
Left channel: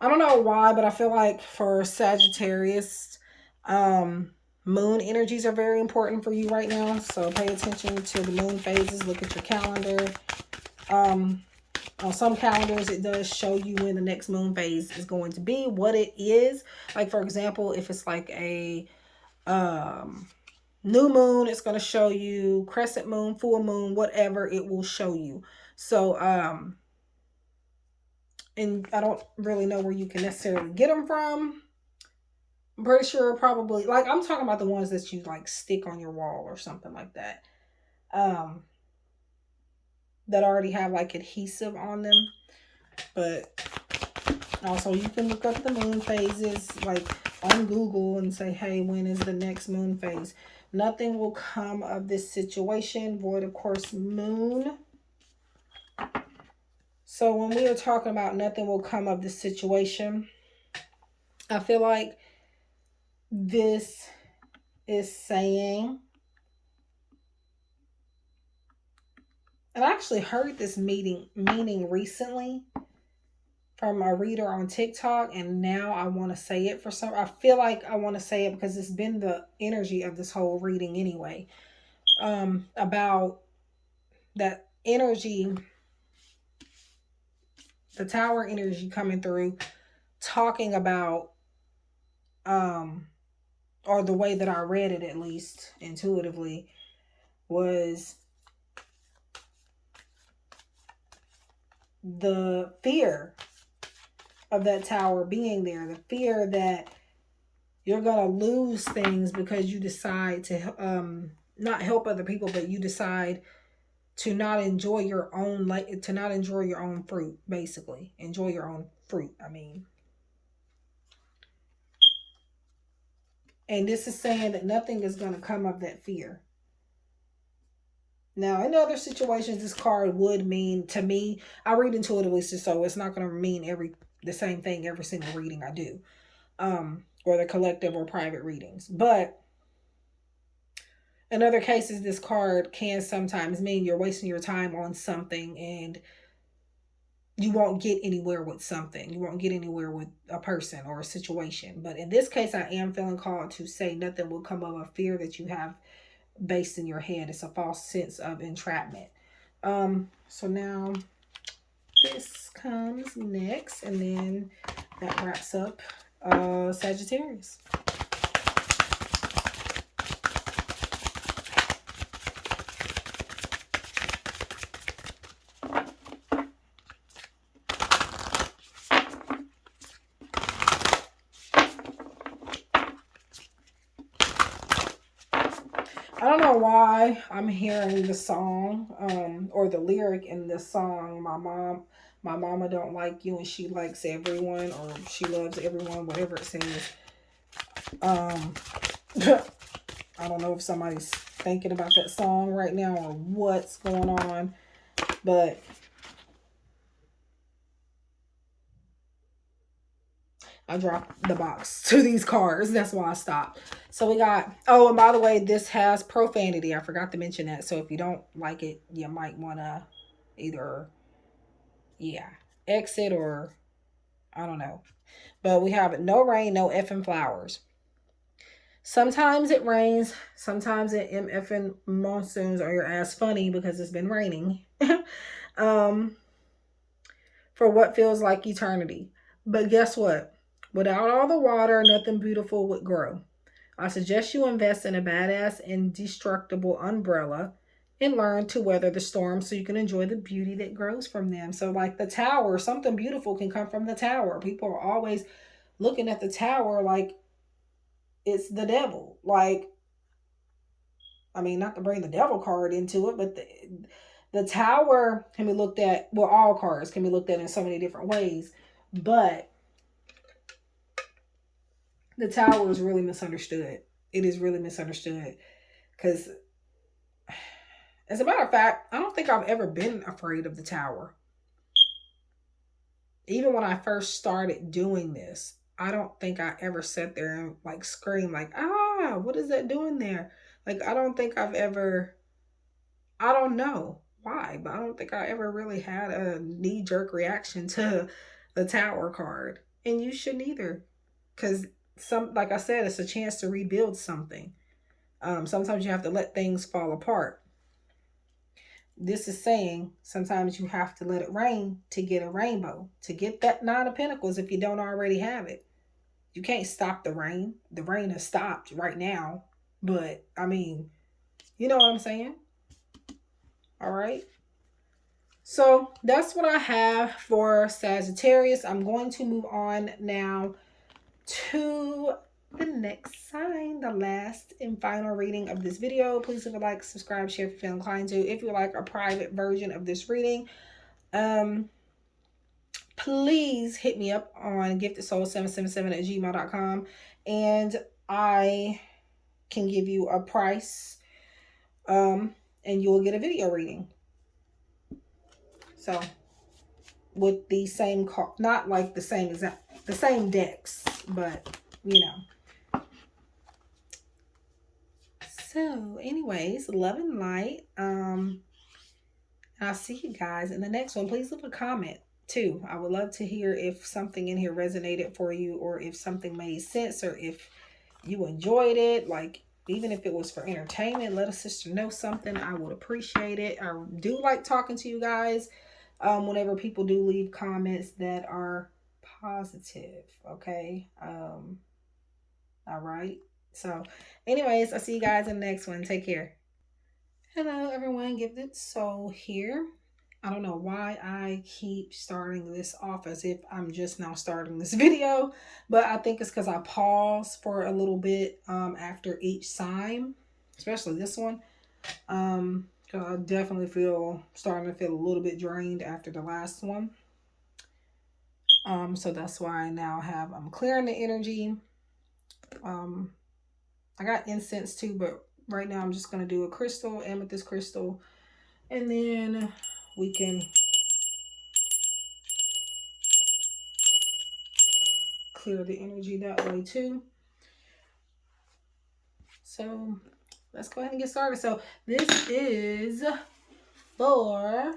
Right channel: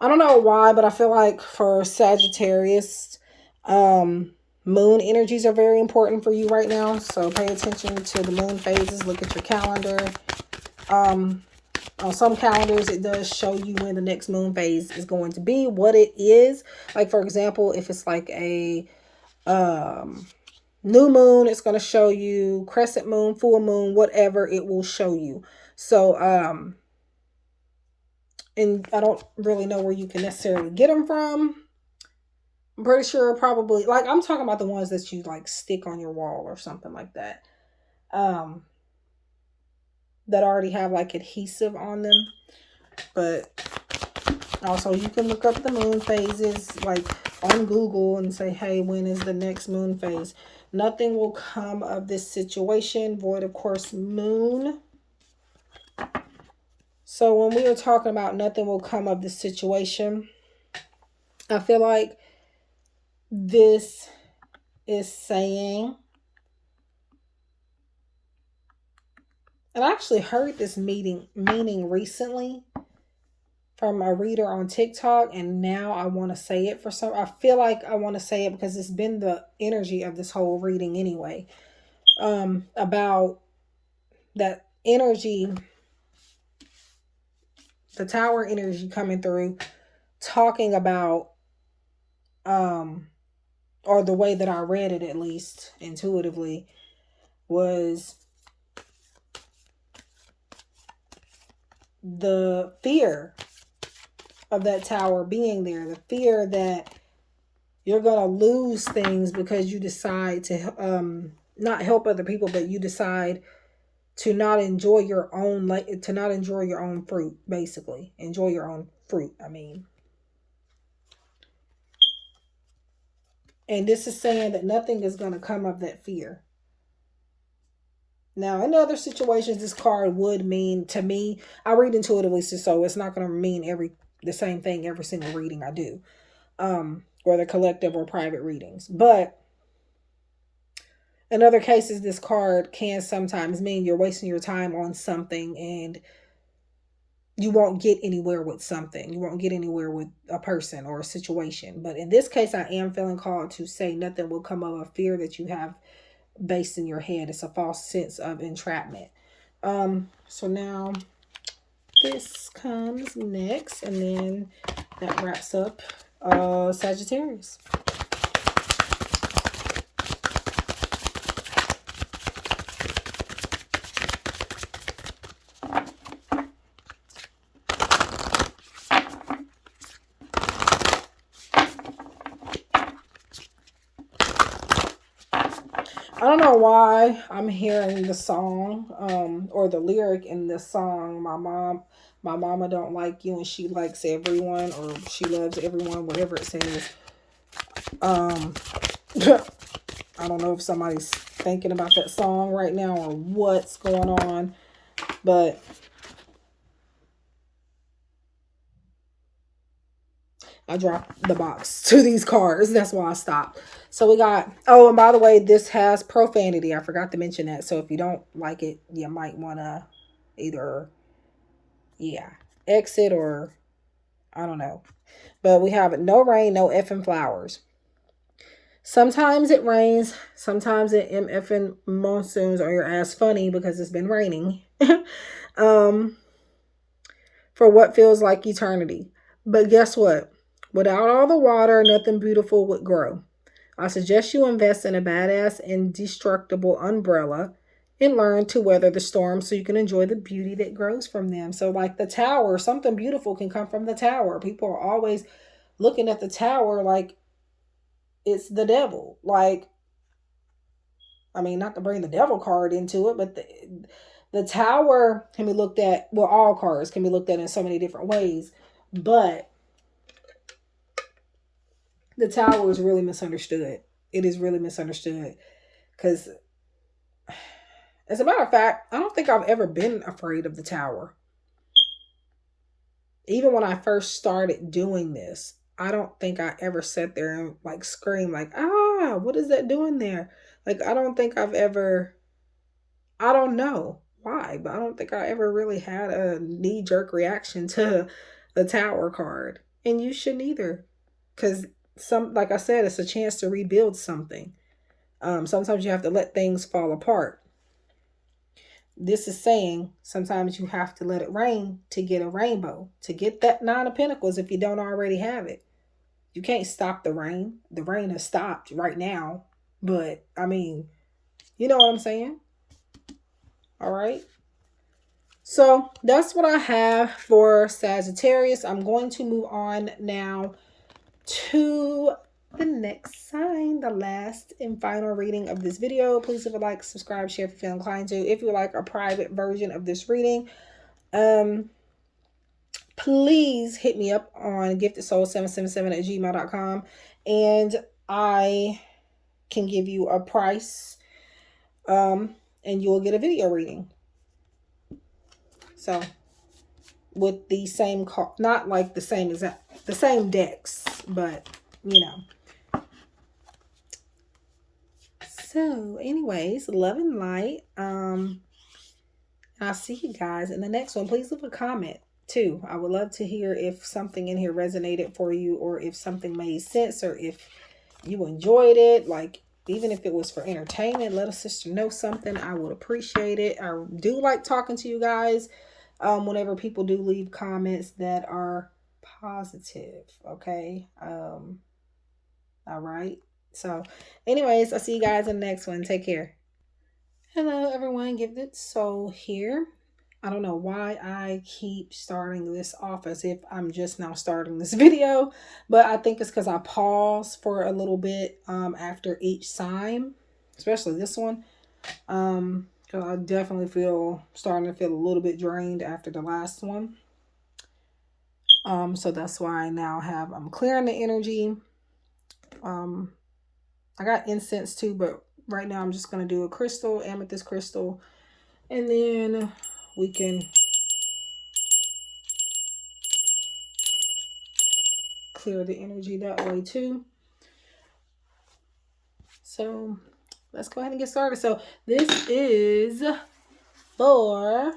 don't know why, but I feel like for Sagittarius, moon energies are very important for you right now. So pay attention to the moon phases. Look at your calendar. On some calendars, it does show you when the next moon phase is going to be, what it is. Like, for example, if it's like a new moon, it's going to show you crescent moon, full moon, whatever it will show you. So, and I don't really know where you can necessarily get them from. I'm pretty sure probably, like, I'm talking about the ones that you like stick on your wall or something like that. That already have like adhesive on them. But also you can look up the moon phases like on Google and say, hey, when is the next moon phase? Nothing will come of this situation. Void, of course, moon. So when we are talking about nothing will come of this situation, I feel like this is saying, and I actually heard this meaning recently from a reader on TikTok, and now I want to say it for some. I feel like I want to say it because it's been the energy of this whole reading anyway. About that energy, the tower energy coming through, talking about or the way that I read it, at least intuitively, was the fear of that tower being there, the fear that you're going to lose things because you decide to not help other people, but you decide to not enjoy your own, like, to not enjoy your own fruit, basically. Enjoy your own fruit, I mean. And this is saying that nothing is going to come of that fear. Now, in other situations, this card would mean, to me, I read intuitively, so it's not going to mean the same thing every single reading I do. Or the collective or private readings. But in other cases, this card can sometimes mean you're wasting your time on something and you won't get anywhere with something. You won't get anywhere with a person or a situation. But in this case, I am feeling called to say nothing will come of a fear that you have based in your head. It's a false sense of entrapment. So now this comes next, and then that wraps up Sagittarius. I don't know why I'm hearing the song, or the lyric in this song. My mama don't like you and she likes everyone, or she loves everyone, whatever it says. Um, I don't know if somebody's thinking about that song right now or what's going on, but I dropped the box to these cards. That's why I stopped. So we got, oh, and by the way, this has profanity. I forgot to mention that. So if you don't like it, you might want to either, yeah, exit or I don't know. But we have no rain, no effing flowers. Sometimes it rains. Sometimes it effing monsoons or your ass funny because it's been raining. um, for what feels like eternity. But guess what? Without all the water, nothing beautiful would grow. I suggest you invest in a badass indestructible umbrella and learn to weather the storm so you can enjoy the beauty that grows from them. So, like the tower, something beautiful can come from the tower. People are always looking at the tower like it's the devil. Like, I mean, not to bring the devil card into it, but the tower can be looked at, well, all cards can be looked at in so many different ways. But the tower is really misunderstood. It is really misunderstood because, as a matter of fact, I don't think I've ever been afraid of the tower. Even when I first started doing this, I don't think I ever sat there and like scream like, ah, what is that doing there? Like, I don't think I've ever, I don't know why, but I don't think I ever really had a knee jerk reaction to the tower card. And you shouldn't either. Because like I said, it's a chance to rebuild something. Sometimes you have to let things fall apart. This is saying sometimes you have to let it rain to get a rainbow, to get that Nine of Pentacles if you don't already have it. You can't stop the rain. The rain has stopped right now. But, I mean, you know what I'm saying? All right. So that's what I have for Sagittarius. I'm going to move on now to the next sign, the last and final reading of this video. Please leave a like, subscribe, share if you feel inclined to. If you like a private version of this reading, please hit me up on giftedsoul777@gmail.com and I can give you a price, and you'll get a video reading. So with the same not like the same exact, the same decks, but you know. So anyways, love and light. I'll see you guys in the next one. Please leave a comment too. I would love to hear if something in here resonated for you, or if something made sense, or if you enjoyed it. Like, even if it was for entertainment, let a sister know something. I would appreciate it. I do like talking to you guys whenever people do leave comments that are positive. Okay. All right. So anyways, I'll see you guys in the next one. Take care. Hello everyone, Gifted Soul here. I don't know why I keep starting this off as if I'm just now starting this video, but I think it's because I pause for a little bit after each sign, especially this one, because I definitely starting to feel a little bit drained after the last one. So that's why I now I'm clearing the energy. I got incense too, but right now I'm just going to do a crystal, amethyst crystal, and then we can clear the energy that way too. So let's go ahead and get started. So this is for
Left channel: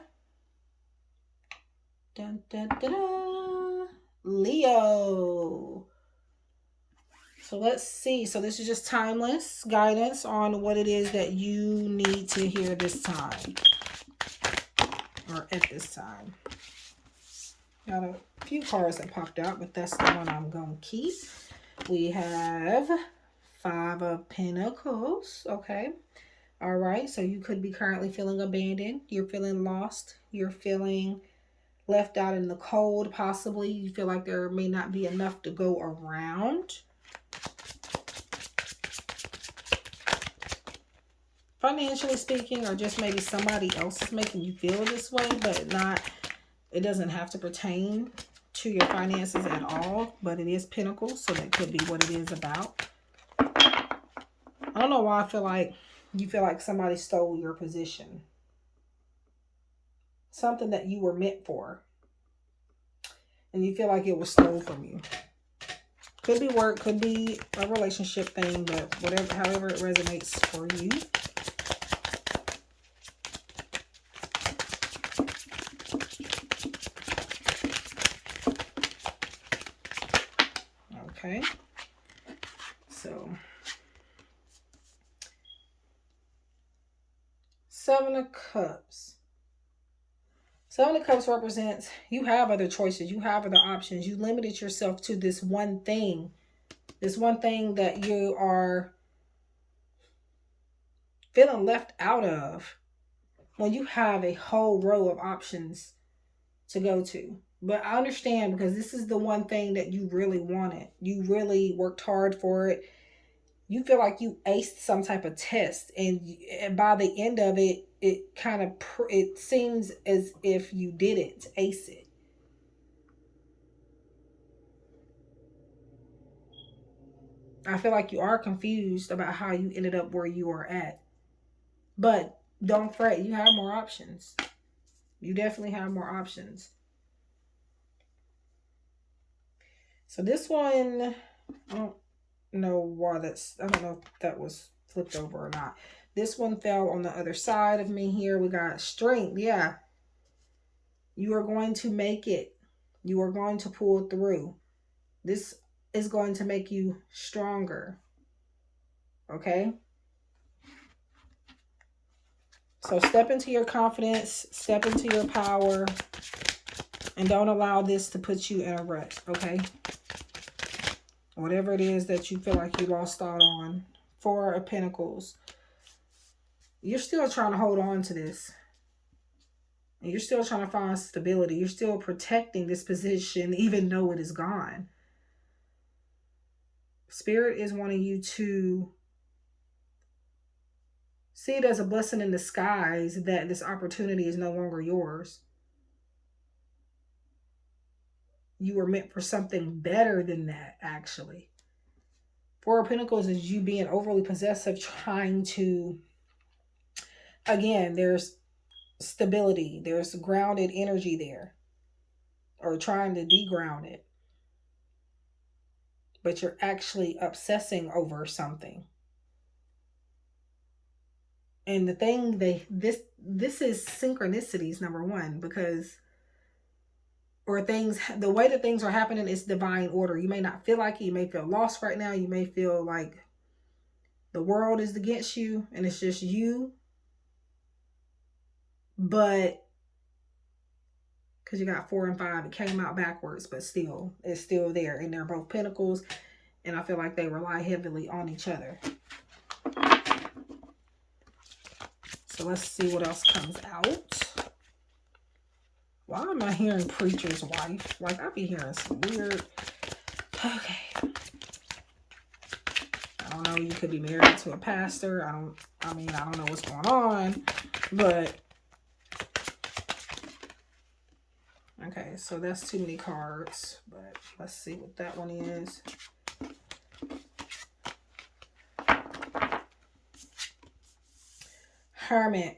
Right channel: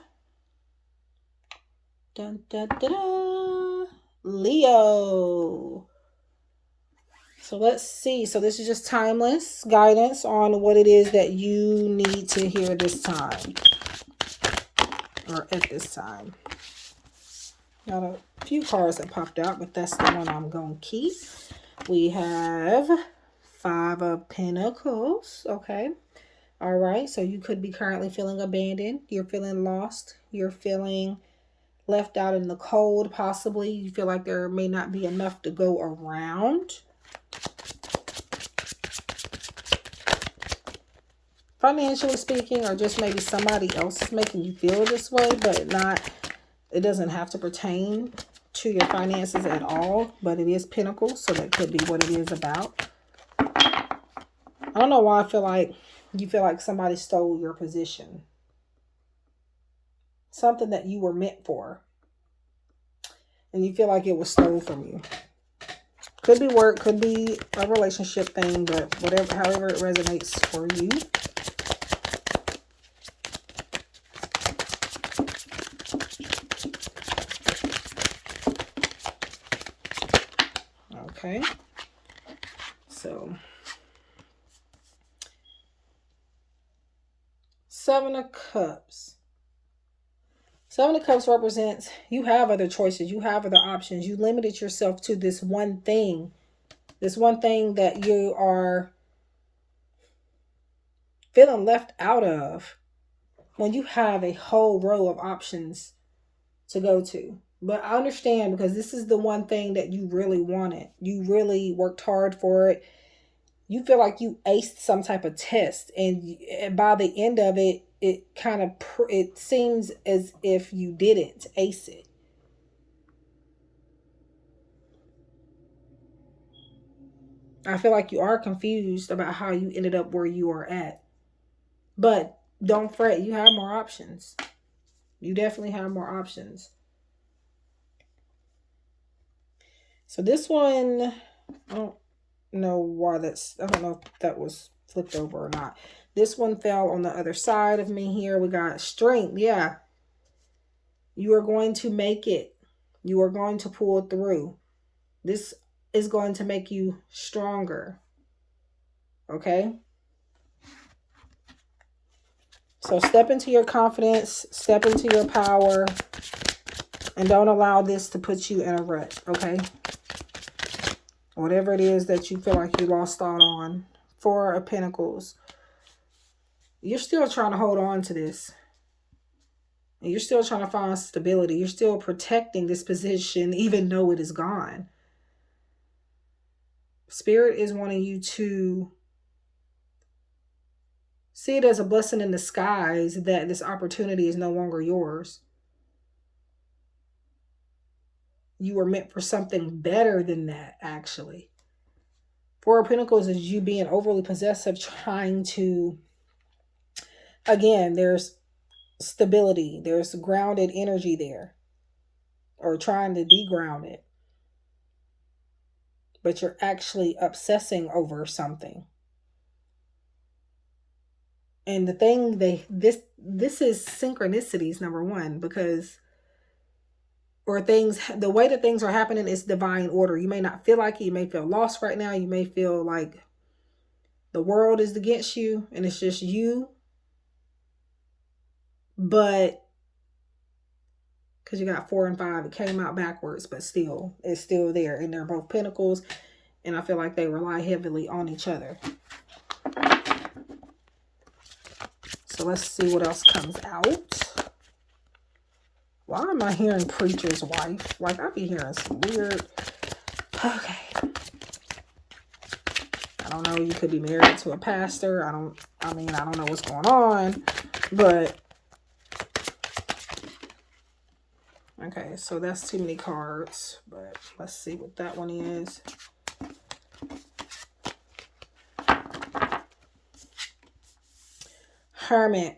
Leo. So let's see. So this is just timeless guidance on what it is that you need to hear this time, or at this time. Got a few cards that popped out, but that's the one I'm going to keep. We have Five of Pentacles. Okay. All right. So you could be currently feeling abandoned. You're feeling lost. You're feeling left out in the cold, possibly. You feel like there may not be enough to go around. financially speaking, or just maybe somebody else is making you feel this way, but it doesn't have to pertain to your finances at all, but it is Pentacles, so that could be what it is about. I don't know why I feel like you feel like somebody stole your position. Something that you were meant for. And you feel like it was stolen from you. Could be work, could be a relationship thing, but whatever, however it resonates for you. Okay. So, Seven of Cups. Seven of Cups represents you have other choices. You have other options. You limited yourself to this one thing. This one thing that you are feeling left out of when you have a whole row of options to go to. But I understand, because this is the one thing that you really wanted. You really worked hard for it. You feel like you aced some type of test, and by the end of it, it seems as if you didn't ace it. I feel like you are confused about how you ended up where you are at. But don't fret, you have more options. You definitely have more options. So this one, I don't know why I don't know if that was flipped over or not. This one fell on the other side of me here. We got strength. Yeah. You are going to make it. You are going to pull through. This is going to make you stronger. Okay? So step into your confidence, step into your power, and don't allow this to put you in a rut, okay? Whatever it is that you feel like you lost out on. Four of Pentacles. You're still trying to hold on to this. And you're still trying to find stability. You're still protecting this position even though it is gone. Spirit is wanting you to see it as a blessing in disguise that this opportunity is no longer yours. You were meant for something better than that, actually. Four of Pentacles is you being overly possessive, trying to, again, there's stability. There's grounded energy there. Or trying to de-ground it. But you're actually obsessing over something. And the thing this is synchronicities, number one, because the way that things are happening is divine order. You may not feel like it. You may feel lost right now. You may feel like the world is against you and it's just you. But because you got 4 and 5, it came out backwards, but still, it's still there. And they're both Pentacles. And I feel like they rely heavily on each other. So let's see what else comes out. Why am I hearing preacher's wife? Like, I be hearing some weird... Okay. I don't know. You could be married to a pastor. I don't know what's going on. But... Okay, so that's too many cards. But let's see what that one is. Hermit.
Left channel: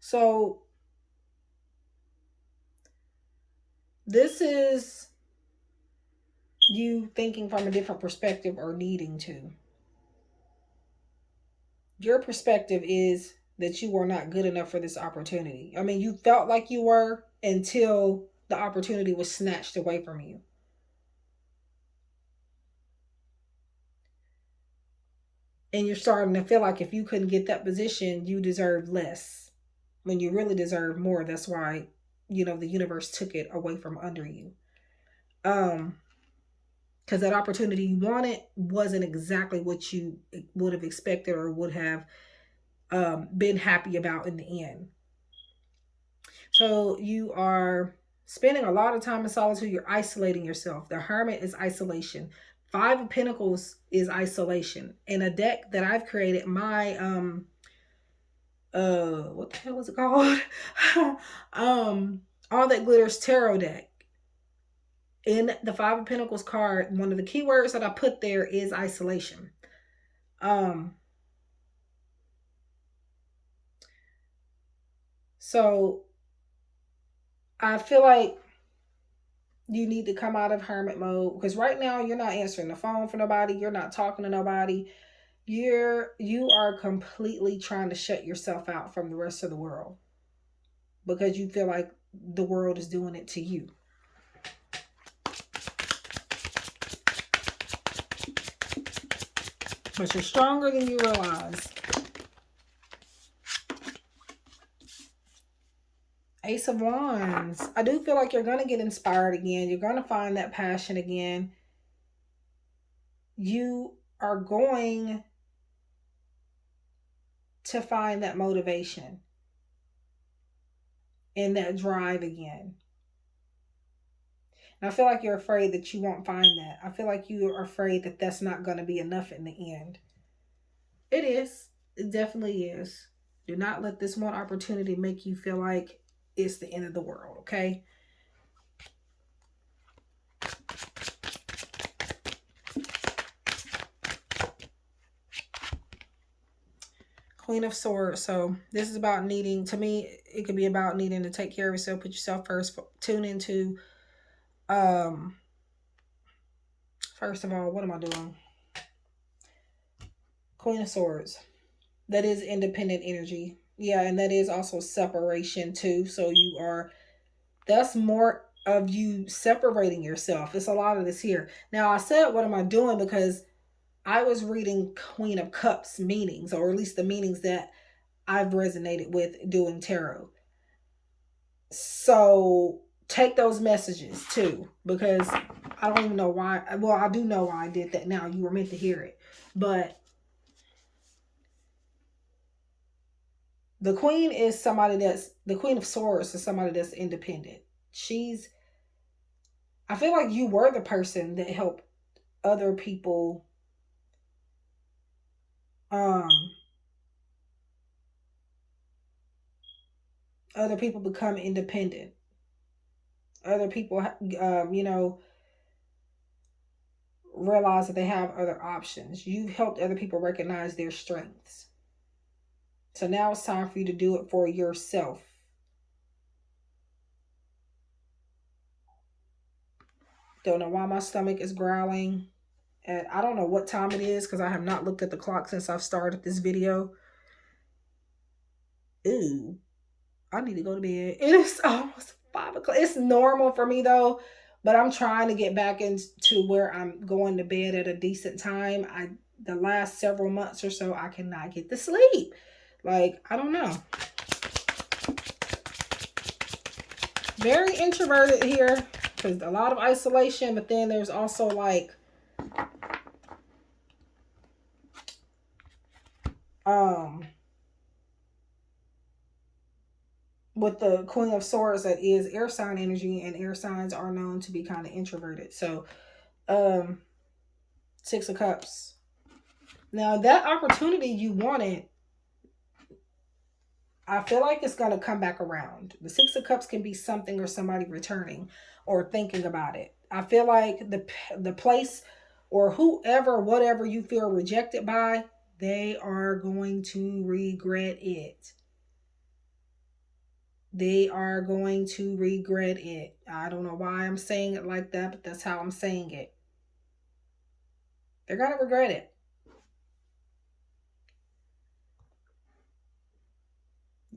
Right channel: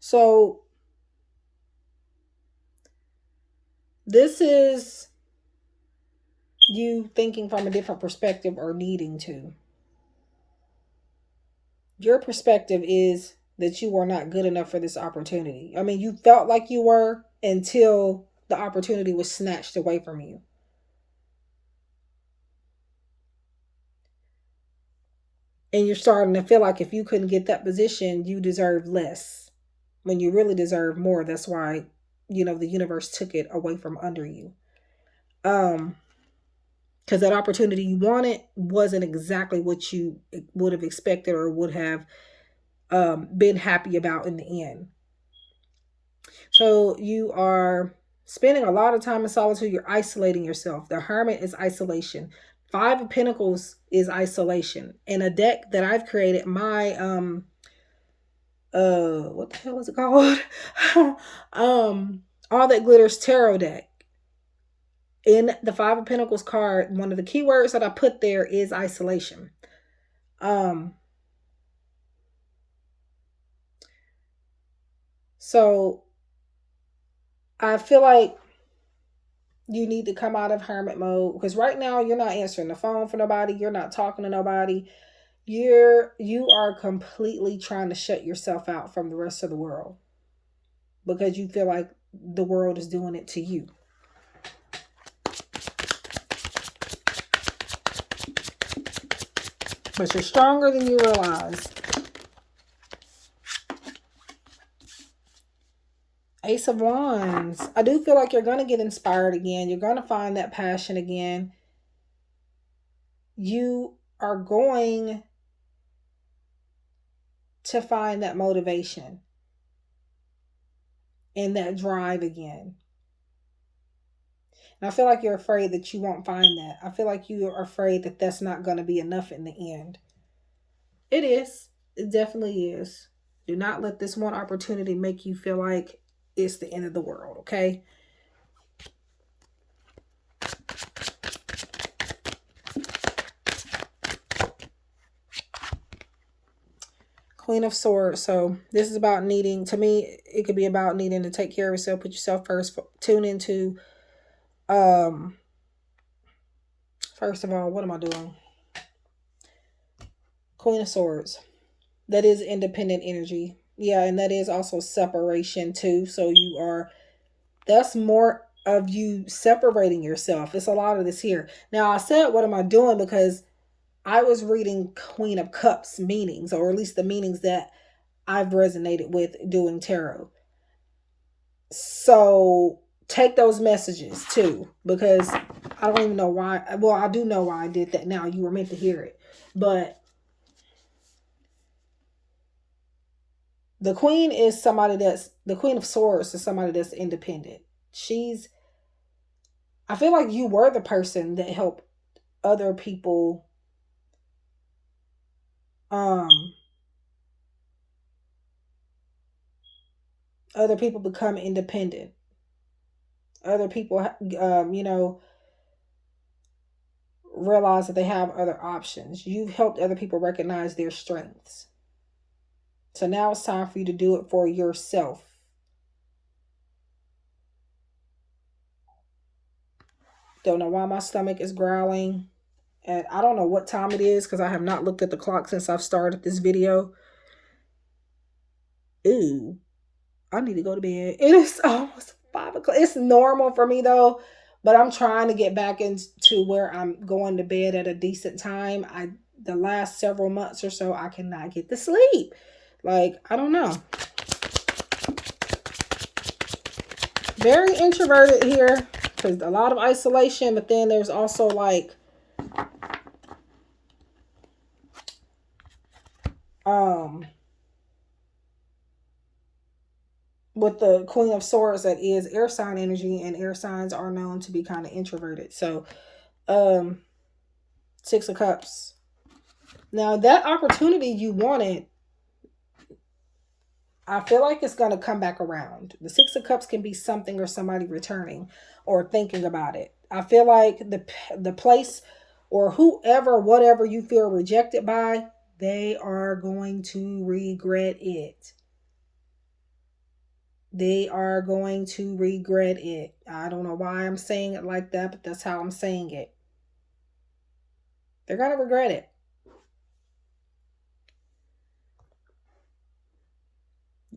So this is you thinking from a different perspective or needing to. Your perspective is that you were not good enough for this opportunity. I mean, you felt like you were until the opportunity was snatched away from you. And you're starting to feel like if you couldn't get that position, you deserve less when you really deserve more. That's why, the universe took it away from under you. Because that opportunity you wanted wasn't exactly what you would have expected or would have been happy about in the end. So you are spending a lot of time in solitude. You're isolating yourself. The Hermit is isolation. Five of Pentacles is isolation. In a deck that I've created, my what the hell is it called? All That Glitters tarot deck. In the Five of Pentacles card, one of the keywords that I put there is isolation. So I feel like you need to come out of hermit mode, because right now you're not answering the phone for nobody, you're not talking to nobody. You are completely trying to shut yourself out from the rest of the world because you feel like the world is doing it to you. But you're stronger than you realize. Ace of Wands. I do feel like you're going to get inspired again. You're going to find that passion again. You are going to find that motivation and that drive again. And I feel like you're afraid that you won't find that. I feel like you are afraid that that's not going to be enough in the end. It is. It definitely is. Do not let this one opportunity make you feel like it's the end of the world, okay? Queen of Swords. So this is about needing, to me, it could be about needing to take care of yourself, put yourself first, tune into, first of all, what am I doing? Queen of Swords. That is independent energy. Yeah, and that is also separation too. So you are, that's more of you separating yourself. It's a lot of this here. Now I said, what am I doing? Because I was reading Queen of Cups meanings, or at least the meanings that I've resonated with doing tarot. So take those messages too, because I don't even know why. Well, I do know why I did that now. You were meant to hear it. But the Queen is somebody that's, the Queen of Swords is somebody that's independent. I feel like you were the person that helped other people become independent. Other people, realize that they have other options. You've helped other people recognize their strengths. So now it's time for you to do it for yourself. Don't know why my stomach is growling. And I don't know what time it is because I have not looked at the clock since I've started this video. Ooh, I need to go to bed. It is almost 5 o'clock. It's normal for me though, but I'm trying to get back into where I'm going to bed at a decent time. The last several months or so, I cannot get to sleep. Like, I don't know. Very introverted here because a lot of isolation, but then there's also like with the Queen of Swords, that is air sign energy, and air signs are known to be kind of introverted. So Six of Cups. Now that opportunity you wanted, I feel like it's going to come back around. The Six of Cups can be something or somebody returning or thinking about it. I feel like the place or whoever, whatever you feel rejected by, they are going to regret it. They are going to regret it. I don't know why I'm saying it like that, but that's how I'm saying it. They're going to regret it.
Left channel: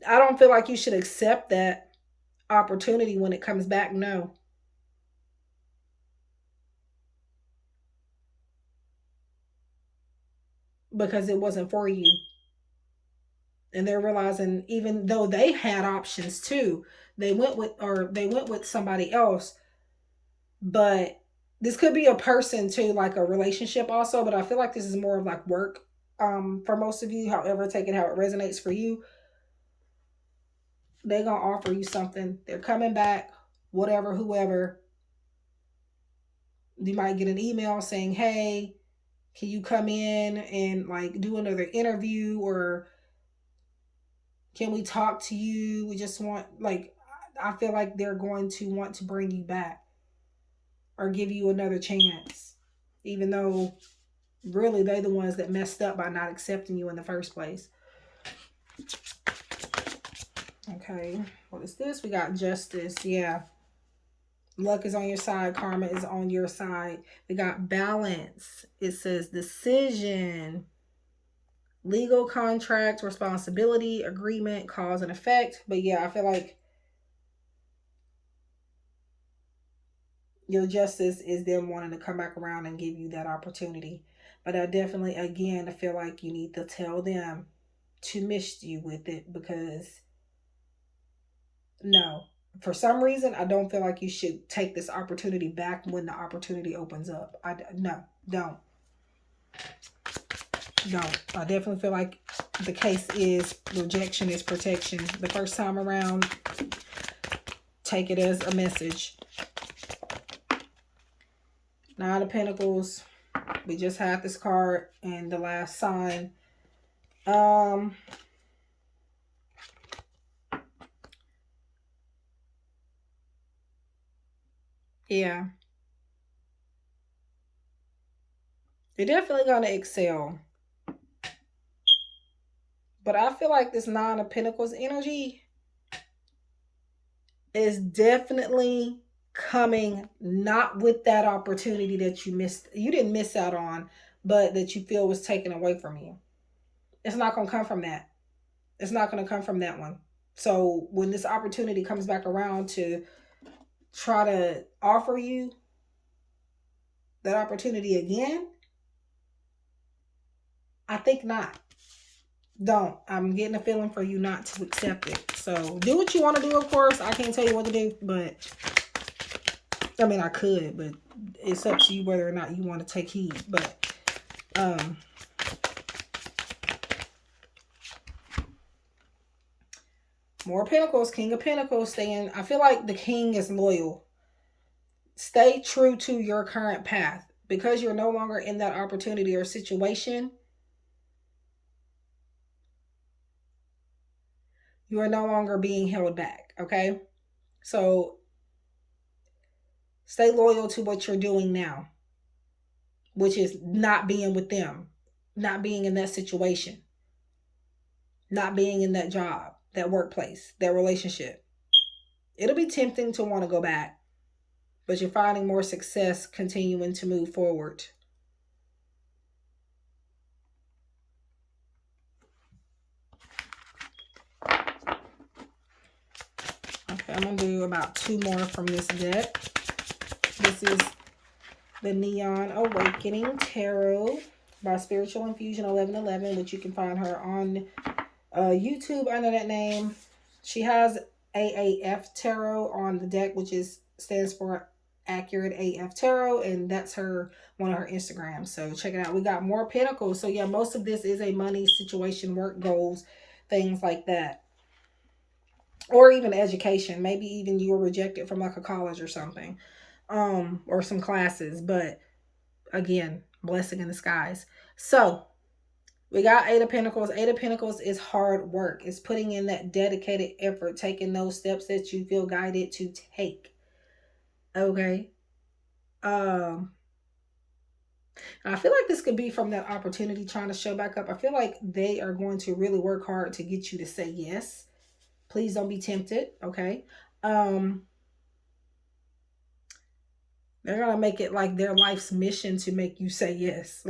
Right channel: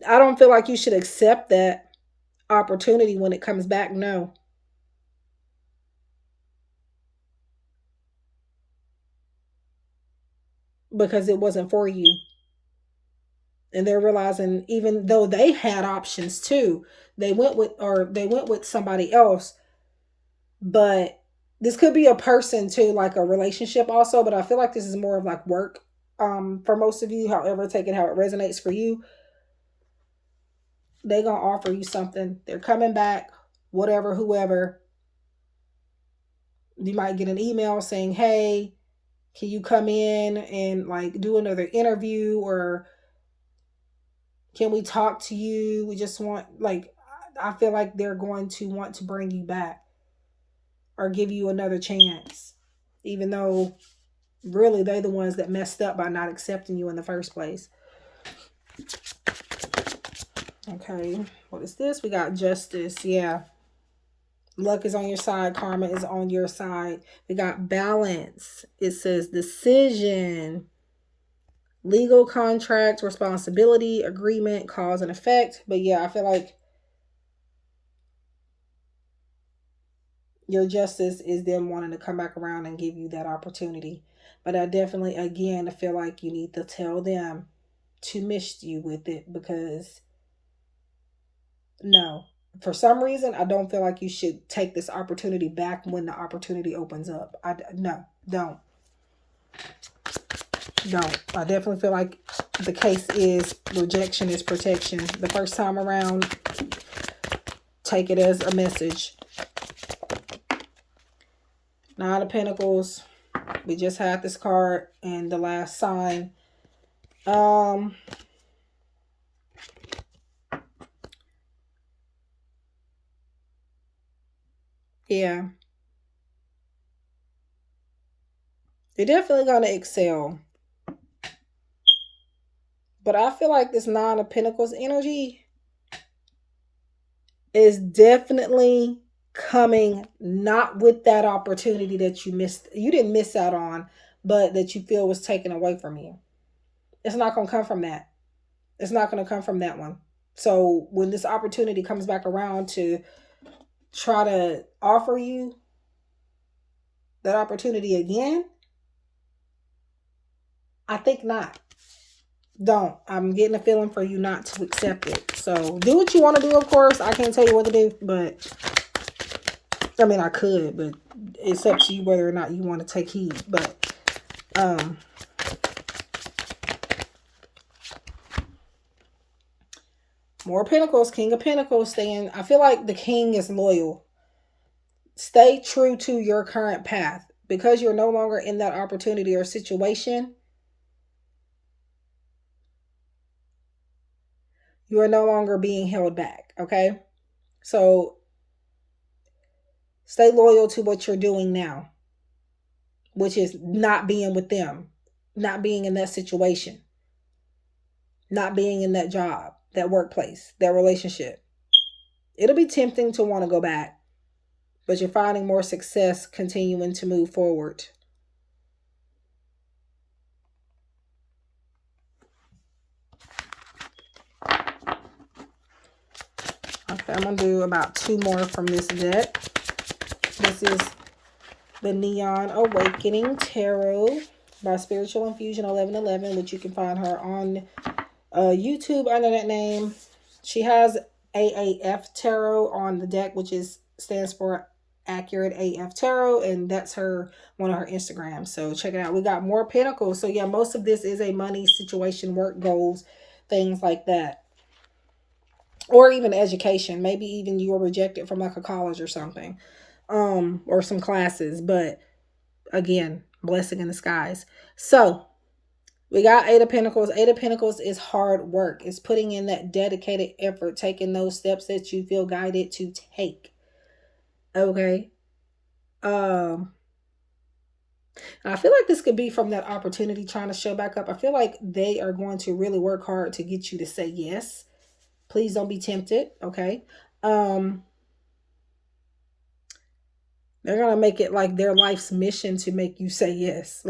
I don't feel like you should accept that opportunity when it comes back. No. Because it wasn't for you. And they're realizing, even though they had options too, they went with somebody else. But this could be a person too, like a relationship also, but I feel like this is more of like work for most of you. However, take it how it resonates for you. They're gonna offer you something. They're coming back, whatever, whoever. You might get an email saying, hey, can you come in and like do another interview, or can we talk to you? We just want, like, I feel like they're going to want to bring you back or give you another chance, even though really they're the ones that messed up by not accepting you in the first place. Okay, what is this? We got justice. Yeah. Luck is on your side. Karma is on your side. We got balance. It says decision, legal contract, responsibility, agreement, cause and effect. But yeah, I feel like your justice is them wanting to come back around and give you that opportunity. But I definitely, again, I feel like you need to tell them to miss you with it, because no, for some reason, I don't feel like you should take this opportunity back when the opportunity opens up. No, don't. I definitely feel like the case is rejection is protection. The first time around, take it as a message. Nine of Pentacles. We just had this card and the last sign. Yeah. You're definitely going to excel. But I feel like this Nine of Pentacles energy is definitely coming not with that opportunity that you didn't miss out on, but that you feel was taken away from you. It's not going to come from that. It's not going to come from that one. So when this opportunity comes back around to try to offer you that opportunity again, I think not. Don't. I'm getting a feeling for you not to accept it. So do what you want to do, of course. I can't tell you what to do, but I mean, I could, but it's up to you whether or not you want to take heed. But more Pentacles, King of Pentacles staying. I feel like the King is loyal. Stay true to your current path, because you're no longer in that opportunity or situation. You are no longer being held back. Okay. So stay loyal to what you're doing now, which is not being with them, not being in that situation, not being in that job, that workplace, that relationship. It'll be tempting to want to go back, but you're finding more success continuing to move forward. Okay, I'm going to do about 2 more from this deck. This is the Neon Awakening Tarot by Spiritual Infusion 1111, which you can find her on YouTube under that name. She has AAF Tarot on the deck, which stands for Accurate AF Tarot, and that's one of her Instagrams. So check it out. We got more Pentacles. So yeah, most of this is a money situation, work goals, things like that. Or even education. Maybe even you were rejected from like a college or something. Or some classes. But again, blessing in disguise. So we got Eight of Pentacles. Eight of Pentacles is hard work. It's putting in that dedicated effort, taking those steps that you feel guided to take. Okay. And I feel like this could be from that opportunity trying to show back up. I feel like they are going to really work hard to get you to say yes. Please don't be tempted. Okay. They're going to make it like their life's mission to make you say yes.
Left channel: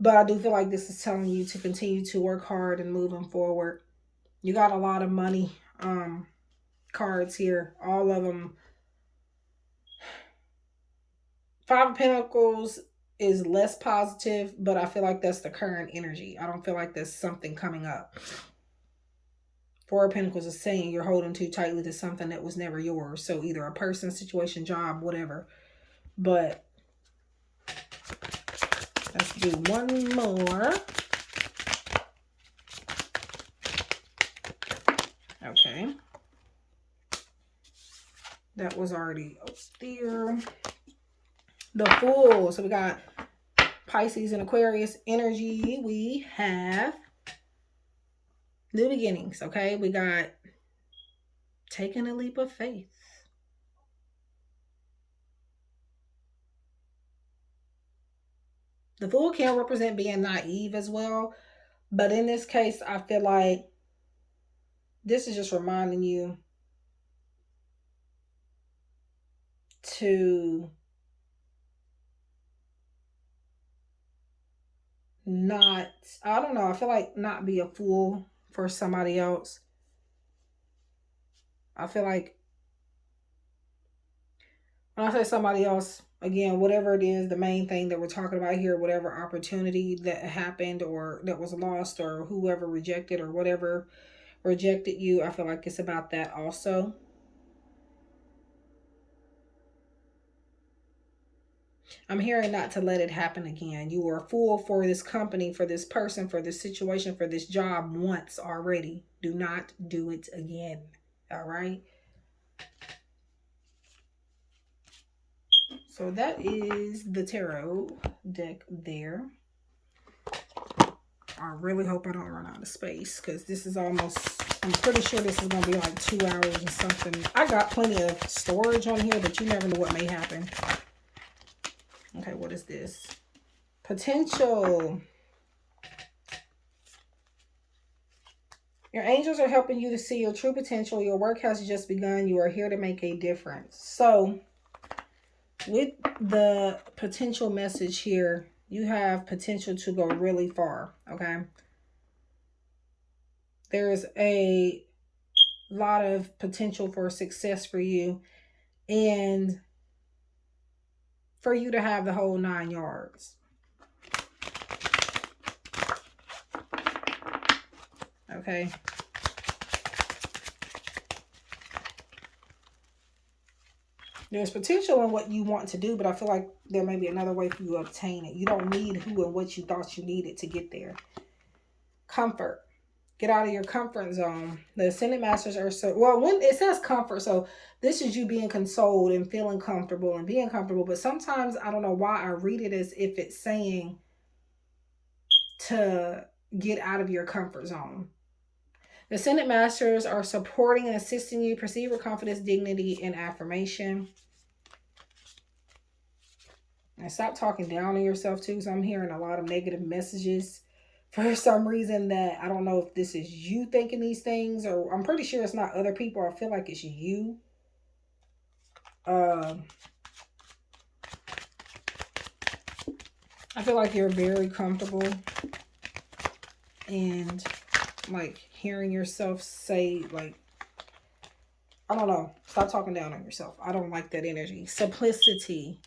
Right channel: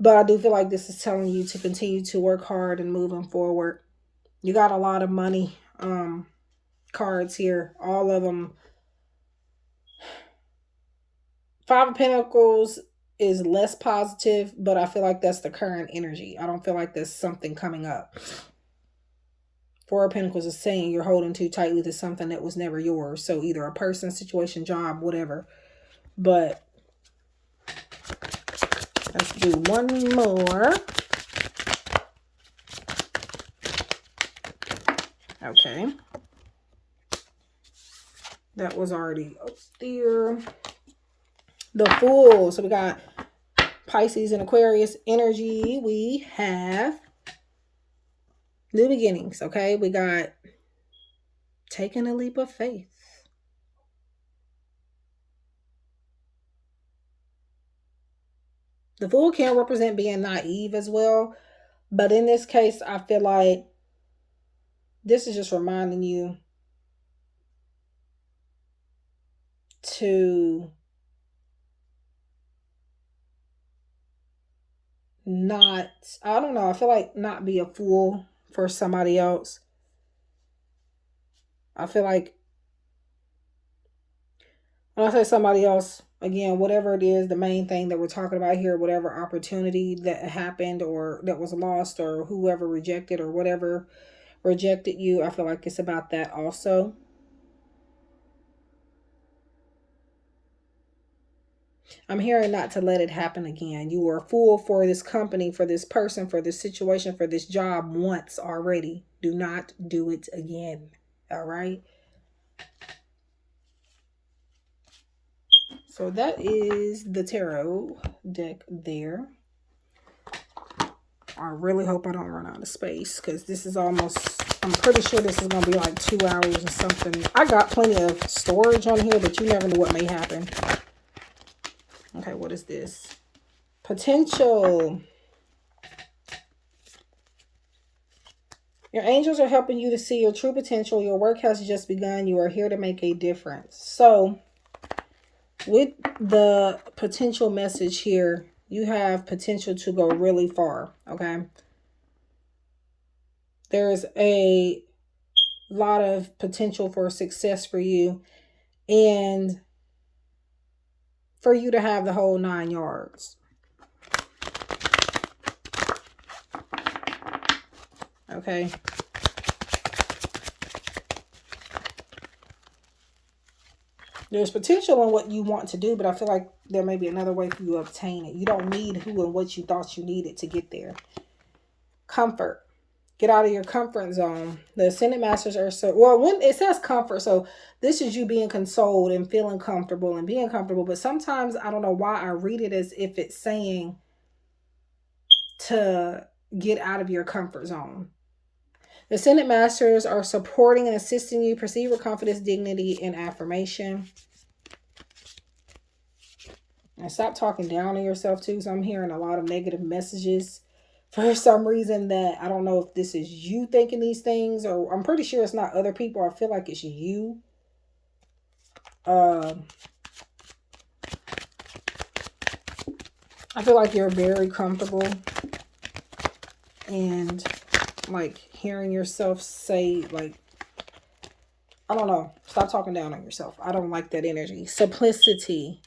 But I do feel like this is telling you to continue to work hard and moving forward. You got a lot of money cards here. All of them. Five of Pentacles is less positive, but I feel like that's the current energy. I don't feel like there's something coming up. Four of Pentacles is saying you're holding too tightly to something that was never yours. So either a person, situation, job, whatever. But let's do one more. Okay. That was already up there. The Fool. So we got Pisces and Aquarius energy. We have new beginnings, okay? We got taking a leap of faith. The Fool can represent being naive as well. But in this case, I feel like this is just reminding you to not, I don't know, I feel like not be a fool for somebody else. I feel like when I say somebody else, again, whatever it is, the main thing that we're talking about here, whatever opportunity that happened or that was lost or whoever rejected or whatever rejected you, I feel like it's about that also. I'm hearing not to let it happen again. You were a fool for this company, for this person, for this situation, for this job once already. Do not do it again. All right. So that is the tarot deck there. I really hope I don't run out of space because this is almost, I'm pretty sure this is going to be like 2 hours or something. I got plenty of storage on here, but you never know what may happen. Okay, what is this? Potential. Your angels are helping you to see your true potential. Your work has just begun. You are here to make a difference. So, with the potential message here, you have potential to go really far, okay? There's a lot of potential for success for you and for you to have the whole 9 yards. Okay. There's potential in what you want to do, but I feel like there may be another way for you to obtain it. You don't need who and what you thought you needed to get there. Comfort. Get out of your comfort zone. The Ascended Masters are so, well, when it says comfort, so this is you being consoled and feeling comfortable and being comfortable. But sometimes I don't know why I read it as if it's saying to get out of your comfort zone. The Ascended Masters are supporting and assisting you. Proceed with confidence, dignity, and affirmation. And stop talking down on yourself too. So I'm hearing a lot of negative messages for some reason that I don't know if this is you thinking these things, or I'm pretty sure it's not other people. I feel like it's you. I feel like you're very comfortable and like hearing yourself say, like, I don't know, stop talking down on yourself. I don't like that energy. Simplicity.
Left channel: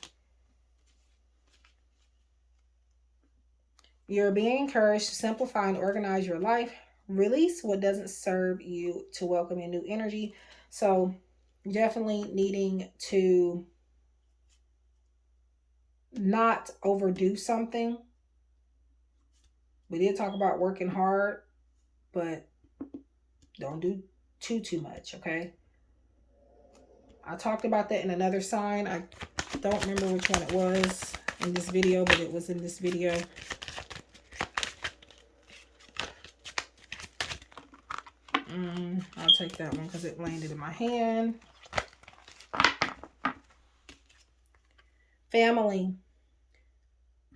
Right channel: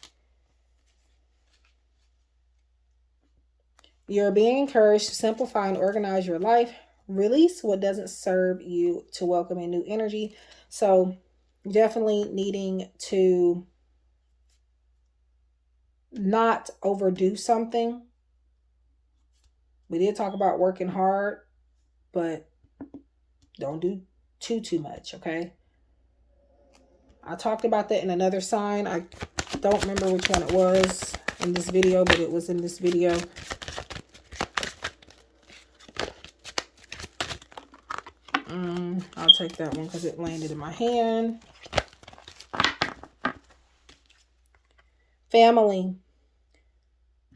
You're being encouraged to simplify and organize your life. Release what doesn't serve you to welcome a new energy. So definitely needing to not overdo something. We did talk about working hard, but don't do too much, okay? I talked about that in another sign. I don't remember which one it was in this video, but it was in this video. I'll take that one because it landed in my hand. Family.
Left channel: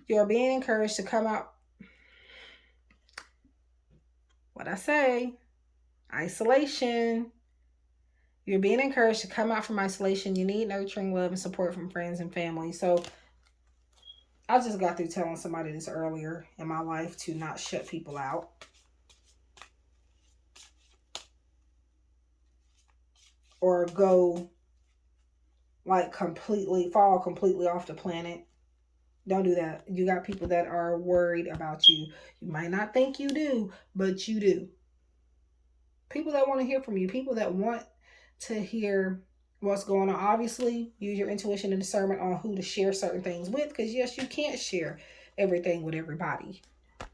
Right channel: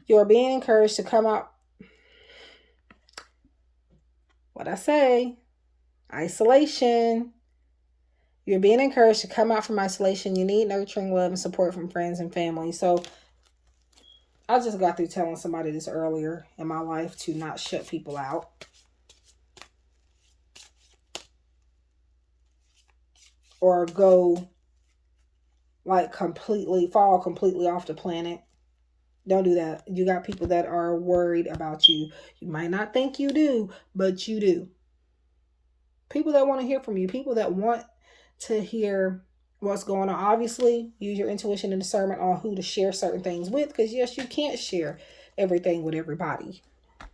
You're being encouraged to come out. What'd I say? Isolation. You're being encouraged to come out from isolation. You need nurturing love and support from friends and family. So I just got through telling somebody this earlier in my life to not shut people out. Or go like fall completely off the planet. Don't do that. You got people that are worried about you. You might not think you do, but you do. People that want to hear from you. People that want to hear what's going on. Obviously, use your intuition and discernment on who to share certain things with. Because yes, you can't share everything with everybody.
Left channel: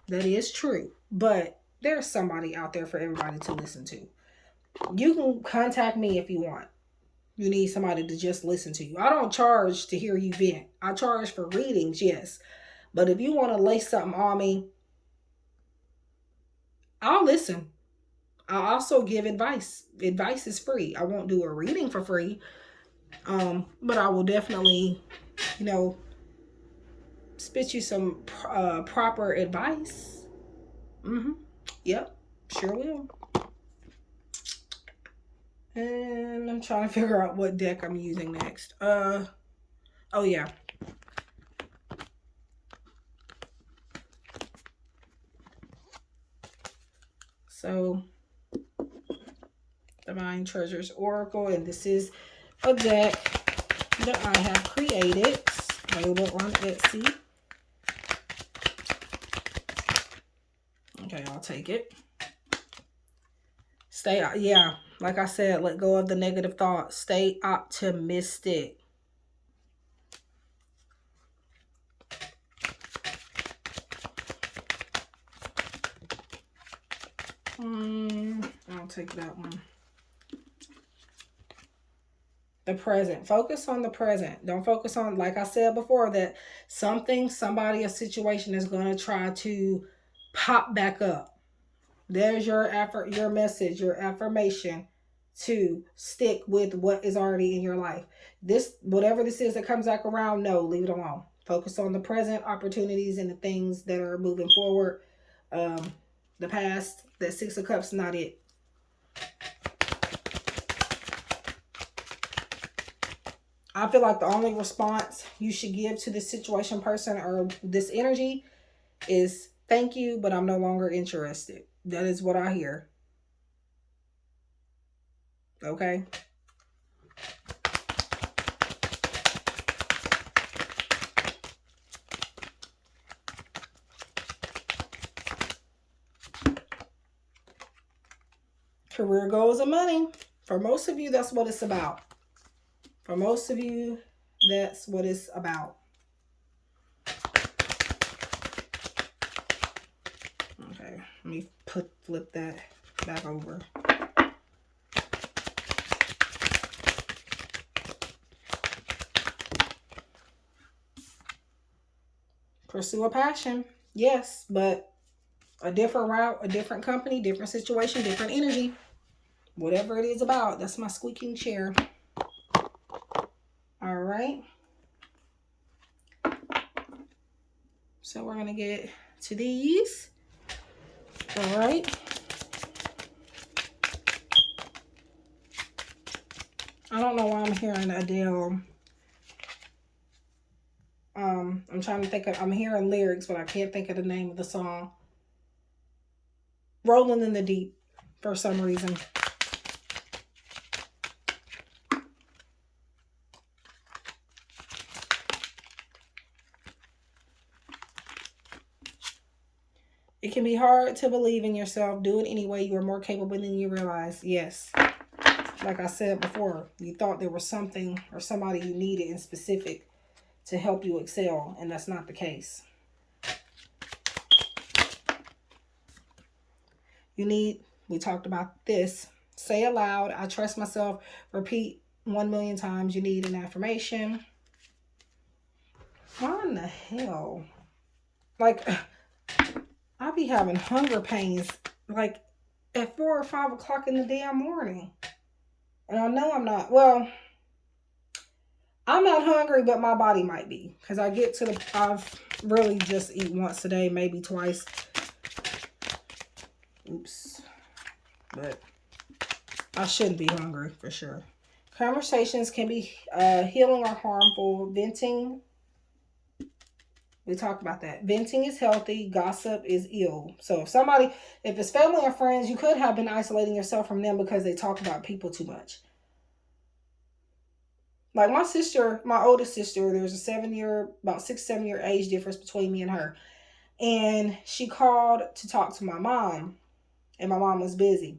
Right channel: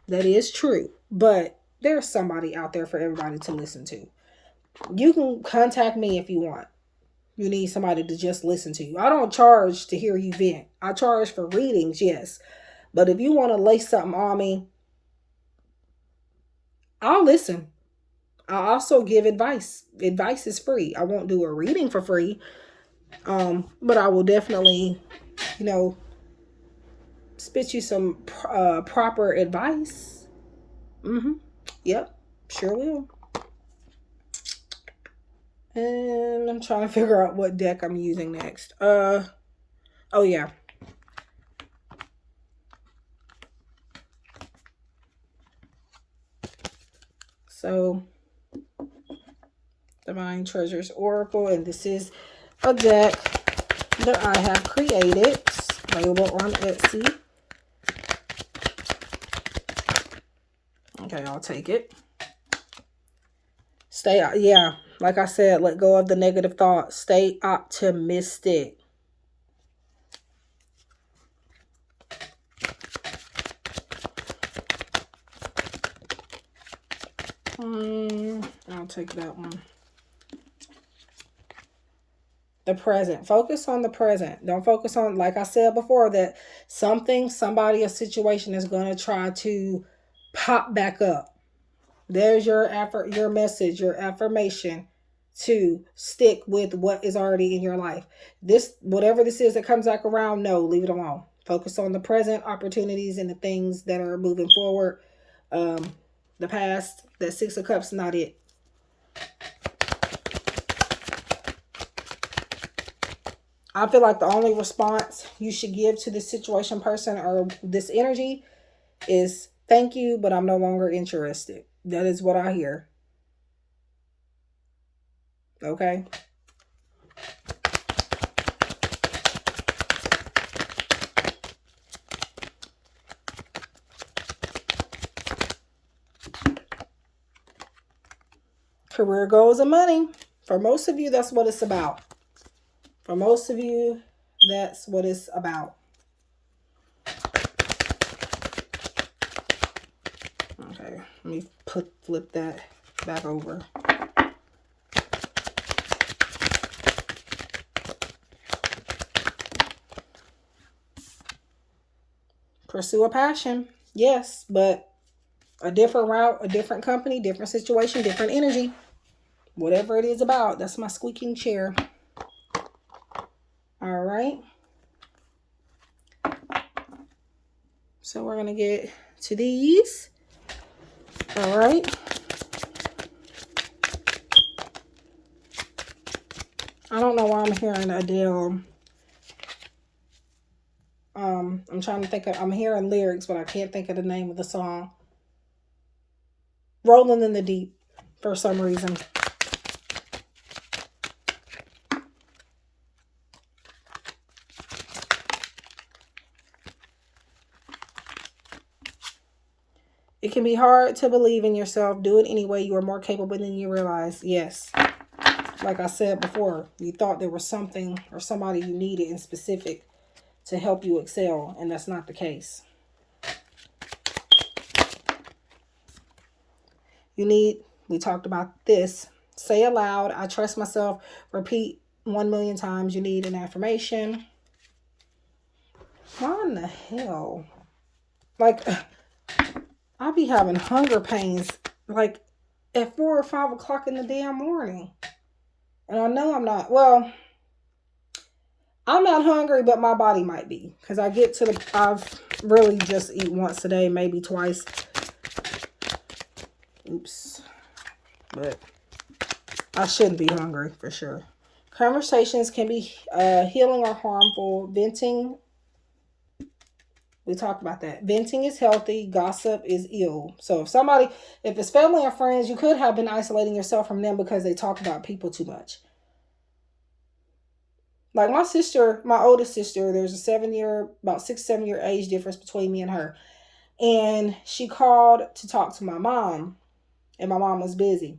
That is true. But there's somebody out there for everybody to listen to. You can contact me if you want. You need somebody to just listen to you. I don't charge to hear you vent. I charge for readings, yes. But if you want to lay something on me, I'll listen. I also give advice. Advice is free. I won't do a reading for free. But I will definitely, you know, spit you some proper advice. Yep, sure will. And I'm trying to figure out what deck I'm using next. Oh yeah. So, Divine Treasures Oracle, and this is a deck that I have created. Available on Etsy. Okay, I'll take it. Stay, yeah, like I said, let go of the negative thoughts. Stay optimistic. I'll take that one. The present. Focus on the present. Don't focus on, like I said before, that something, somebody, a situation is going to try to pop back up. There's your effort, your message, your affirmation to stick with what is already in your life. This, whatever this is that comes back around, no, leave it alone. Focus on the present opportunities and the things that are moving forward. The past, that Six of Cups, not it. I feel like the only response you should give to this situation, person, or this energy is thank you, but I'm no longer interested. That is what I hear. Okay. Career goals and money. For most of you, that's what it's about. For most of you, that's what it's about. Okay, let me flip that back over. Pursue a passion. Yes, but a different route, a different company, different situation, different energy. Whatever it is about. That's my squeaking chair. All right. So we're going to get to these. All right. I don't know why I'm hearing Adele. I'm trying to think of, I'm hearing lyrics, but I can't think of the name of the song. Rolling in the Deep for some reason. It can be hard to believe in yourself. Do it anyway. You are more capable than you realize. Yes. Like I said before, you thought there was something or somebody you needed in specific to help you excel, and that's not the case. You need, we talked about this, say aloud, I trust myself. Repeat 1,000,000 times. You need an affirmation. Why in the hell? Like, I be having hunger pains like at 4 or 5 o'clock in the damn morning. And I know I'm not, well, I'm not hungry, but my body might be. Because I get to the, I've really just eat once a day, maybe twice. Oops. But I shouldn't be hungry for sure. Conversations can be healing or harmful. Venting, we talked about that. Venting is healthy. Gossip is ill. So if it's family or friends, you could have been isolating yourself from them because they talk about people too much. Like my sister, my oldest sister, there's about 6-7 year age difference between me and her. And she called to talk to my mom, and my mom was busy.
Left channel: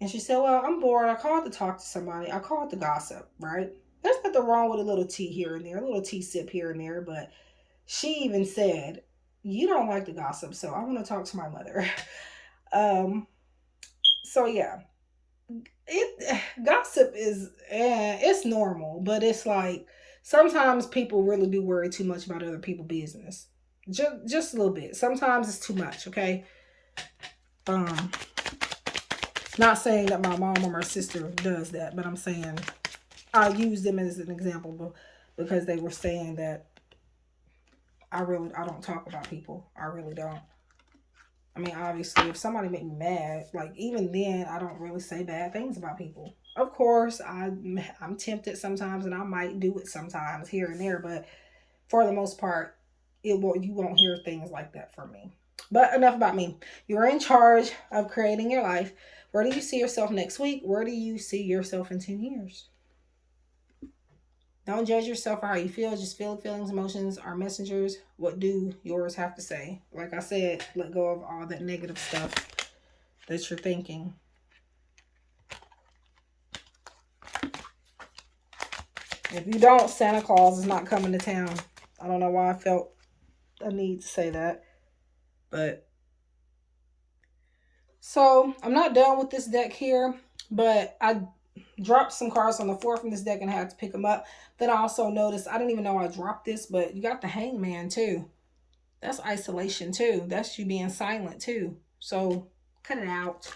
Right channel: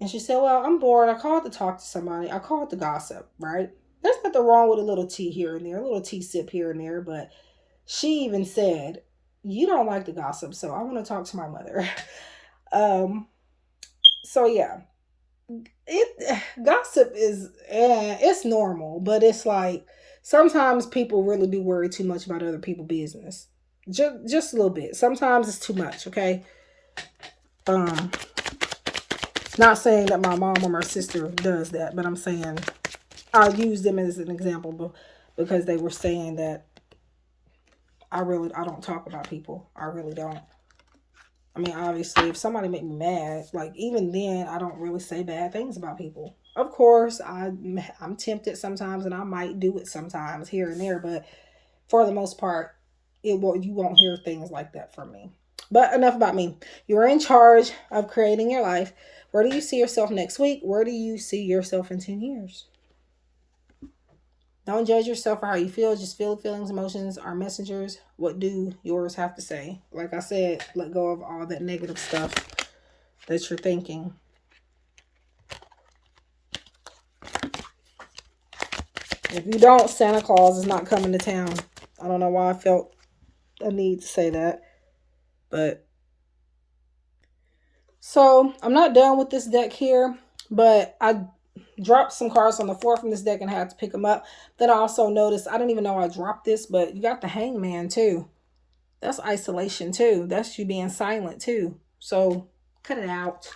And she said, well, I'm bored. I called to talk to somebody. I called to gossip, right? There's nothing wrong with a little tea here and there, a little tea sip here and there. But she even said, you don't like the gossip, so I want to talk to my mother. So, yeah. Gossip is it's normal, but it's like sometimes people really do worry too much about other people's business. Just a little bit. Sometimes it's too much. Okay. Um, Not saying that my mom or my sister does that, but I'm saying I'll use them as an example because they were saying that I don't talk about people. I really don't. I mean, obviously, if somebody make me mad, like even then, I don't really say bad things about people. Of course, I'm tempted sometimes, and I might do it sometimes here and there, but for the most part, you won't hear things like that from me. But enough about me. You're in charge of creating your life. Where do you see yourself next week? Where do you see yourself in 10 years? Don't judge yourself for how you feel. Just feel the feelings, emotions are messengers. What do yours have to say? Like I said, let go of all that negative stuff that you're thinking. If you don't, Santa Claus is not coming to town. I don't know why I felt a need to say that. But so I'm not done with this deck here, but I dropped some cards on the floor from this deck and had to pick them up. Then I also noticed, I didn't even know I dropped this, but you got the Hangman too. That's isolation too. That's you being silent too. So cut it out.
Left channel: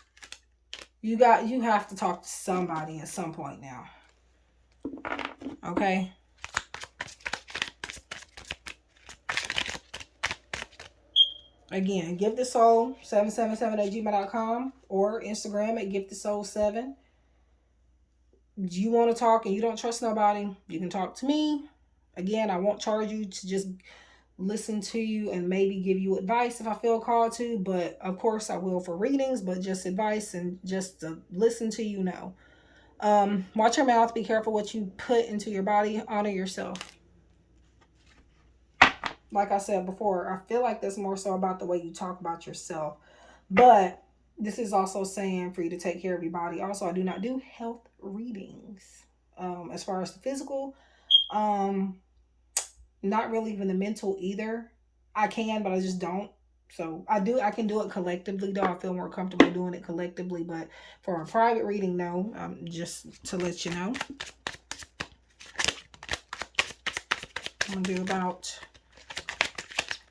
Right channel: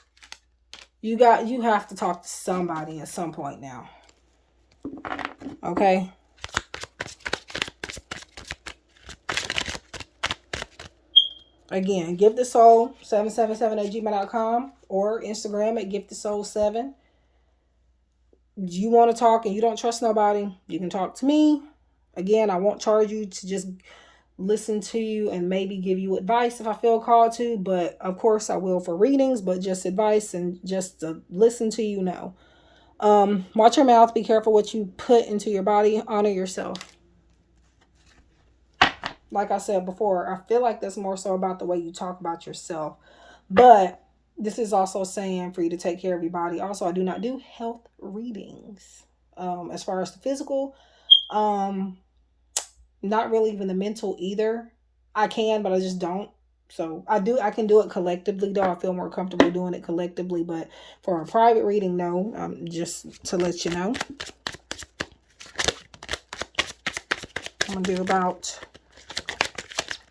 You have to talk to somebody at some point now. Okay? Again, GiftedSoul777 at gmail.com or Instagram at GiftedSoul7. You want to talk and you don't trust nobody, you can talk to me. Again, I won't charge you to just listen to you and maybe give you advice if I feel called to, but of course I will for readings, but just advice and just to listen to you, no. Watch your mouth, be careful what you put into your body, honor yourself. Like I said before, I feel like that's more so about the way you talk about yourself, but this is also saying for you to take care of your body. Also, I do not do health readings. As far as the physical, um, not really even the mental either. I can, but I just don't. So I can do it collectively though. I feel more comfortable doing it collectively, but for a private reading, no. Just to let you know. I'm gonna do about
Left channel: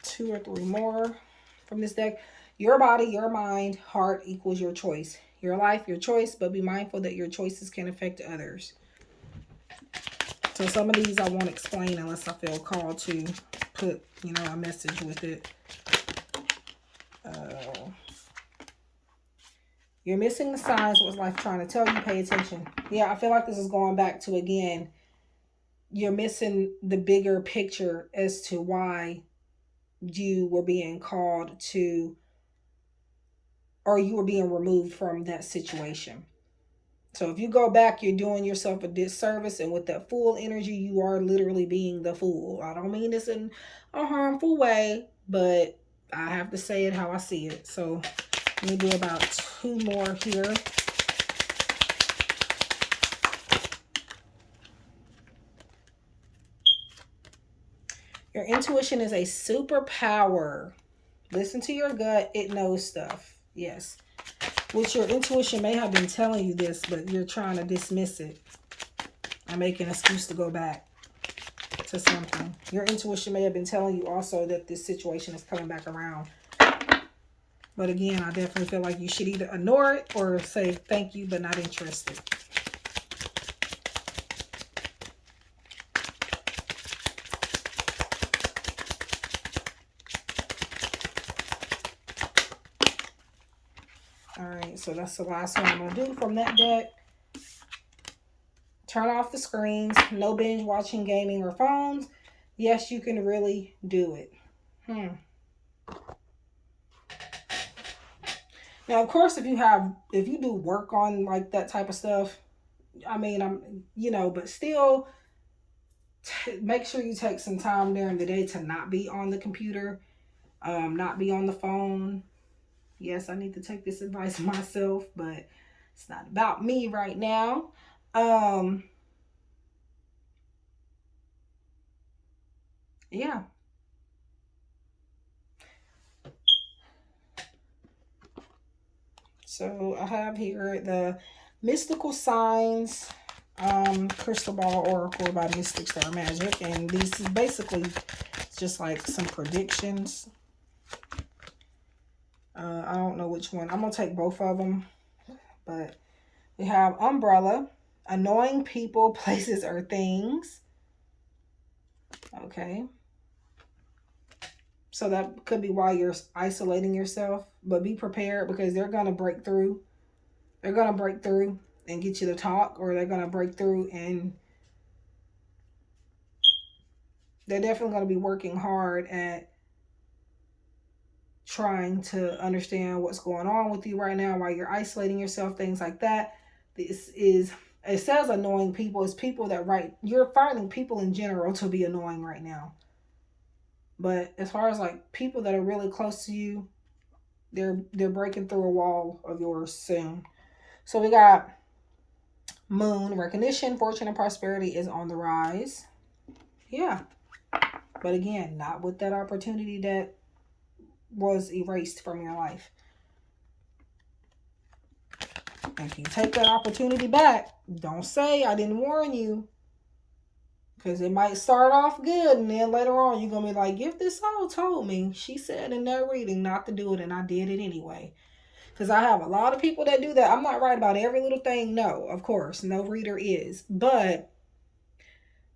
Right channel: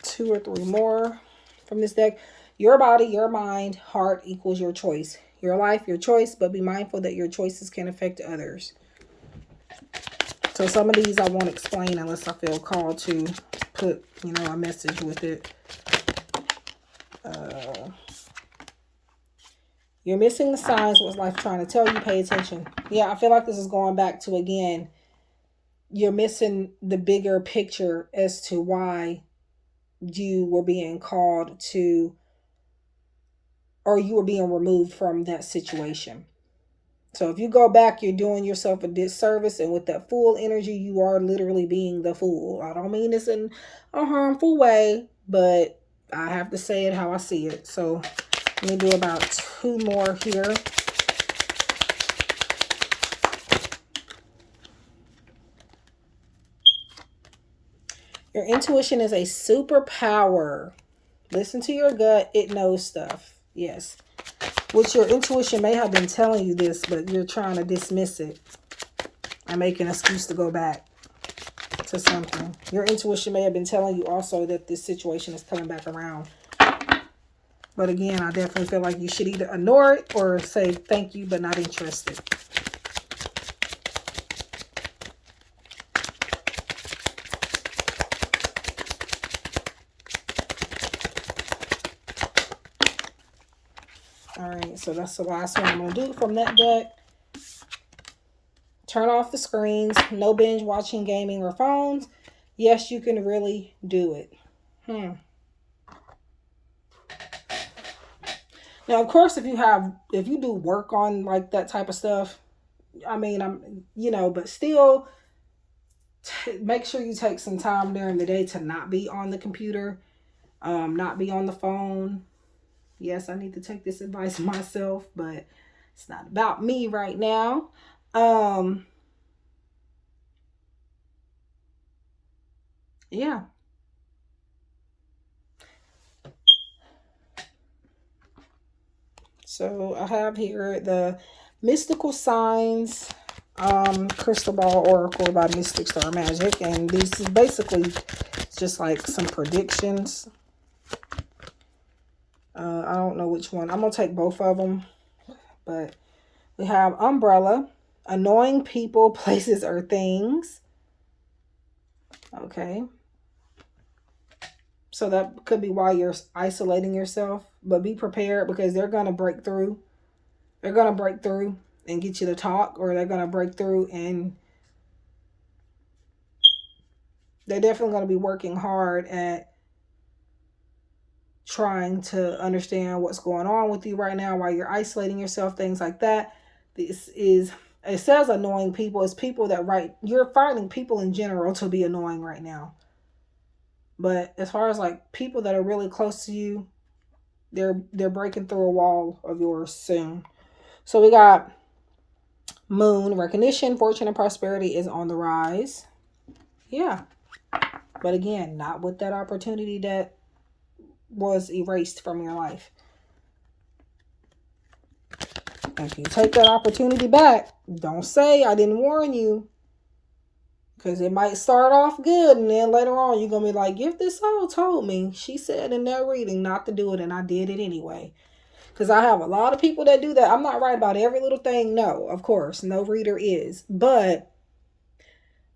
2 or 3 more from this deck. Your body, your mind, heart equals your choice. Your life, your choice, but be mindful that your choices can affect others. So some of these I won't explain unless I feel called to put, a message with it. You're missing the signs. What's life trying to tell you? Pay attention. Yeah, I feel like this is going back to, again, you're missing the bigger picture as to why you were being called to, or you were being removed from that situation. So if you go back, you're doing yourself a disservice, and with that fool energy, you are literally being the fool. I don't mean this in a harmful way, but I have to say it how I see it. So let me do about 2 more here. Your intuition is a superpower. Listen to your gut. It knows stuff. Yes. Which your intuition may have been telling you this, but you're trying to dismiss it and make an excuse to go back to something. Your intuition may have been telling you also that this situation is coming back around. But again, I definitely feel like you should either ignore it or say thank you, but not interested. Alright, so that's the last one I'm going to do from that deck. Turn off the screens. No binge watching, gaming, or phones. Yes, you can really do it. Now, of course, if you do work on like that type of stuff, I mean, but still, make sure you take some time during the day to not be on the computer, not be on the phone. Yes, I need to take this advice myself, but it's not about me right now. Yeah. So I have here the Mystical signs, crystal ball oracle by Mystic Star Magic, and this is basically just like some predictions. I don't know which one. I'm gonna take both of them, but we have umbrella, annoying people, places, or things. Okay, so that could be why you're isolating yourself, but be prepared because they're gonna break through. They're gonna break through and get you to talk, or they're gonna break through and they're definitely gonna be working hard at trying to understand what's going on with you right now while you're isolating yourself, things like that. This is, it says annoying people. It's people that you're finding people in general to be annoying right now. But as far as like people that are really close to you, they're breaking through a wall of yours soon. So we got moon, recognition, fortune, and prosperity is on the rise. Yeah. But again, not with that opportunity that was erased from your life. If you take that opportunity back, don't say I didn't warn you. Because it might start off good and then later on you're going to be like, GiftedSoul told me. She said in that reading not to do it and I did it anyway. Because I have a lot of people that do that. I'm not right about every little thing. No, of course. No reader is. But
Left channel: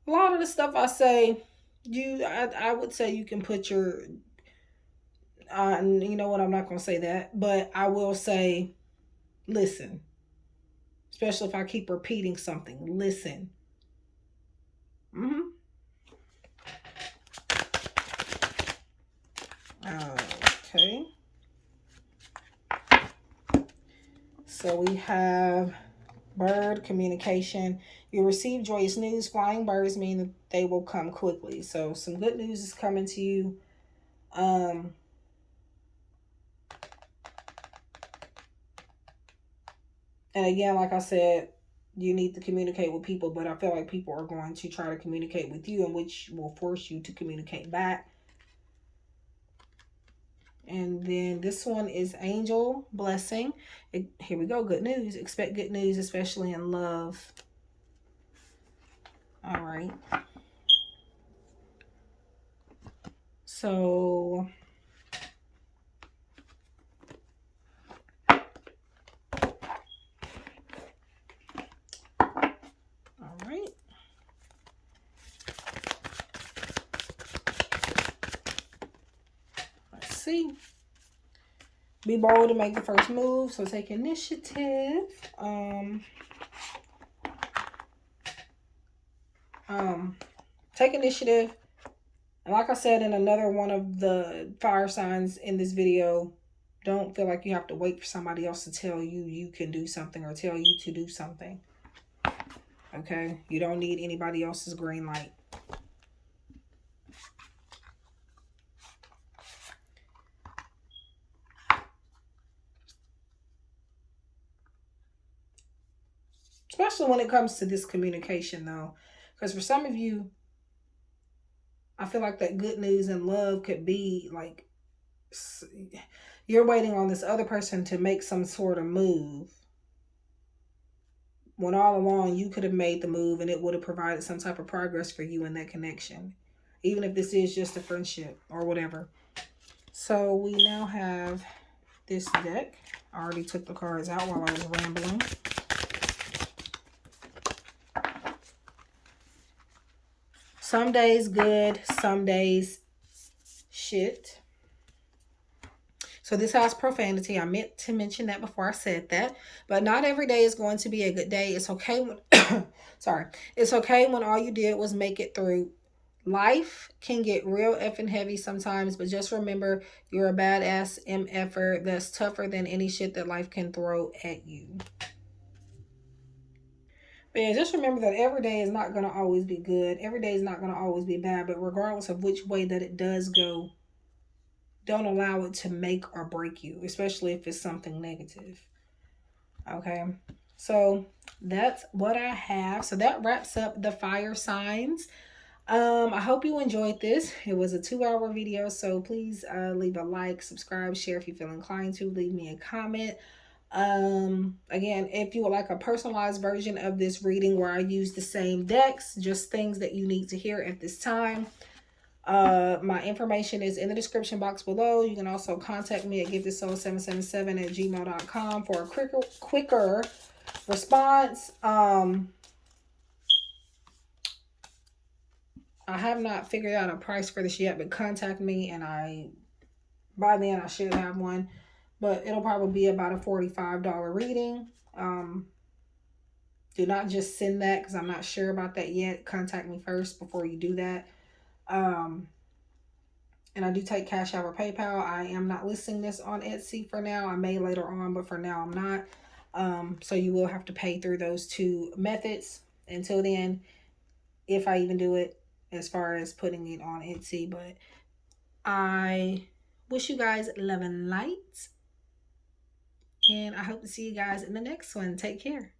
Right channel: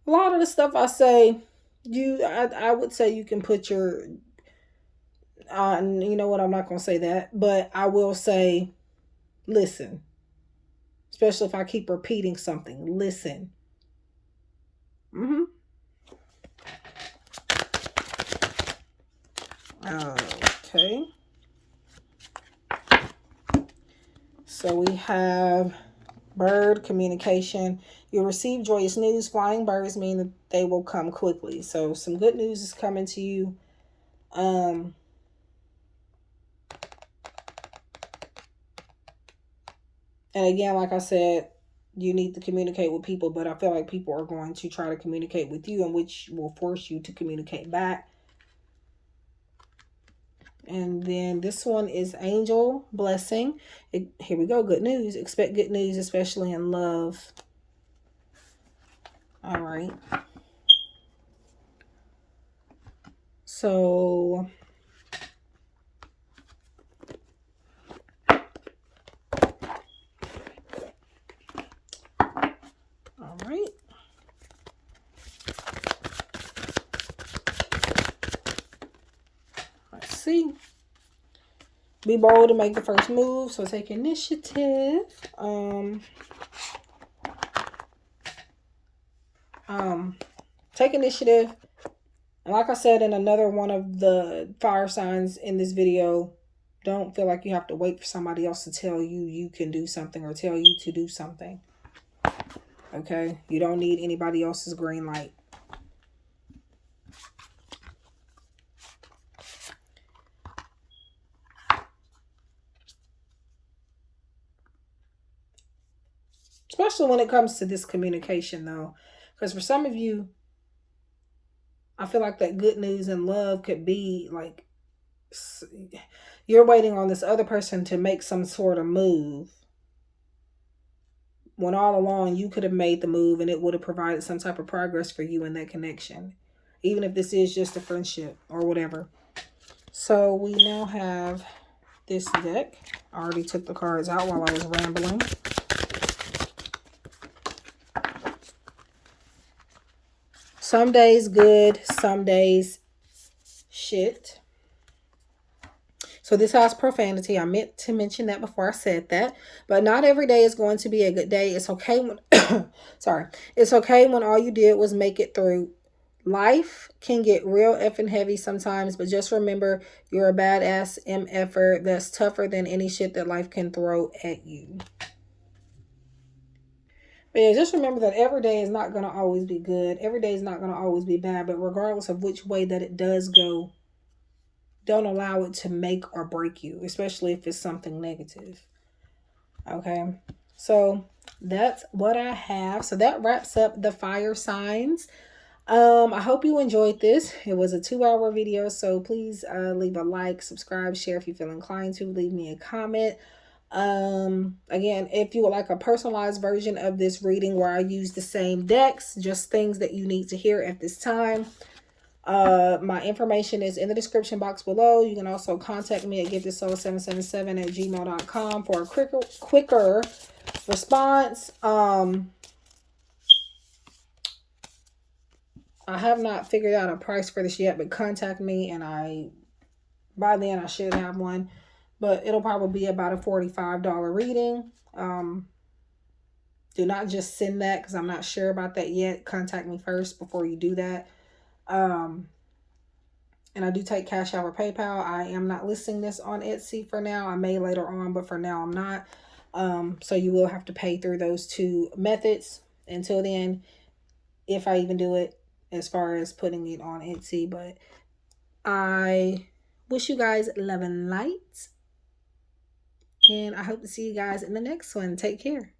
a lot of the stuff I say, I would say you can put your... you know what? I'm not going to say that. But I will say, listen. Especially if I keep repeating something. Listen. Okay. So we have bird, communication. You'll receive joyous news. Flying birds mean that they will come quickly. So some good news is coming to you. And again, like I said, you need to communicate with people, but I feel like people are going to try to communicate with you, and which will force you to communicate back. And then this one is angel blessing. Here we go. Good news. Expect good news, especially in love. All right. So all right. Let's see. Be bold to make the first move. So take initiative. Take initiative. And like I said in another one of the fire signs in this video, don't feel like you have to wait for somebody else to tell you you can do something or tell you to do something. Okay? You don't need anybody else's green light. Especially when it comes to this communication, though. Because for some of you, I feel like that good news and love could be like you're waiting on this other person to make some sort of move, when all along you could have made the move and it would have provided some type of progress for you in that connection, even if this is just a friendship or whatever. So we now have this deck. I already took the cards out while I was rambling. Some days good, some days shit. So this has profanity. I meant to mention that before I said that. But not every day is going to be a good day. It's okay when sorry. It's okay when all you did was make it through. Life can get real effing heavy sometimes, but just remember you're a badass MFer that's tougher than any shit that life can throw at you. But yeah, just remember that every day is not going to always be good. Every day is not going to always be bad. But regardless of which way that it does go, don't allow it to make or break you, especially if it's something negative. Okay, so that's what I have. So that wraps up the fire signs. I hope you enjoyed this. It was a 2-hour video, so please leave a like, subscribe, share if you feel inclined to. Leave me a comment. Again, if you would like a personalized version of this reading where I use the same decks, just things that you need to hear at this time, my information is in the description box below. You can also contact me at giftedsoul777@gmail.com for a quicker response. I have not figured out a price for this yet, but contact me and by then I should have one. But it'll probably be about a $45 reading. Do not just send that because I'm not sure about that yet. Contact me first before you do that. And I do take Cash App or PayPal. I am not listing this on Etsy for now. I may later on, but for now I'm not. So you will have to pay through those two methods until then, if I even do it, as far as putting it on Etsy. But I wish you guys love and light, and I hope to see you guys in the next one. Take care.